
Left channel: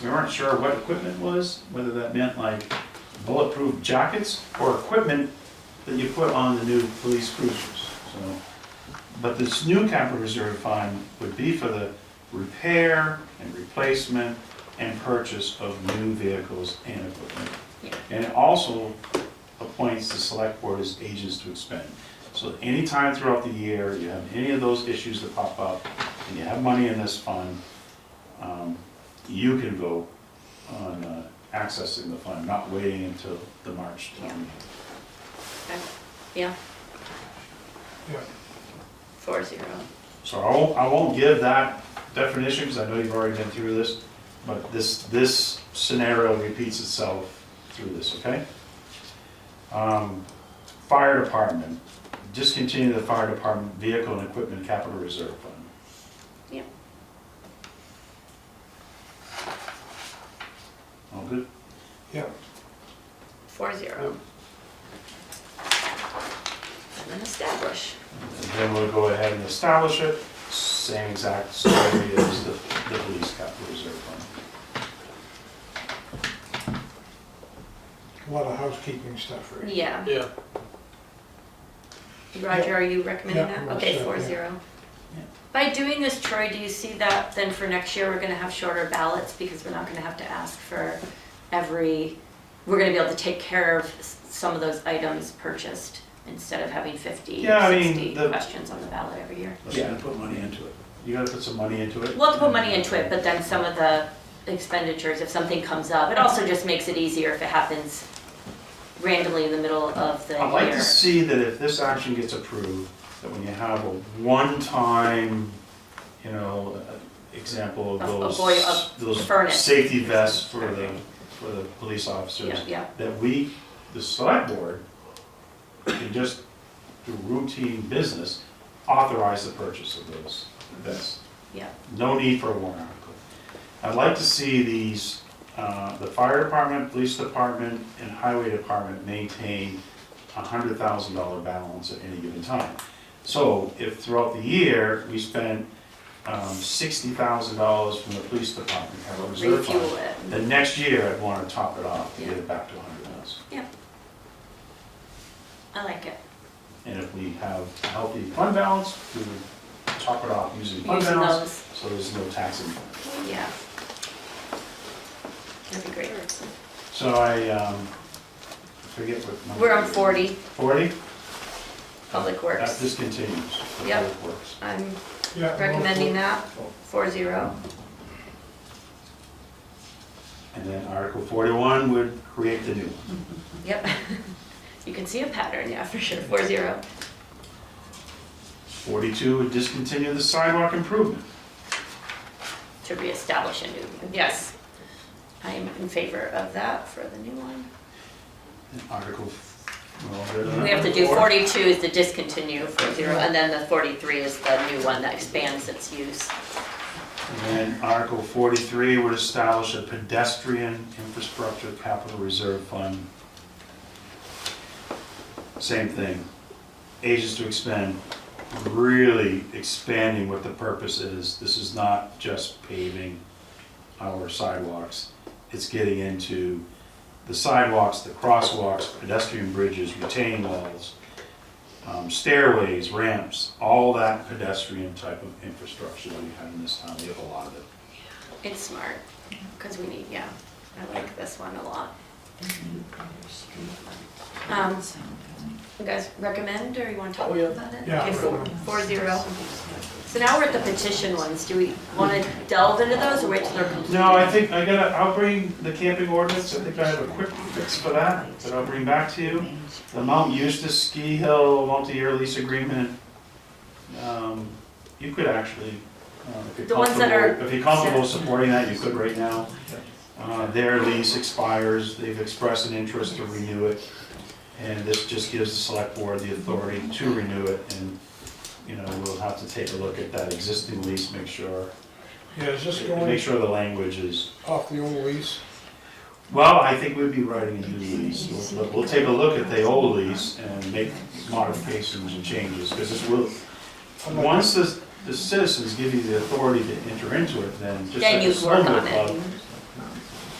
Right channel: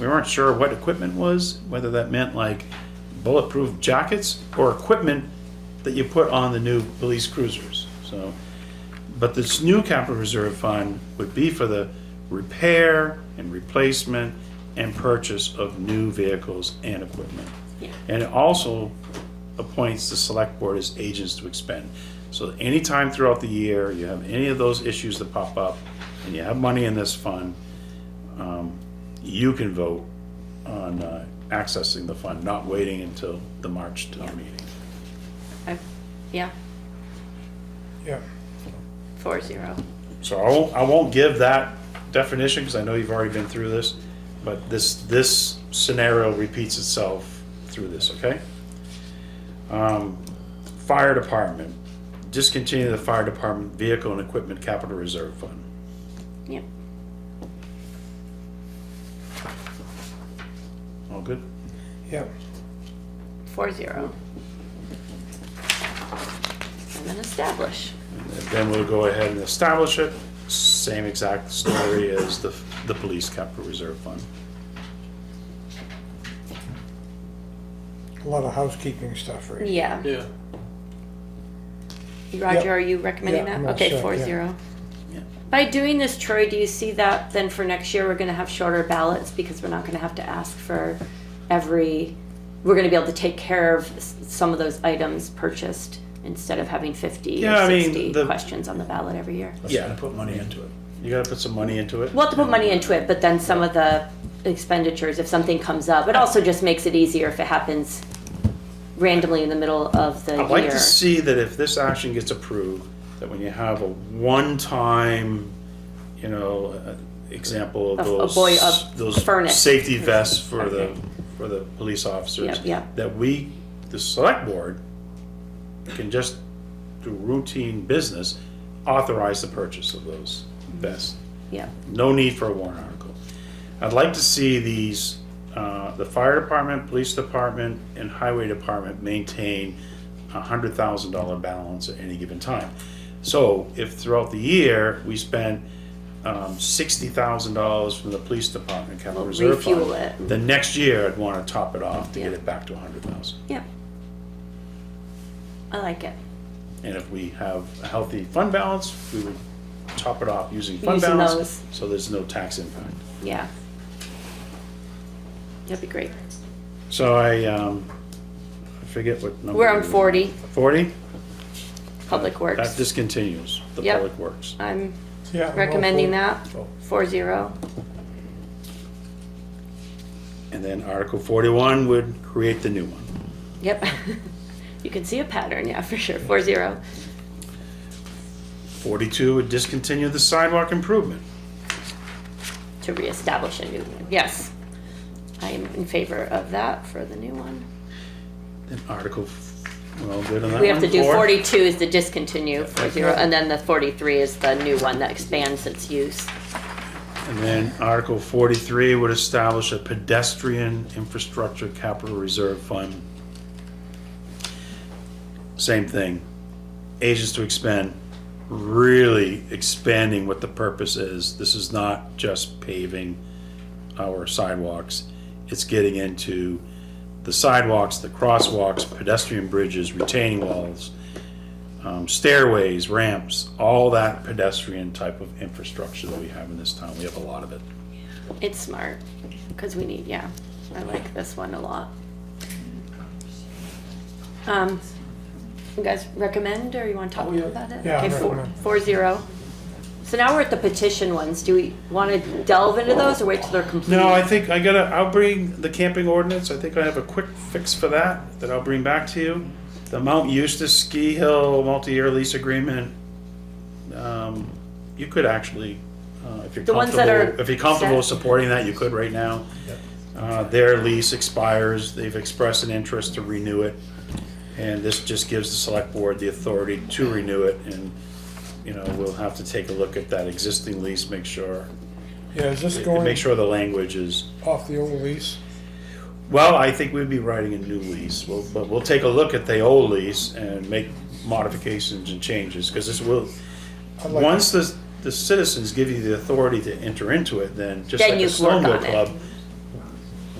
we weren't sure what equipment was, whether that meant like bulletproof jackets or equipment that you put on the new police cruisers. So, but this new capital reserve fund would be for the repair and replacement and purchase of new vehicles and equipment. Yeah. And it also appoints the select board as agents to expend. So anytime throughout the year you have any of those issues that pop up and you have money in this fund, you can vote on accessing the fund, not waiting until the March town meeting. Okay. Yeah, Yeah. 4-0. So I won't give that definition because I know you've already been through this, but this scenario repeats itself through this, okay? Fire department, discontinue the fire department vehicle and equipment capital reserve fund. Yeah. All good? Yeah. 4-0. And then establish. And then we'll go ahead and establish it, same exact story as the police capital reserve fund. A lot of housekeeping stuff, right? Yeah. Yeah. Roger, are you recommending Yeah, I'm that? all Okay, set, 4-0. Yeah. By doing this, Troy, do you see that then for next year, we're gonna have shorter ballots because we're not gonna have to ask for we're gonna be able to take care of some of those items purchased instead of having 50 Yeah, I or mean, 60 the- questions on the ballot every year. Yeah, and put money into it. You gotta put some money into it. We'll have to put money into it, but then some of the expenditures, if something comes up, it also just makes it easier if it happens randomly in the middle of the year. I'd like to see that if this action gets approved, that when you have a one-time, example of those furnace. safety vests for the police officers, Yep, yep. that the select board, can just do routine business, authorize the purchase of those vests. Yeah. No need for a warrant article. I'd like to see these, the fire department, police department, and highway department maintain $100,000 balance at any given time. So if throughout the year, we spend $60,000 from the police department capital reserve fund, Refuel it. then next year I'd wanna top it off to get Yeah. it back to 100,000. Yeah. I like it. And if we have a healthy fund balance, we would top it off using fund Using balance, those. so there's no tax income. Yeah. That'd be great. So I forget what number. We're on it is. 40, 40? Public That Works. discontinues the Yep. public works. I'm Yeah. I'm all recommending for it. that, 4-0. And then Article 41 would create the new one. Yep. You can see a pattern, yeah, for sure, 4-0. 42 would discontinue the sidewalk improvement. To reestablish a new one, yes. I am in favor of that for the new one. And Article We're all good on that We have to one? do Four? 42 is the discontinue, and then the 43 is the new one that expands its use. And then Article 43 would establish a pedestrian infrastructure capital reserve fund. Same thing, ages to expend, really expanding what the purpose is. This is not just paving our sidewalks. It's getting into the sidewalks, the crosswalks, pedestrian bridges, retaining walls, stairways, ramps, all that pedestrian type of infrastructure that we have in this town. We have a lot of it. It's smart, because we need, yeah, I like this one a lot. You guys recommend, or you want to talk Oh, yeah. about it? Yeah, Okay, I recommend. 4-0. So now we're at the petition ones. Do we want to delve into those or wait till they're complete? No, I think I'll bring the camping ordinance. I think I have a quick fix for that I'll bring back to you. The Mount Eustis Ski Hill multi-year lease agreement, you could actually, if you're The ones that are comfortable, if you're comfortable set. supporting that, you could right now. Their lease expires, they've expressed an interest to renew it, and this just gives the select board the authority to renew it, and, you know, we'll have to take a look at that existing lease, make sure Yeah, is this going the language is, off the old lease? well, I think we'd be writing a new lease. We'll take a look at the old lease and make modifications and changes, because this will, once the citizens give you the authority to enter into it, then just Yeah, like you a work snowmobile on it. club,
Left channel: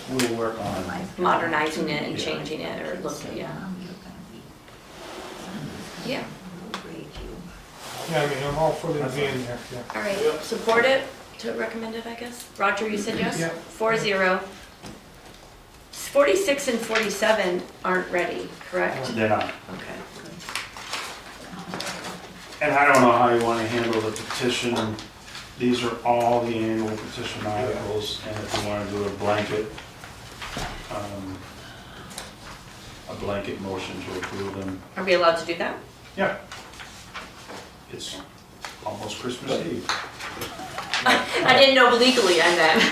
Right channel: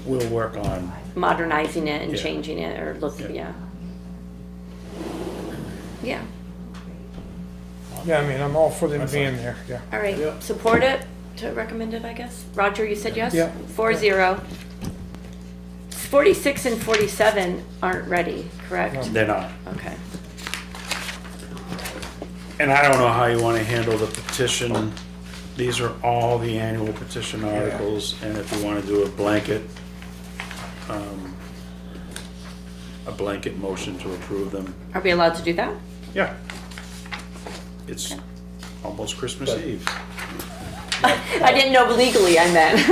we'll work on. Modernizing it and Yeah. changing it or looking, yeah. Yeah, Yeah, I mean, I'm all for them being there, yeah. all right, support it, to recommend it, I guess. Roger, you said yes? Yeah. 4-0. 46 and 47 aren't ready, correct? They're not. Okay. And I don't know how you want to handle the petition. These are all the annual petition articles, and if you want to do a blanket motion to approve them, Are we allowed to do that? yeah. It's almost Christmas Eve. I didn't know legally I meant.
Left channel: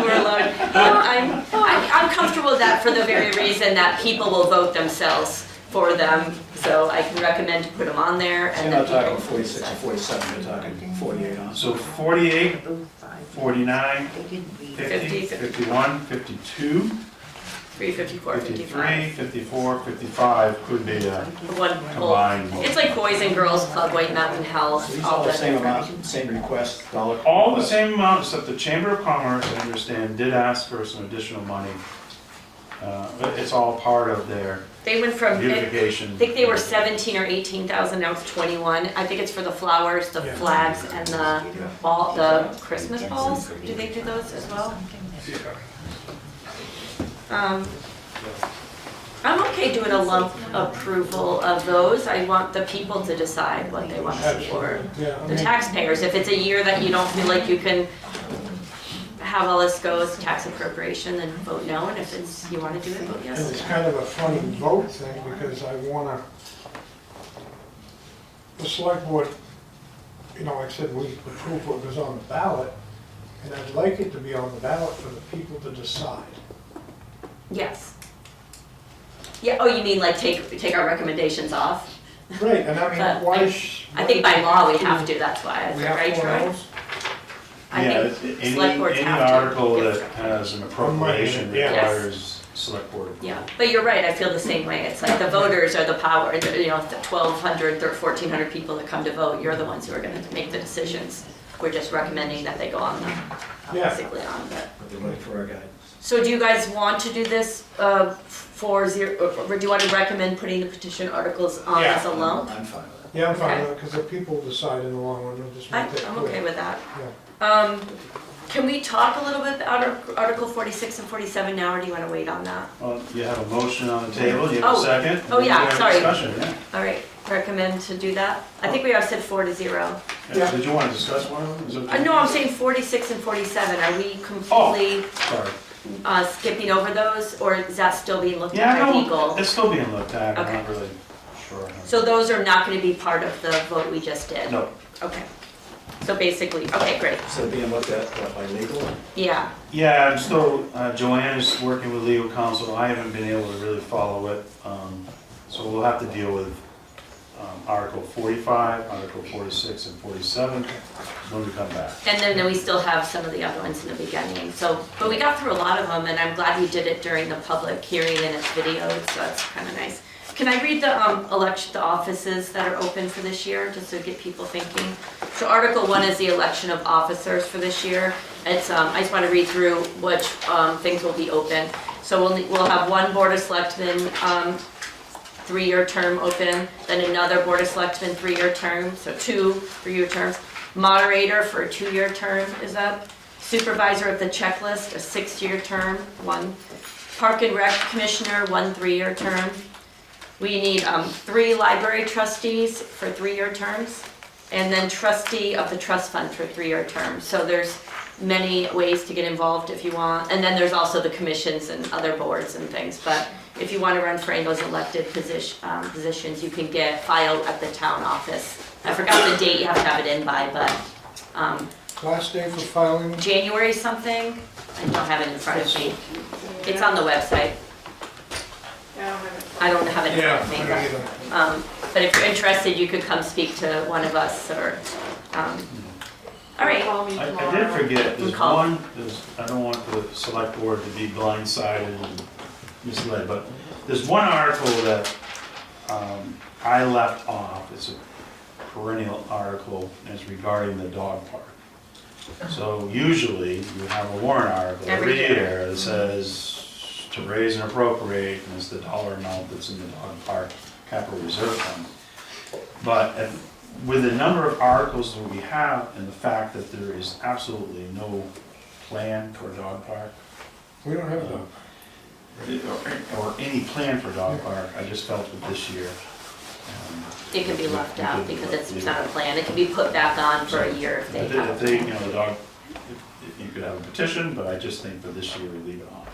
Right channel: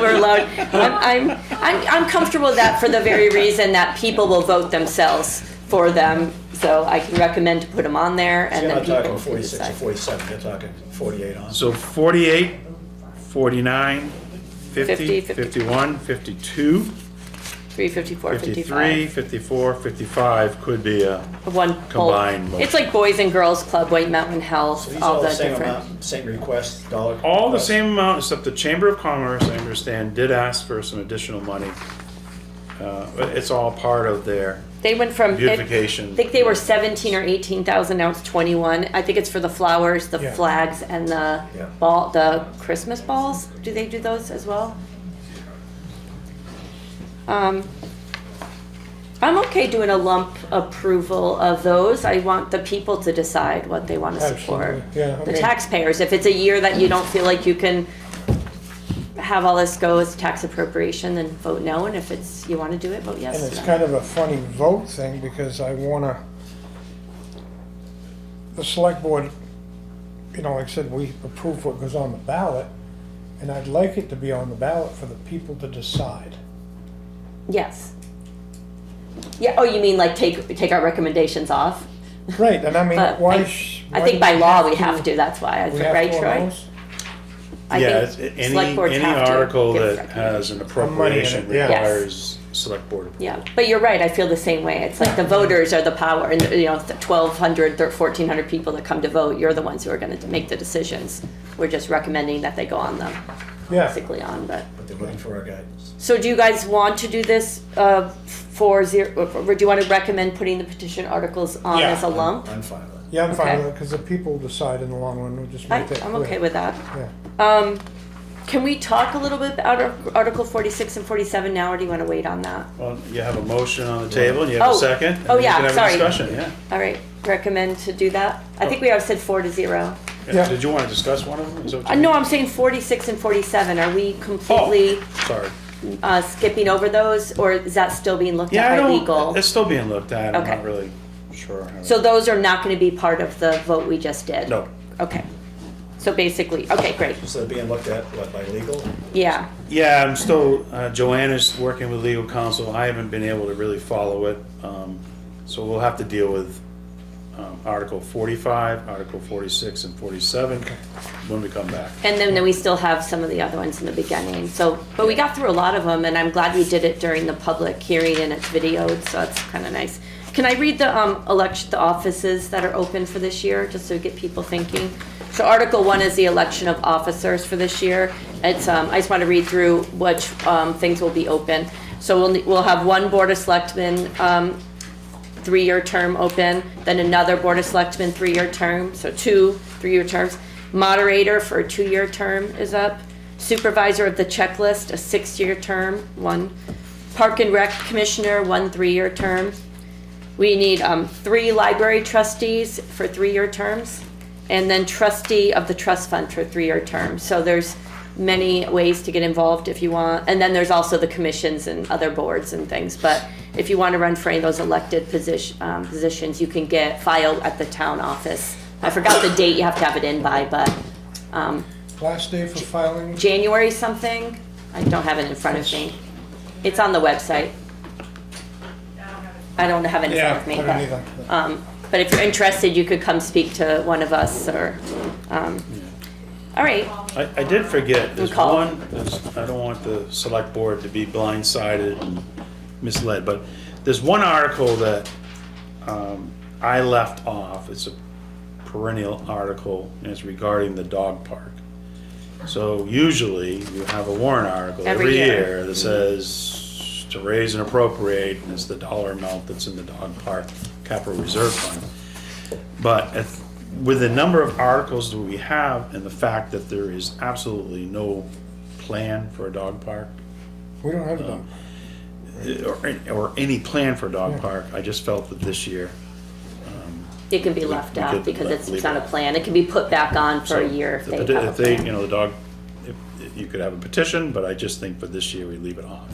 We're allowed. I'm comfortable with that for the very reason that people will vote themselves for them. So I can recommend to put them on there and So you're then not people talking 46 or decide. 47, you're talking 48 on. So 48, 49, 50, 50, 51, 52, 354, 53, 54, 55 could be a One whole. combined motion. It's like Boys and Girls Club, White Mountain Health, These all all the the same different. amount, same request, dollar? All the request? same amount, except the Chamber of Commerce, I understand, did ask for some additional money. But it's all part of their They went from, I beautification. think they were 17 or 18,000, now it's 21. I think it's for the flowers, the Yeah. flags, and the Christmas balls. Do they do those as well? I'm okay doing a lump approval of those. I want the people to decide what they want to support. Absolutely, yeah. I The mean, taxpayers, if it's a year that you don't feel like you can have all this go as tax appropriation, then vote no, and if it's, you want to do it, vote And yes. it's kind of a funny vote thing, because I wanna, the select board, you know, like I said, we approve what goes on the ballot, and I'd like it to be on the ballot for the people to decide. Yes. Yeah, oh, you mean like take our recommendations off? Right, and I mean, But why? I think by law we have to, that's why, We have right, to Troy? announce? I Yeah, think any select boards have to article give that has an money in appropriation it, yeah. requires select board. Yeah, but you're right, I feel the same way. It's like the voters are the power, and you know, the 1,200 or 1,400 people that come to vote, you're the ones who are gonna make the decisions. We're just recommending that they go on them, Yeah. basically on, but. But they're looking for our guidance. So do you guys want to do this 4-0, or do you want to recommend putting the petition articles on Yeah. as a lump? I'm fine with it. Yeah, I'm fine Okay. with it, because the people decide in the long run, we'll just make that I'm clear. okay with that. Yeah. Can we talk a little bit about Article 46 and 47 now, or do you want to wait on that? Well, you have a motion on the table, you have a Oh. second? Oh, and you yeah, can have a sorry. discussion, yeah. All right, recommend to do that? I think we have said 4-0. Yeah. Did you want to discuss one of them? Is that what you- No, I'm saying 46 and 47. Are we completely Sorry. skipping over those, or is that still being looked Yeah, I at by don't, legal? it's still being looked at, I'm Okay. not really sure. So those are not going to be part of the vote we just did? No. Okay. So basically, okay, great. So being looked at what, by legal? Yeah. Yeah, I'm still, Joanne is working with legal counsel, I haven't been able to really follow it. So we'll have to deal with Article 45, Article 46, and 47 when we come back. And then we still have some of the other ones in the beginning. So, but we got through a lot of them, and I'm glad we did it during the public hearing and it's videoed, so that's kind of nice. Can I read the the offices that are open for this year, just to get people thinking? So Article 1 is the election of officers for this year. It's I just want to read through which things will be open. So we'll have one Board of Selectmen 3-year term open, then another Board of Selectmen 3-year term, so 2 3-year terms. Moderator for a 2-year term is up. Supervisor of the checklist, a 6-year term, 1. Park and Rec Commissioner, 1 3-year term. We need 3 library trustees for 3-year terms, and then trustee of the trust fund for 3-year terms. So there's many ways to get involved if you want. And then there's also the commissions and other boards and things. But if you want to run for any of those elected positions, you can file at the town office. I forgot the date you have to have it in by, but Last day for filing? January something. I don't have it in front of me. It's on the website. I don't have it in front of me. I don't either. But if you're interested, you could come speak to one of us or, all right. I did forget, We called. I don't want the select board to be blindsided and misled, but there's one article that I left off. It's a perennial article, and it's regarding the dog park. So usually you have a warrant article every year that says to raise and appropriate, and it's the dollar amount that's in the dog park capital reserve fund. But with the number of articles that we have and the fact that there is absolutely no plan for a dog park, We don't have a or any plan for a dog park, I just felt that this year. It can be left out because it's not a plan. It can be put back on for a year if they have a If they, plan. the dog, you could have a petition, but I just think for this year we leave it on.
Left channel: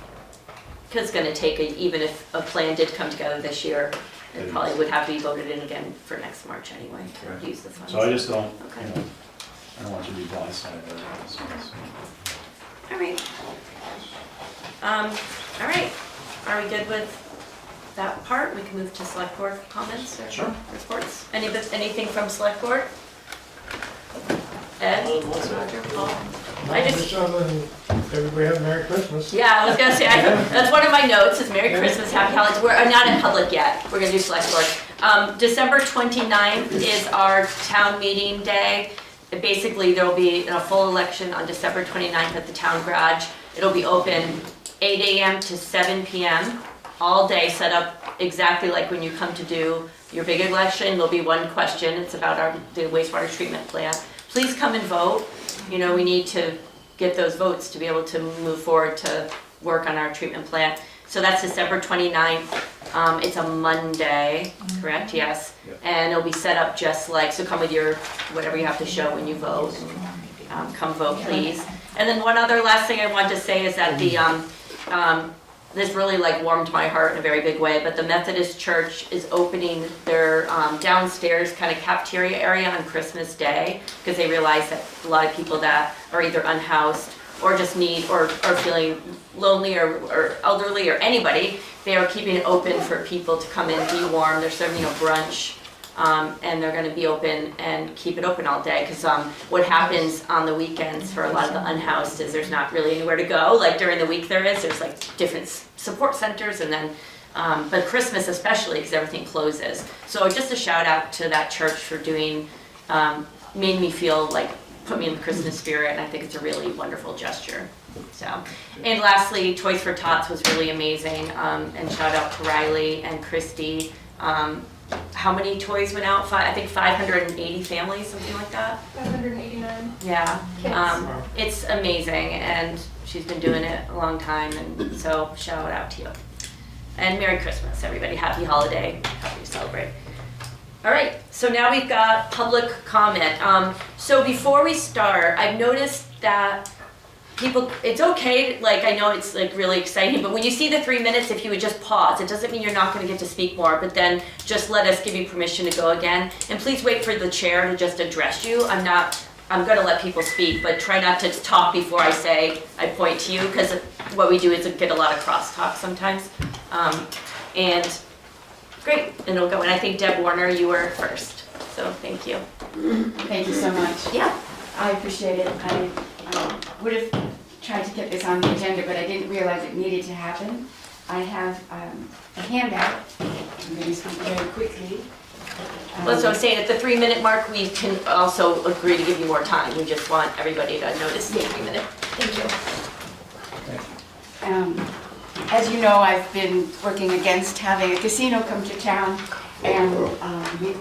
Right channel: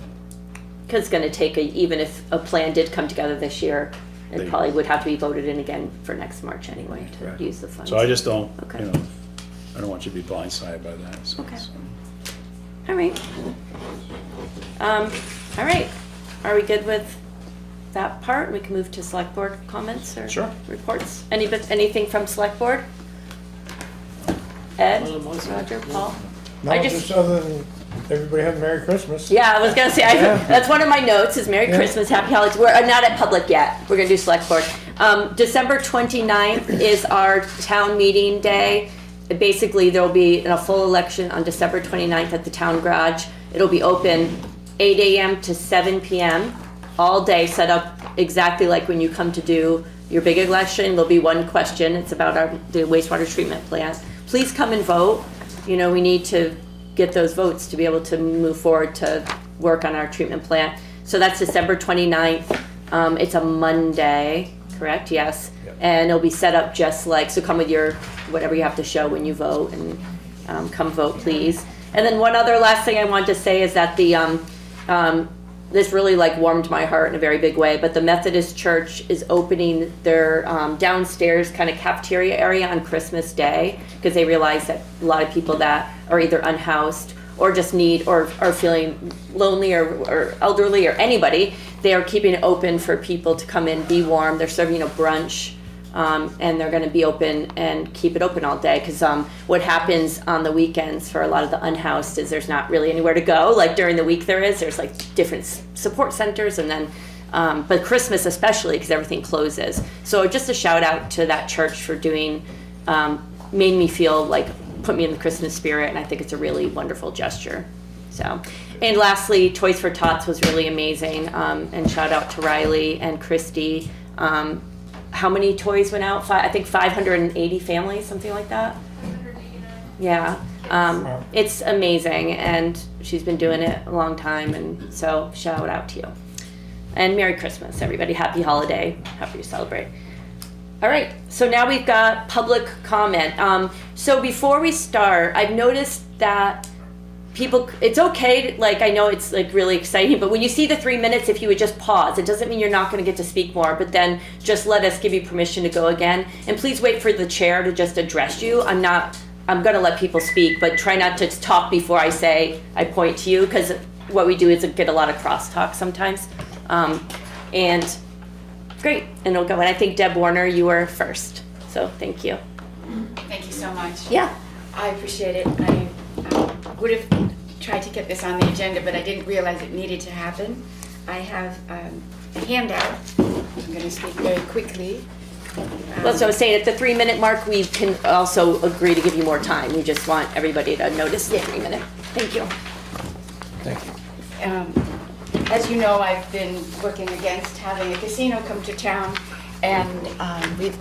Because it's gonna take, even if a plan did come together this year, it probably would have to be voted in again for next March anyway to use the funds. So I just don't, Okay. I don't want you to be blindsided by that. So it's- All right. All right. Are we good with that part? We can move to select board comments or Sure. reports. Anything from select board? Ed, Roger, Paul? No, I just- just other than everybody have Merry Christmas. Yeah, I was gonna say, that's one of my notes, is Merry Yeah. Christmas, Happy Holidays. We're not in public yet, we're gonna do select board. December 29th is our town meeting day. Basically, there'll be a full election on December 29th at the town garage. It'll be open 8 AM to 7 PM, all day, set up exactly like when you come to do your big election. There'll be one question, it's about the wastewater treatment plant. Please come and vote. We need to get those votes to be able to move forward to work on our treatment plant. So that's December 29th. It's a Monday, correct? Yes. And it'll be set up just like, so come with your, whatever you have to show when you vote, and come vote, please. And then one other last thing I wanted to say is that this really warmed my heart in a very big way, but the Methodist Church is opening their downstairs kind of cafeteria area on Christmas Day, because they realize that a lot of people that are either unhoused or just need, or are feeling lonely or elderly or anybody, they are keeping it open for people to come in, be warm. They're serving a brunch, and they're gonna be open and keep it open all day, because what happens on the weekends for a lot of the unhoused is there's not really anywhere to go. Like during the week there's different support centers, and then but Christmas especially, because everything closes. So just a shout out to that church for doing, made me feel put me in the Christmas spirit, and I think it's a really wonderful gesture. So, and lastly, Toys for Tots was really amazing, and shout out to Riley and Christy. How many toys went out? I think 580 families, something like that. 589. Yeah, it's amazing, and she's been doing it a long time, and so shout out to you. And Merry Christmas, everybody. Happy holiday. Happy to celebrate. All right, so now we've got public comment. So before we start, I've noticed that people, it's okay, I know it's really exciting, but when you see the 3 minutes, if you would just pause, it doesn't mean you're not gonna get to speak more, but then just let us give you permission to go again. And please wait for the chair to just address you. I'm gonna let people speak, but try not to talk before I point to you, because what we do is get a lot of crosstalk sometimes. And Great, and it'll go, and I think Deb Warner, you were first, so thank you. Thank you so much. Yeah, I appreciate it. I would have tried to get this on the agenda, but I didn't realize it needed to happen. I have a handout. I'm going to speak very quickly. well, so I was saying at the 3-minute mark, we can also agree to give you more time. We just want everybody to notice the 3-minute. Thank you. Thank you. As you know, I've been working against having a casino come to town, and we've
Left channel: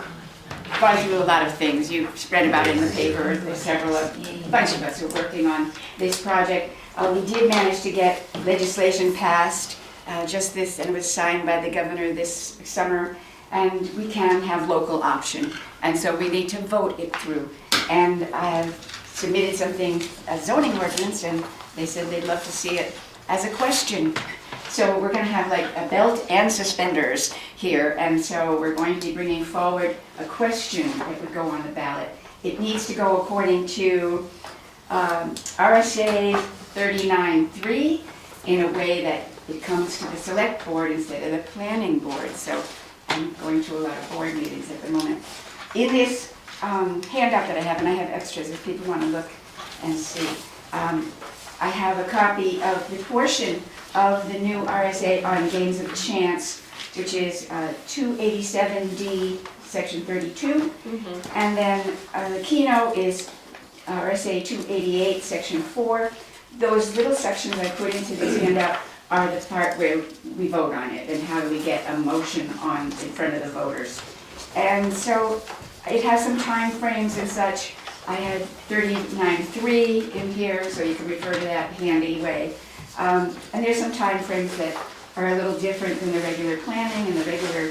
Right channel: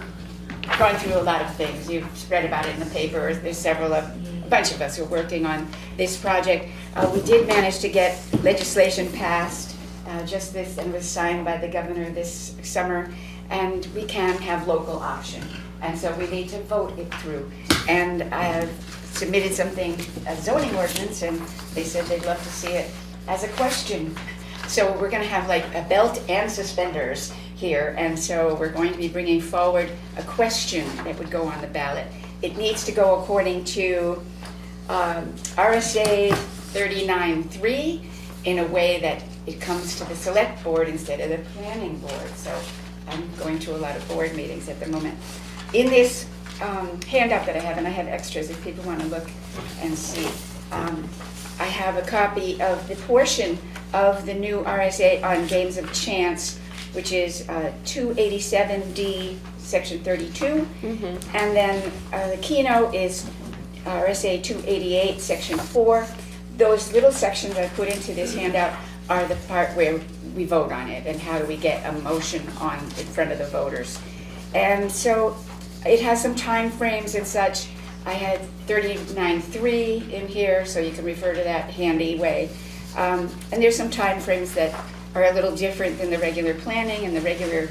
gone through a lot of things. You've read about it in the paper. There's a bunch of us who are working on this project. We did manage to get legislation passed just this, and was signed by the governor this summer, and we can have local option. And so we need to vote it through. And I've submitted something, a zoning ordinance, and they said they'd love to see it as a question. So we're gonna have like a belt and suspenders here, and so we're going to be bringing forward a question that would go on the ballot. It needs to go according to RSA 39.3 in a way that it comes to the select board instead of the planning board. So I'm going to a lot of board meetings at the moment. In this handout that I have, and I have extras if people want to look and see, I have a copy of the portion of the new RSA on games of chance, which is 287D, section 32. And then the keynote is RSA 288, section 4. Those little sections I put into this handout are the part where we vote on it and how do we get a motion on in front of the voters. And so it has some time frames and such. I had 39.3 in here, so you can refer to that handy way. And there's some time frames that are a little different than the regular planning and the regular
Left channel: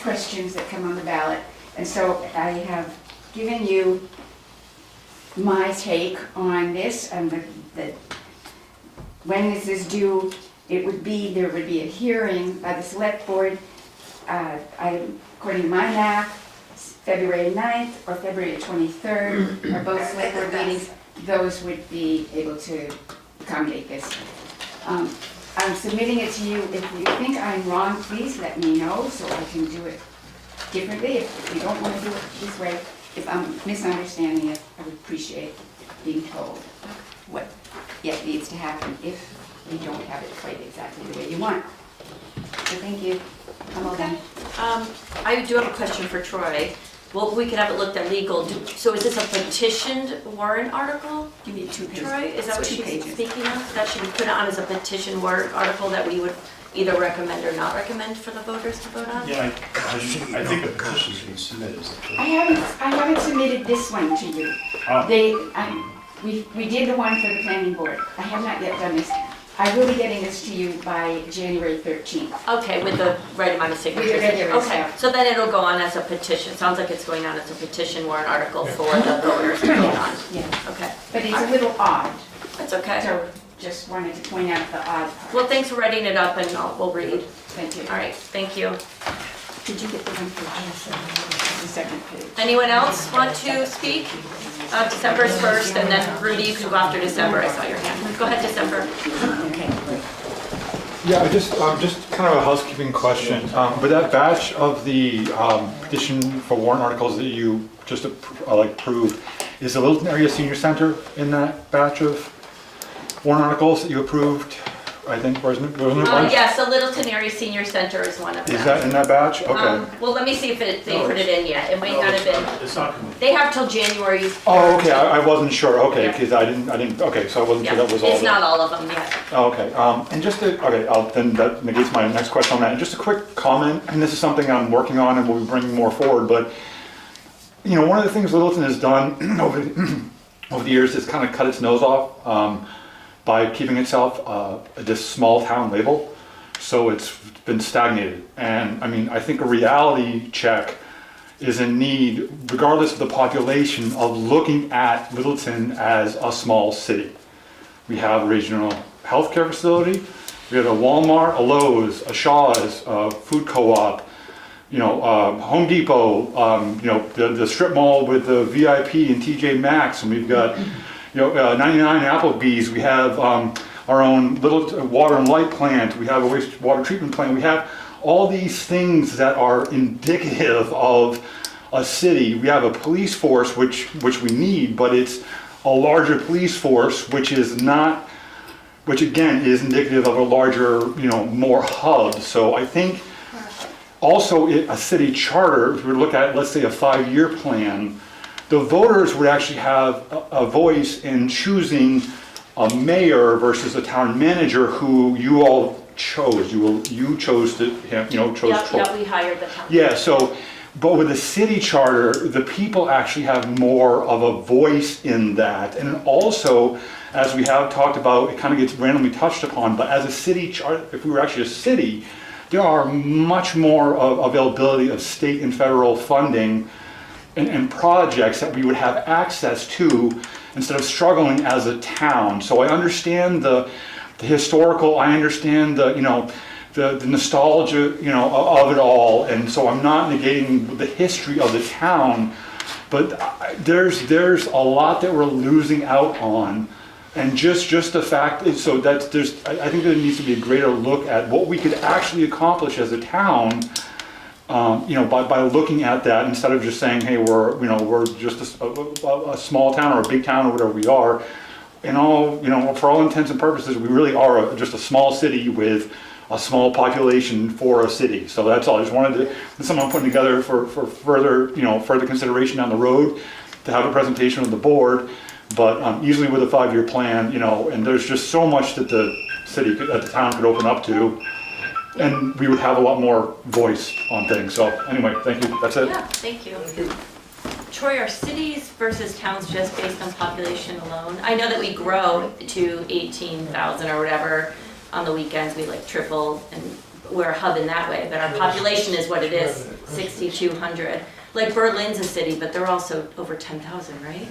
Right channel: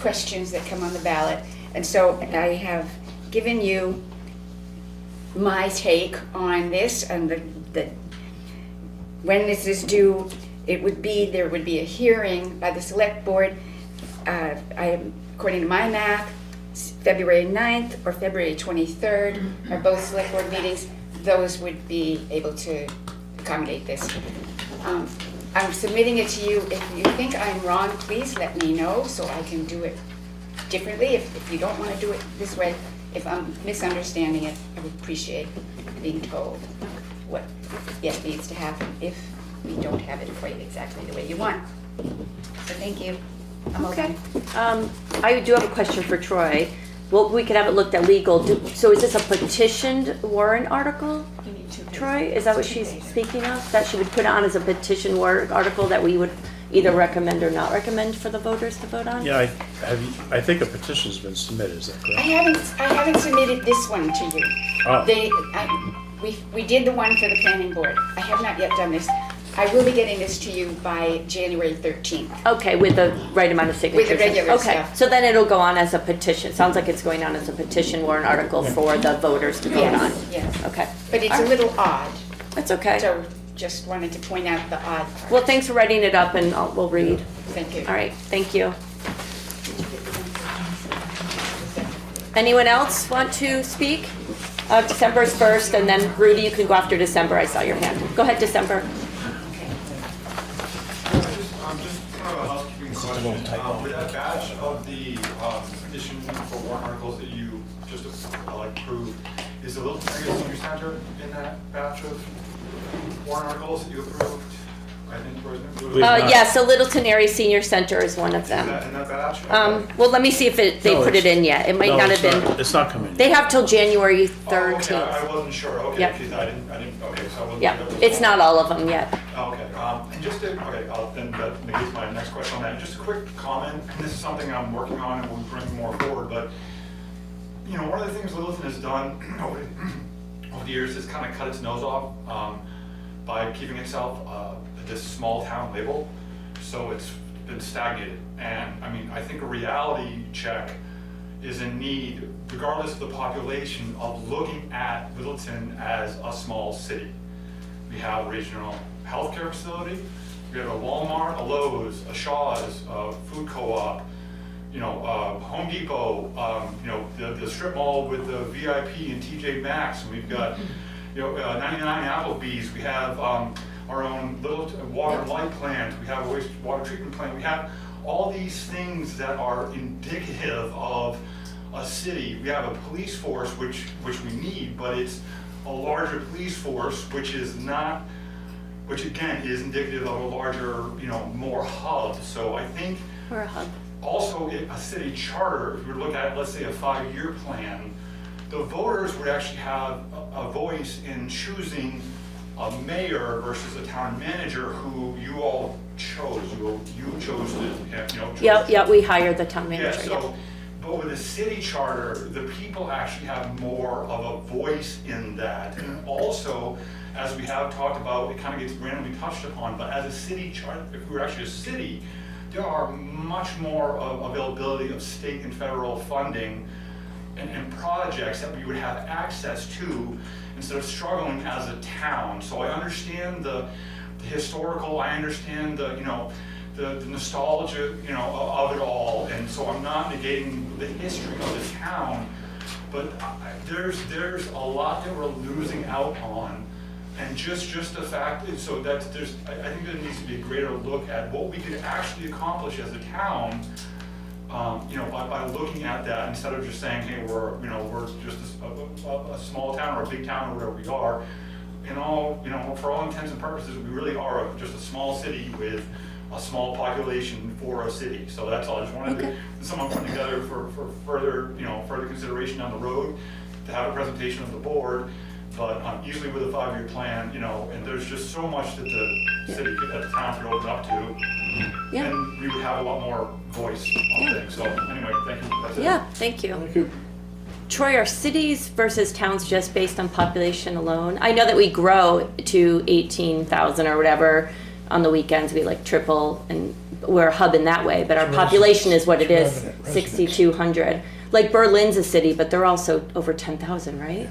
questions that come on the ballot. And so I have given you my take on this, and when this is due, there would be a hearing by the select board. According to my math, February 9th or February 23rd are both select board meetings. Those would be able to accommodate this. I'm submitting it to you. If you think I'm wrong, please let me know so I can do it differently. If you don't want to do it this way, if I'm misunderstanding it, I would appreciate being told what yet needs to happen if you don't have it quite exactly the way you want. So thank you. I'm Okay. open. I do have a question for Troy. Well, we could have it looked at legal. So is this a petitioned warrant article, Give you 2 pages. Troy? Is that what Two she's pages. speaking of? That she would put on as a petition warrant article that we would either recommend or not recommend for the voters to vote on? Yeah, I think a petition's been submitted. I haven't submitted this one to you. Oh. We did the one for the planning board. I have not yet done this. I will be getting this to you by January 13th. Okay, with the right amount of signatures. With the regular Okay, stuff. so then it'll go on as a petition. Sounds like it's going on as a petition warrant article for the voters to vote on. Yeah, Okay, but it's a little odd, that's okay. so just wanted to point out the odd part. Well, thanks for writing it up and we'll read. Thank you. All right, thank you. Did you get the one for the second page? Anyone else want to speak? December is first, and then Rudy, you could go after December. I saw your hand. Go ahead, December. Okay. Yeah, just kind of a housekeeping question. With that batch of the petition for warrant articles that you just approved, is the Littleton Area Senior Center in that batch of warrant articles that you approved? I think, wasn't it? Yes, the Littleton Area Senior Center is one of Is them. that in that batch? Okay. Well, let me see if they No, put it in yet. It might No, not it's have been. It's not committed. They have till January 13th. Oh, okay, I wasn't sure, okay, Yeah. because I didn't, okay, so I wasn't Yeah, sure that was all. it's not all of them yet. Oh, okay, and just to, then that negates my next question on that. And just a quick comment, and this is something I'm working on and we'll be bringing more forward, but, you know, one of the things Littleton has done over the years is kind of cut its nose off by keeping itself this small town label. So it's been stagnated. And I mean, I think a reality check is in need, regardless of the population, of looking at Littleton as a small city. We have a regional healthcare facility, we have a Walmart, a Lowe's, a Shaw's, a food co-op, you know, Home Depot, you know, the strip mall with the VIP and TJ Maxx, and we've got, you know, 99 Applebee's, we have our own little water and light plant, we have a wastewater treatment plant, we have all these things that are indicative of a city. We have a police force, which we need, but it's a larger police force, which again is indicative of a larger, more hub. So I think also a city charter, if we look at, let's say, a 5-year plan, the voters would actually have a voice in choosing a mayor versus a town manager who you all chose. You chose to, Yep, we hired the town manager. Yeah, so, but with a city charter, the people actually have more of a voice in that. And also, as we have talked about, it kind of gets randomly touched upon, but as a city charter, if we were actually a city, there are much more of availability of state and federal funding and projects that we would have access to instead of struggling as a town. So I understand the historical, I understand the nostalgia, of it all, and so I'm not negating the history of the town, but there's a lot that we're losing out on, and just the fact is, so that I think there needs to be a greater look at what we could actually accomplish as a town, by looking at that instead of just saying, hey, we're just a small town or a big town or whatever we are. For all intents and purposes, we really are just a small city with a small population for a city. So that's all. I just wanted someone putting together for further consideration down the road to have a presentation of the board, but easily with a 5-year plan, and there's just so much that the town could open up to. Yeah. And we would have a lot more voice on things. So anyway, thank you. That's it. Yeah, thank you. Troy, are cities versus towns just based on population alone? I know that we grow to 18,000 or whatever on the weekends. We triple, and we're a hub in that way. But our population is what it is, 6,200. Like Berlin's a city, but they're also over 10,000, right?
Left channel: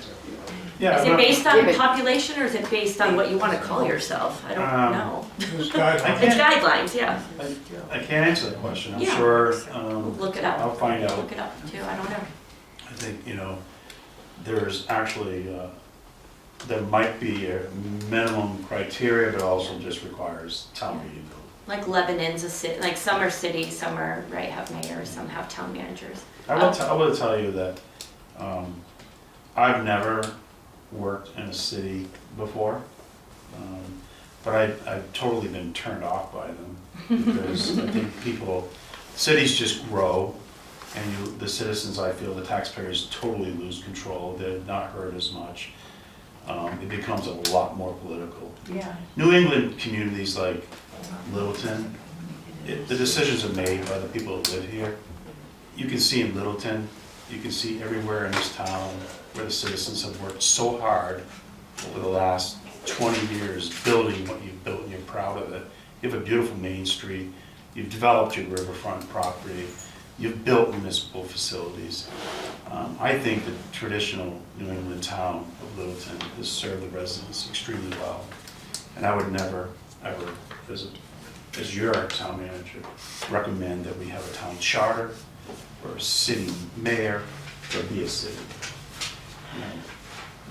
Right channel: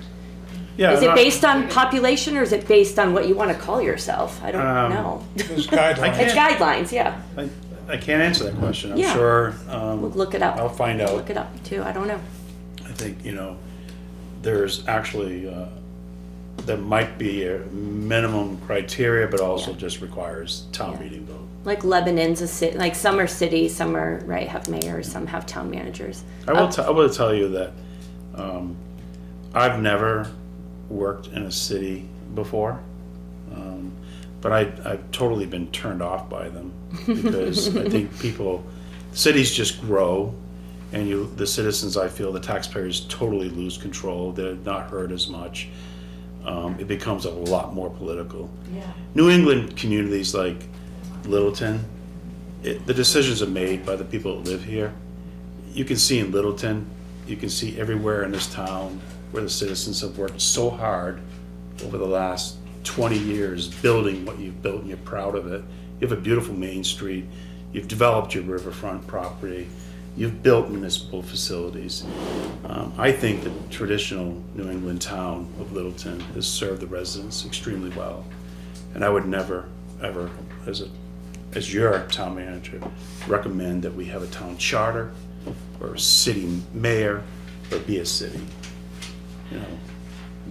Yeah. Is it based on population, or is it based on what you want to call yourself? I don't know. There's guidelines. It's guidelines, yeah. I can't answer that question. I'm Yeah. sure. Look it up. I'll find out. Look it up too. I don't know. I think, there's actually, there might be a minimum criteria, but also just requires town meeting vote. Like Lebanon's a city, like some are cities, some are, have mayors, some have town managers. I will tell you that I've never worked in a city before, but I've totally been turned off by them because I think cities just grow, and the citizens, I feel, the taxpayers totally lose control. They're not heard as much. It becomes a lot more political. Yeah. New England communities like Littleton, the decisions are made by the people that live here. You can see in Littleton, you can see everywhere in this town where the citizens have worked so hard over the last 20 years building what you've built, and you're proud of it. You have a beautiful Main Street, you've developed your riverfront property, you've built municipal facilities. I think the traditional New England town of Littleton has served the residents extremely well. And I would never, ever, as your town manager, recommend that we have a town charter or a city mayor or be a city.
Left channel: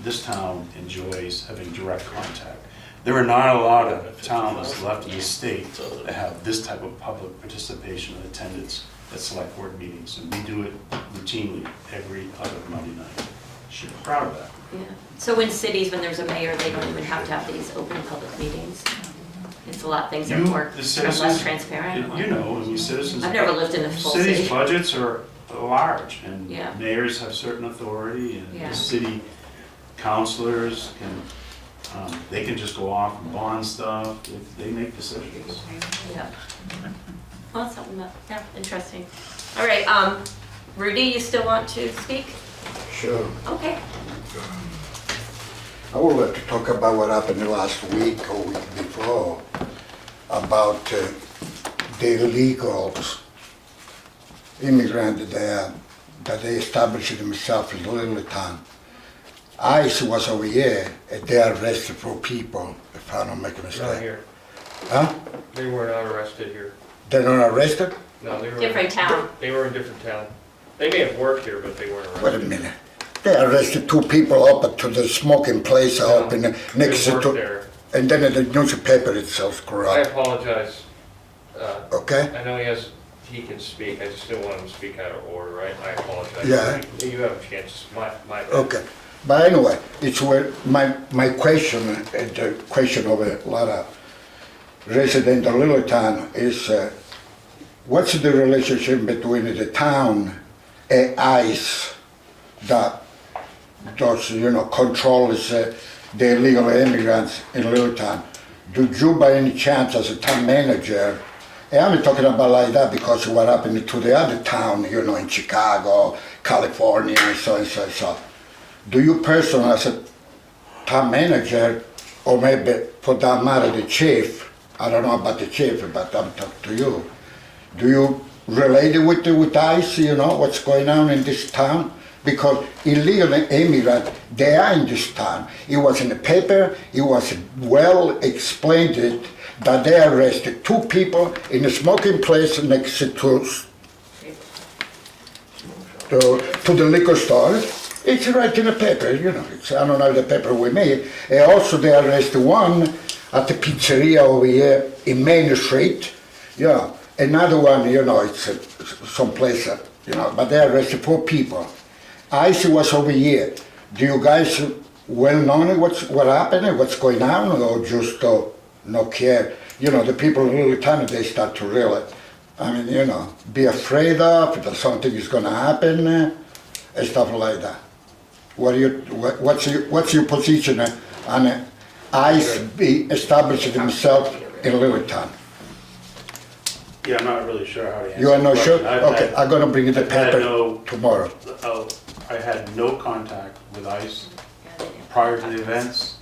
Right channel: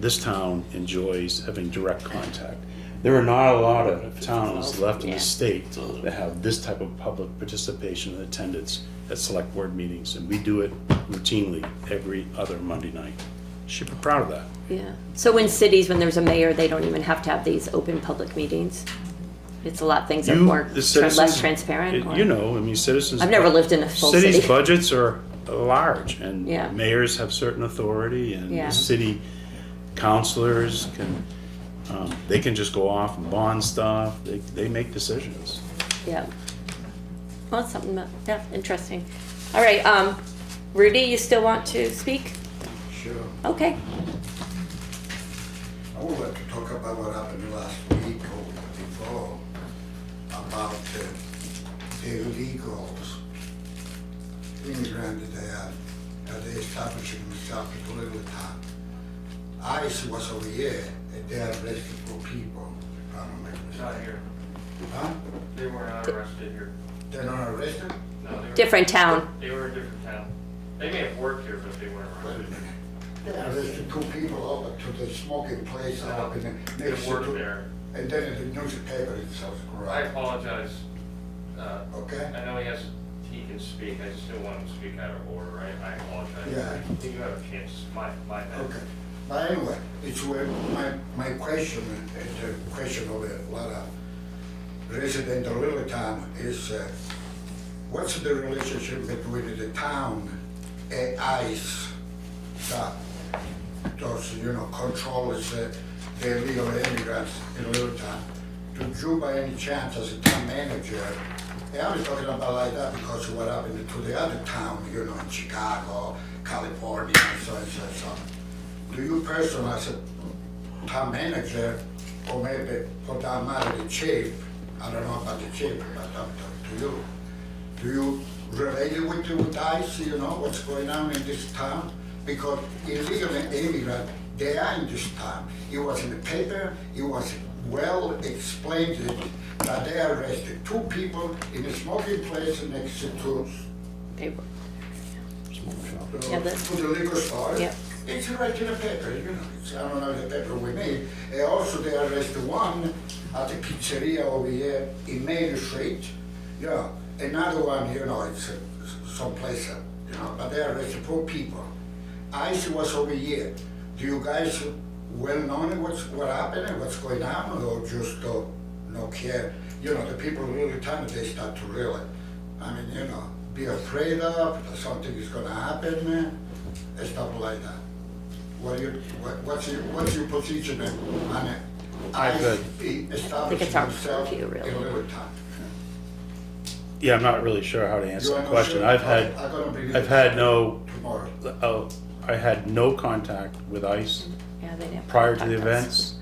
This town enjoys having direct contact. There are not a lot of towns left in the state that have this type of public participation and attendance at select board meetings, and we do it routinely every other Monday night. Should be proud of that. Yeah. So in cities, when there's a mayor, they don't even have to have these open public meetings? It's a lot of things that are more, less transparent? or- Citizens. I've never lived in a full city. Cities' budgets are large, and Yeah. mayors have certain authority, and Yeah. the city councilors they can just go off and bond stuff. They make decisions. Yeah. Well, that's something that, interesting. All right, Rudy, you still want to speak? Sure. Okay. I would like to talk about what happened the last week or week before about the illegals, immigrants there, that they established themselves in Littleton. ICE was over here, and they arrested 4 people, if I don't make a mistake. Not here. Huh? They were not arrested here. They're not arrested? No, they were. Different town. They were in a different town. They may have worked here, but they weren't Wait arrested. a minute. They arrested 2 people up to the smoking place up in the, next They to, worked there. and then the newspaper itself I corrupt. apologize. Okay? I know he has he can speak, I just didn't want him to speak out of order, right? I apologize. Yeah. You have a chance, my bad. Okay, but anyway, it's where my question, the question of a lot of residents of Littleton is, what's the relationship between the town and ICE that does, controls the illegal immigrants in Littleton? Do you by any chance as a town manager, and I'm talking about like that because what happened to the other town, in Chicago, California, and so and so and so. Do you personally as a town manager, or maybe for that matter the chief, I don't know about the chief, but I'm talking to you, do you relate it with ICE, what's going on in this town? Because illegal immigrants, they are in this town. It was in the paper, it was well explained that they arrested 2 people in a smoking place next to the liquor store. It's right in the paper, I don't know the paper we made. And also they arrested one at the pizzeria over here in Main Street. Another one, it's someplace, but they arrested 4 people. ICE was over here. Do you guys well know what happened, what's going on, or just no care? The people in Littleton, they start to really, be afraid of that something is going to happen, and stuff like that. What's your position on ICE establishing himself in Littleton? Yeah, I'm not really sure how to answer You are the not question. sure? Okay, I'm gonna bring you the I've had paper tomorrow. I had no contact with ICE Yeah, they didn't prior to the contact us. events.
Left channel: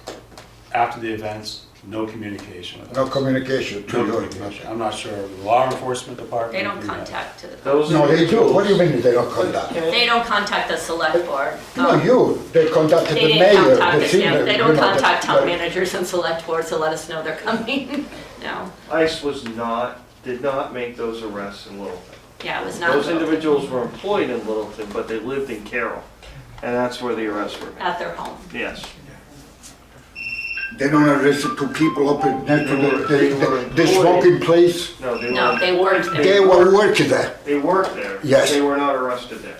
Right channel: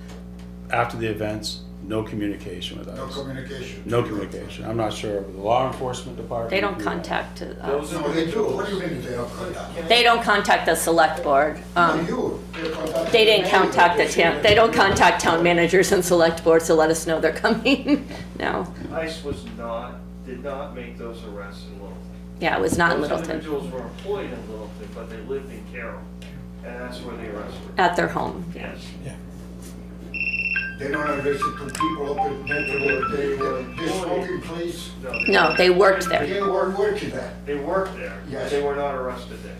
After the events, no communication with ICE. No communication. No communication. I'm not sure of the law enforcement department. They don't who- contact. No, they do. What do you mean they don't contact? They don't contact the select board. No, you, they contacted the They mayor. didn't contact the senior, town, they don't contact town managers and select boards to let us know they're coming. No, ICE did not make those arrests in Littleton. yeah, it was not Those Littleton. individuals were employed in Littleton, but they lived in Carroll, and that's where the arrests were. At their home. Yes. They don't arrest 2 people up in next to the smoking place. No, they No, weren't. they worked there. They were working there. They worked there. but Yes. They were not arrested there.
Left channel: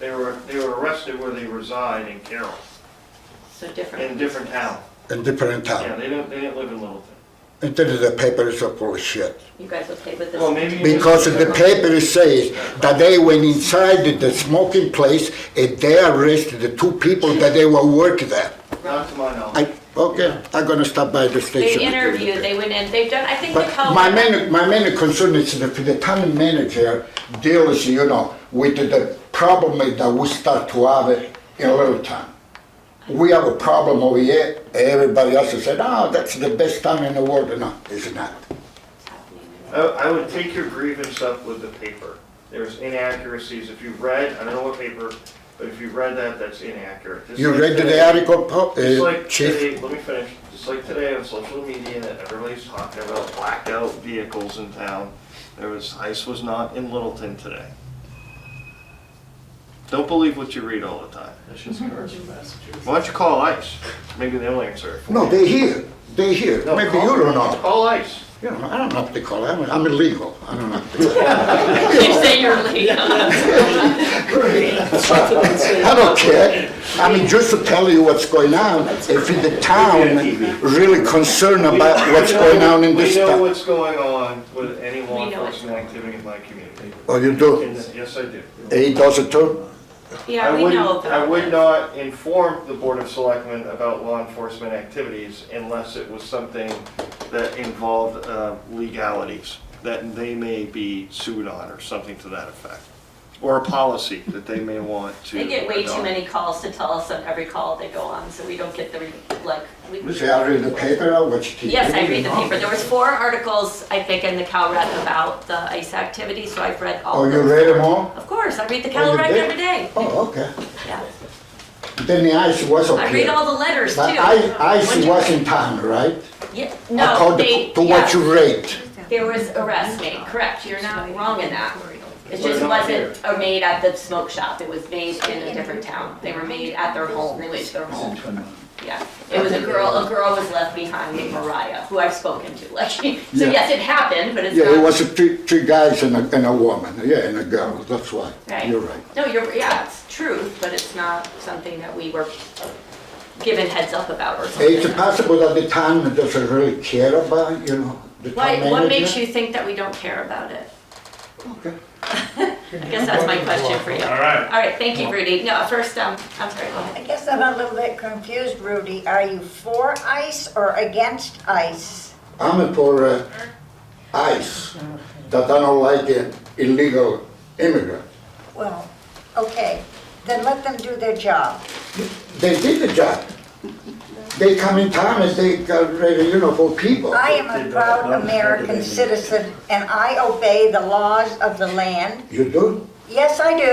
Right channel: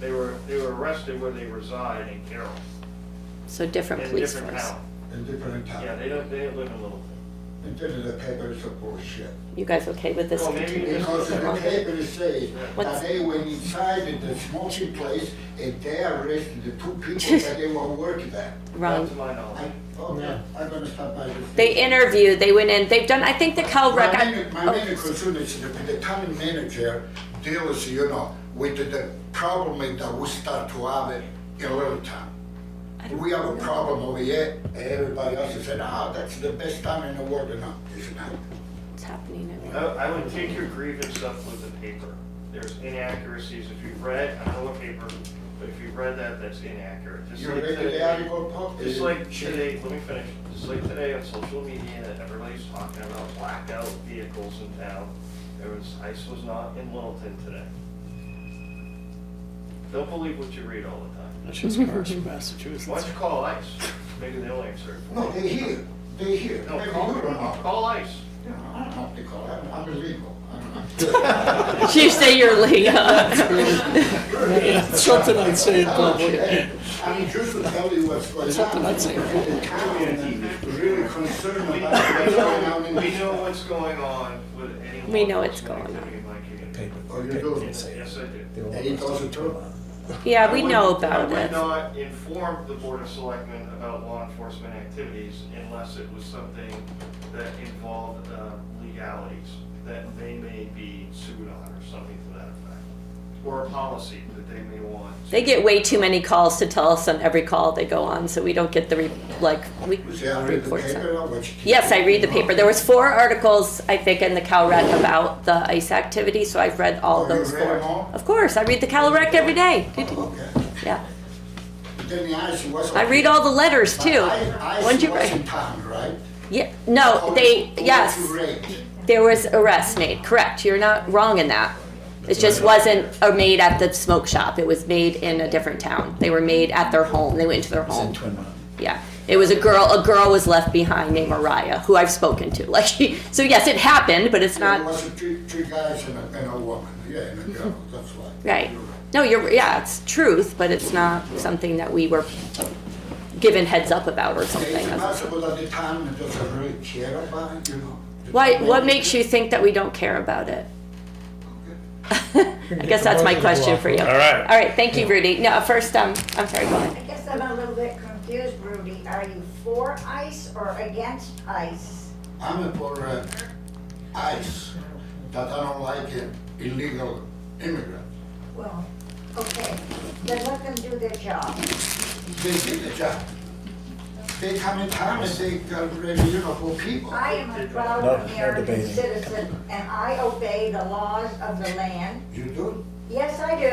They were arrested where they reside in Carroll, So different in a police different force. town. In different Yeah, town. they didn't live in Littleton. And then the paper is full of shit. You guys okay with this? Well, maybe- Because the paper says that they went inside the smoking place and they arrested the 2 people that they were working there. Not to my knowledge. Okay, I'm gonna stop by the They station. interviewed, they went in, they've done, I think the But Cal. my main concern is that the town manager deals, with the problem that we start to have it in Littleton. We have a problem over here, everybody else has said, oh, that's the best town in the world. No, it's not. It's happening. I would take your grievance up with the paper. There's inaccuracies. If you read, I don't know what paper, but if you read that, that's inaccurate. Just You like read today- the article, Just like Chief? today, let me finish. Just like today on social media, that everybody's talking about blacked out vehicles in town. ICE was not in Littleton today. Don't believe what you read all the time. That's just cars from Massachusetts. Why don't you call ICE? Maybe they'll answer it for No, you. they're here. No, Maybe call- you don't know. Call ICE. I don't know what they call it. I'm illegal. I don't know. What they call it. You say you're legal. I don't care. I mean, just to tell you what's going on, if the town really concerned about what's going on in We this know town. what's going on with any We law know what's enforcement going on. activity in my community. Oh, you do? Yes, I do. He does it too? Yeah, we know about I would it. not inform the Board of Selectmen about law enforcement activities unless it was something that involved legalities, that they may be sued on or something to that effect. Or a policy that they may want to. They get way too adopt. many calls to tell us on every call they go on, so we don't get the, You say I read the paper or what you? Yes, I read the paper. There was 4 articles, I think, in the Cal Rec about the ICE activity, so I've read all Oh, of you those. read 4. them all? Of course, I read the Oh, Cal you Rec did? every day. Oh, okay. Yeah. Then the ICE was okay. I read all the letters But too. ICE was in town, right? Yeah, no, According to what yes, you read. there was arrests made, correct, you're not wrong in that. It just wasn't made at the smoke shop, it was made in a different town. They were made at their home, they went to their home. Yeah, it was a girl was left behind named Mariah, who I've spoken to, like, so Yeah. yes, it happened, but it's Yeah, it not, was three guys and a woman, yeah, and a girl, that's why. right. You're right. No, yeah, it's truth, but it's not something that we were given heads up about or something. It's possible that the town doesn't really care about, you know. the What town makes manager. you think that we don't care about it? Okay. I guess that's my question for you. All right. All right, thank you, Rudy. No, first, I'm sorry, go ahead. I guess I'm a little bit confused, Rudy. Are you for ICE or against ICE? I'm for ICE, that I don't like illegal immigrants. Well, okay, then let them do their job. They did the job. They come in town and they got ready, you know, for people. I am a proud American citizen and I obey the laws of the land. You do? Yes, I do.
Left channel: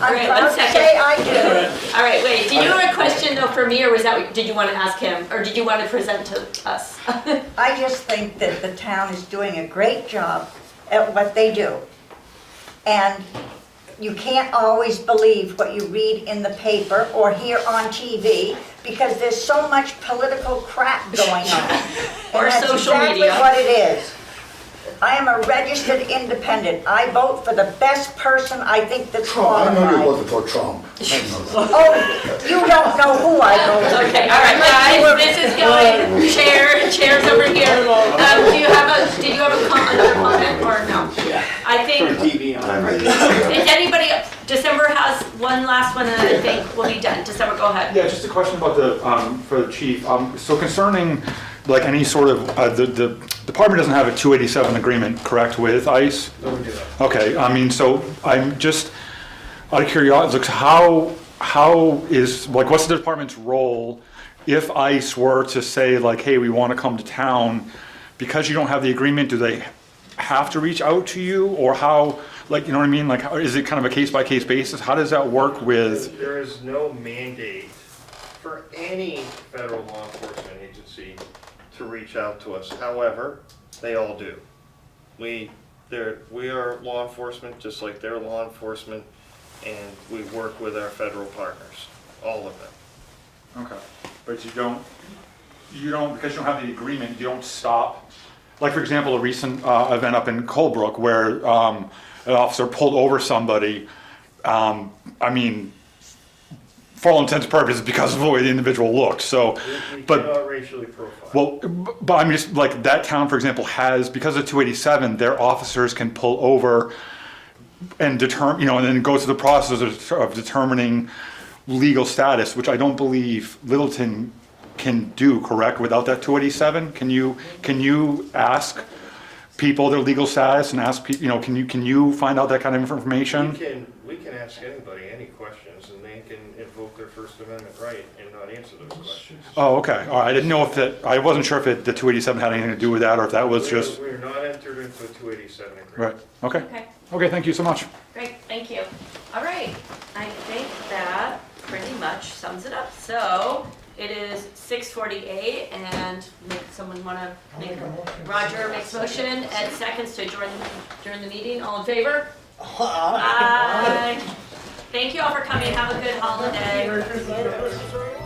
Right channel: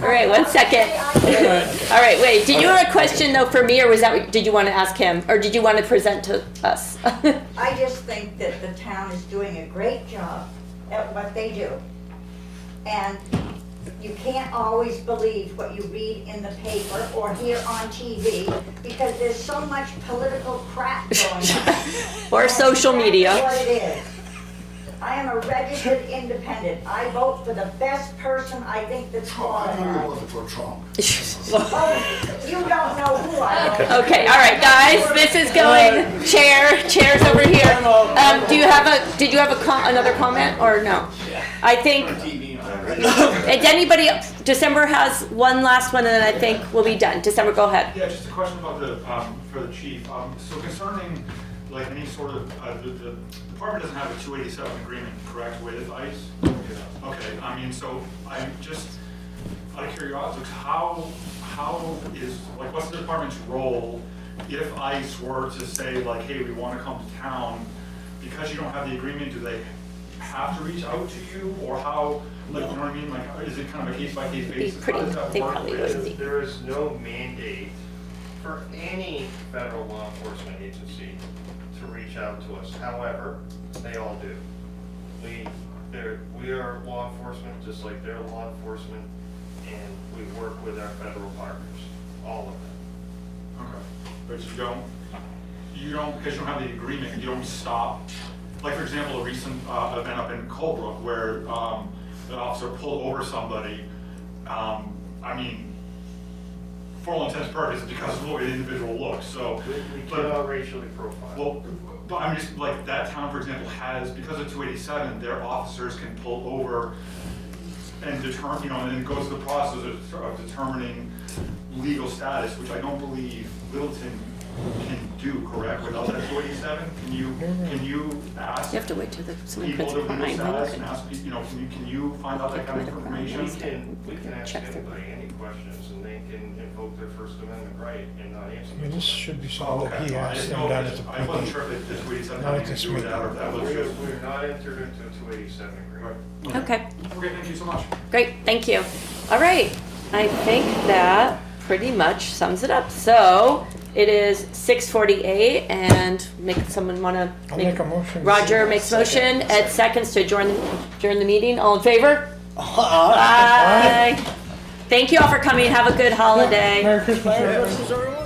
All right, I'm one proud to second. say I do. All right, wait, did you have a question though for me, or was that, did you want to ask him, or did you want to present to us? I just think that the town is doing a great job at what they do. And you can't always believe what you read in the paper or hear on TV because there's so much political crap going on. Or And social media. That's exactly what it is. I am a registered independent. I vote for the best person I think that's Oh, I know you qualified. voted for Trump. Oh, you don't know who I voted for. Okay, all right, guys, this is going, chair's over here. Did you have another comment, or no? I think, is anybody, December has one last one, and then I think we'll be done. December, go ahead. Yeah, just a question about for the chief. So concerning, like, any sort of, the department doesn't have a 287 agreement, correct, with ICE? Okay, I mean, so I'm just, out of curiosity, like, how is, like, what's the department's role if ICE were to say, like, hey, we want to come to town, because you don't have the agreement, do they have to reach out to you, or how, like, you know what I mean? Like, is it kind of a case-by-case basis? How does that work with? There is no mandate for any federal law enforcement agency to reach out to us. However, they all do. We are law enforcement just like they're law enforcement, and we work with our federal partners, all of them. Okay, but you don't, because you don't have the agreement, you don't stop. Like, for example, a recent event up in Colebrook where an officer pulled over somebody, I mean, for all intents and purposes, because of the way the individual looks, so, but. Not racially profiled. Well, but I'm just, like, that town, for example, has, because of 287, their officers can pull over and determine, you know, and then go through the process of determining legal status, which I don't believe Littleton can do, correct, without that 287? Can you ask You have to wait till the. people their legal status and ask people, you know, can you find out that kind of information? We can ask anybody any questions, and they can invoke their First Amendment right and not answer Yeah, them. this should be. Oh, okay, all right, I didn't know if that, I wasn't sure if the 287 had anything to do with that, or if that was just, We're not entered into a 287 right, agreement. okay. Okay, Okay, thank you so much. great, thank you. All right, I think that pretty much sums it up. So it is 6:48, and someone want to I'll make a motion. Roger makes motion, Ed seconds to adjourn the meeting. All in favor? Aye. Thank you all for coming. Have a good holiday. Merry Christmas, everyone.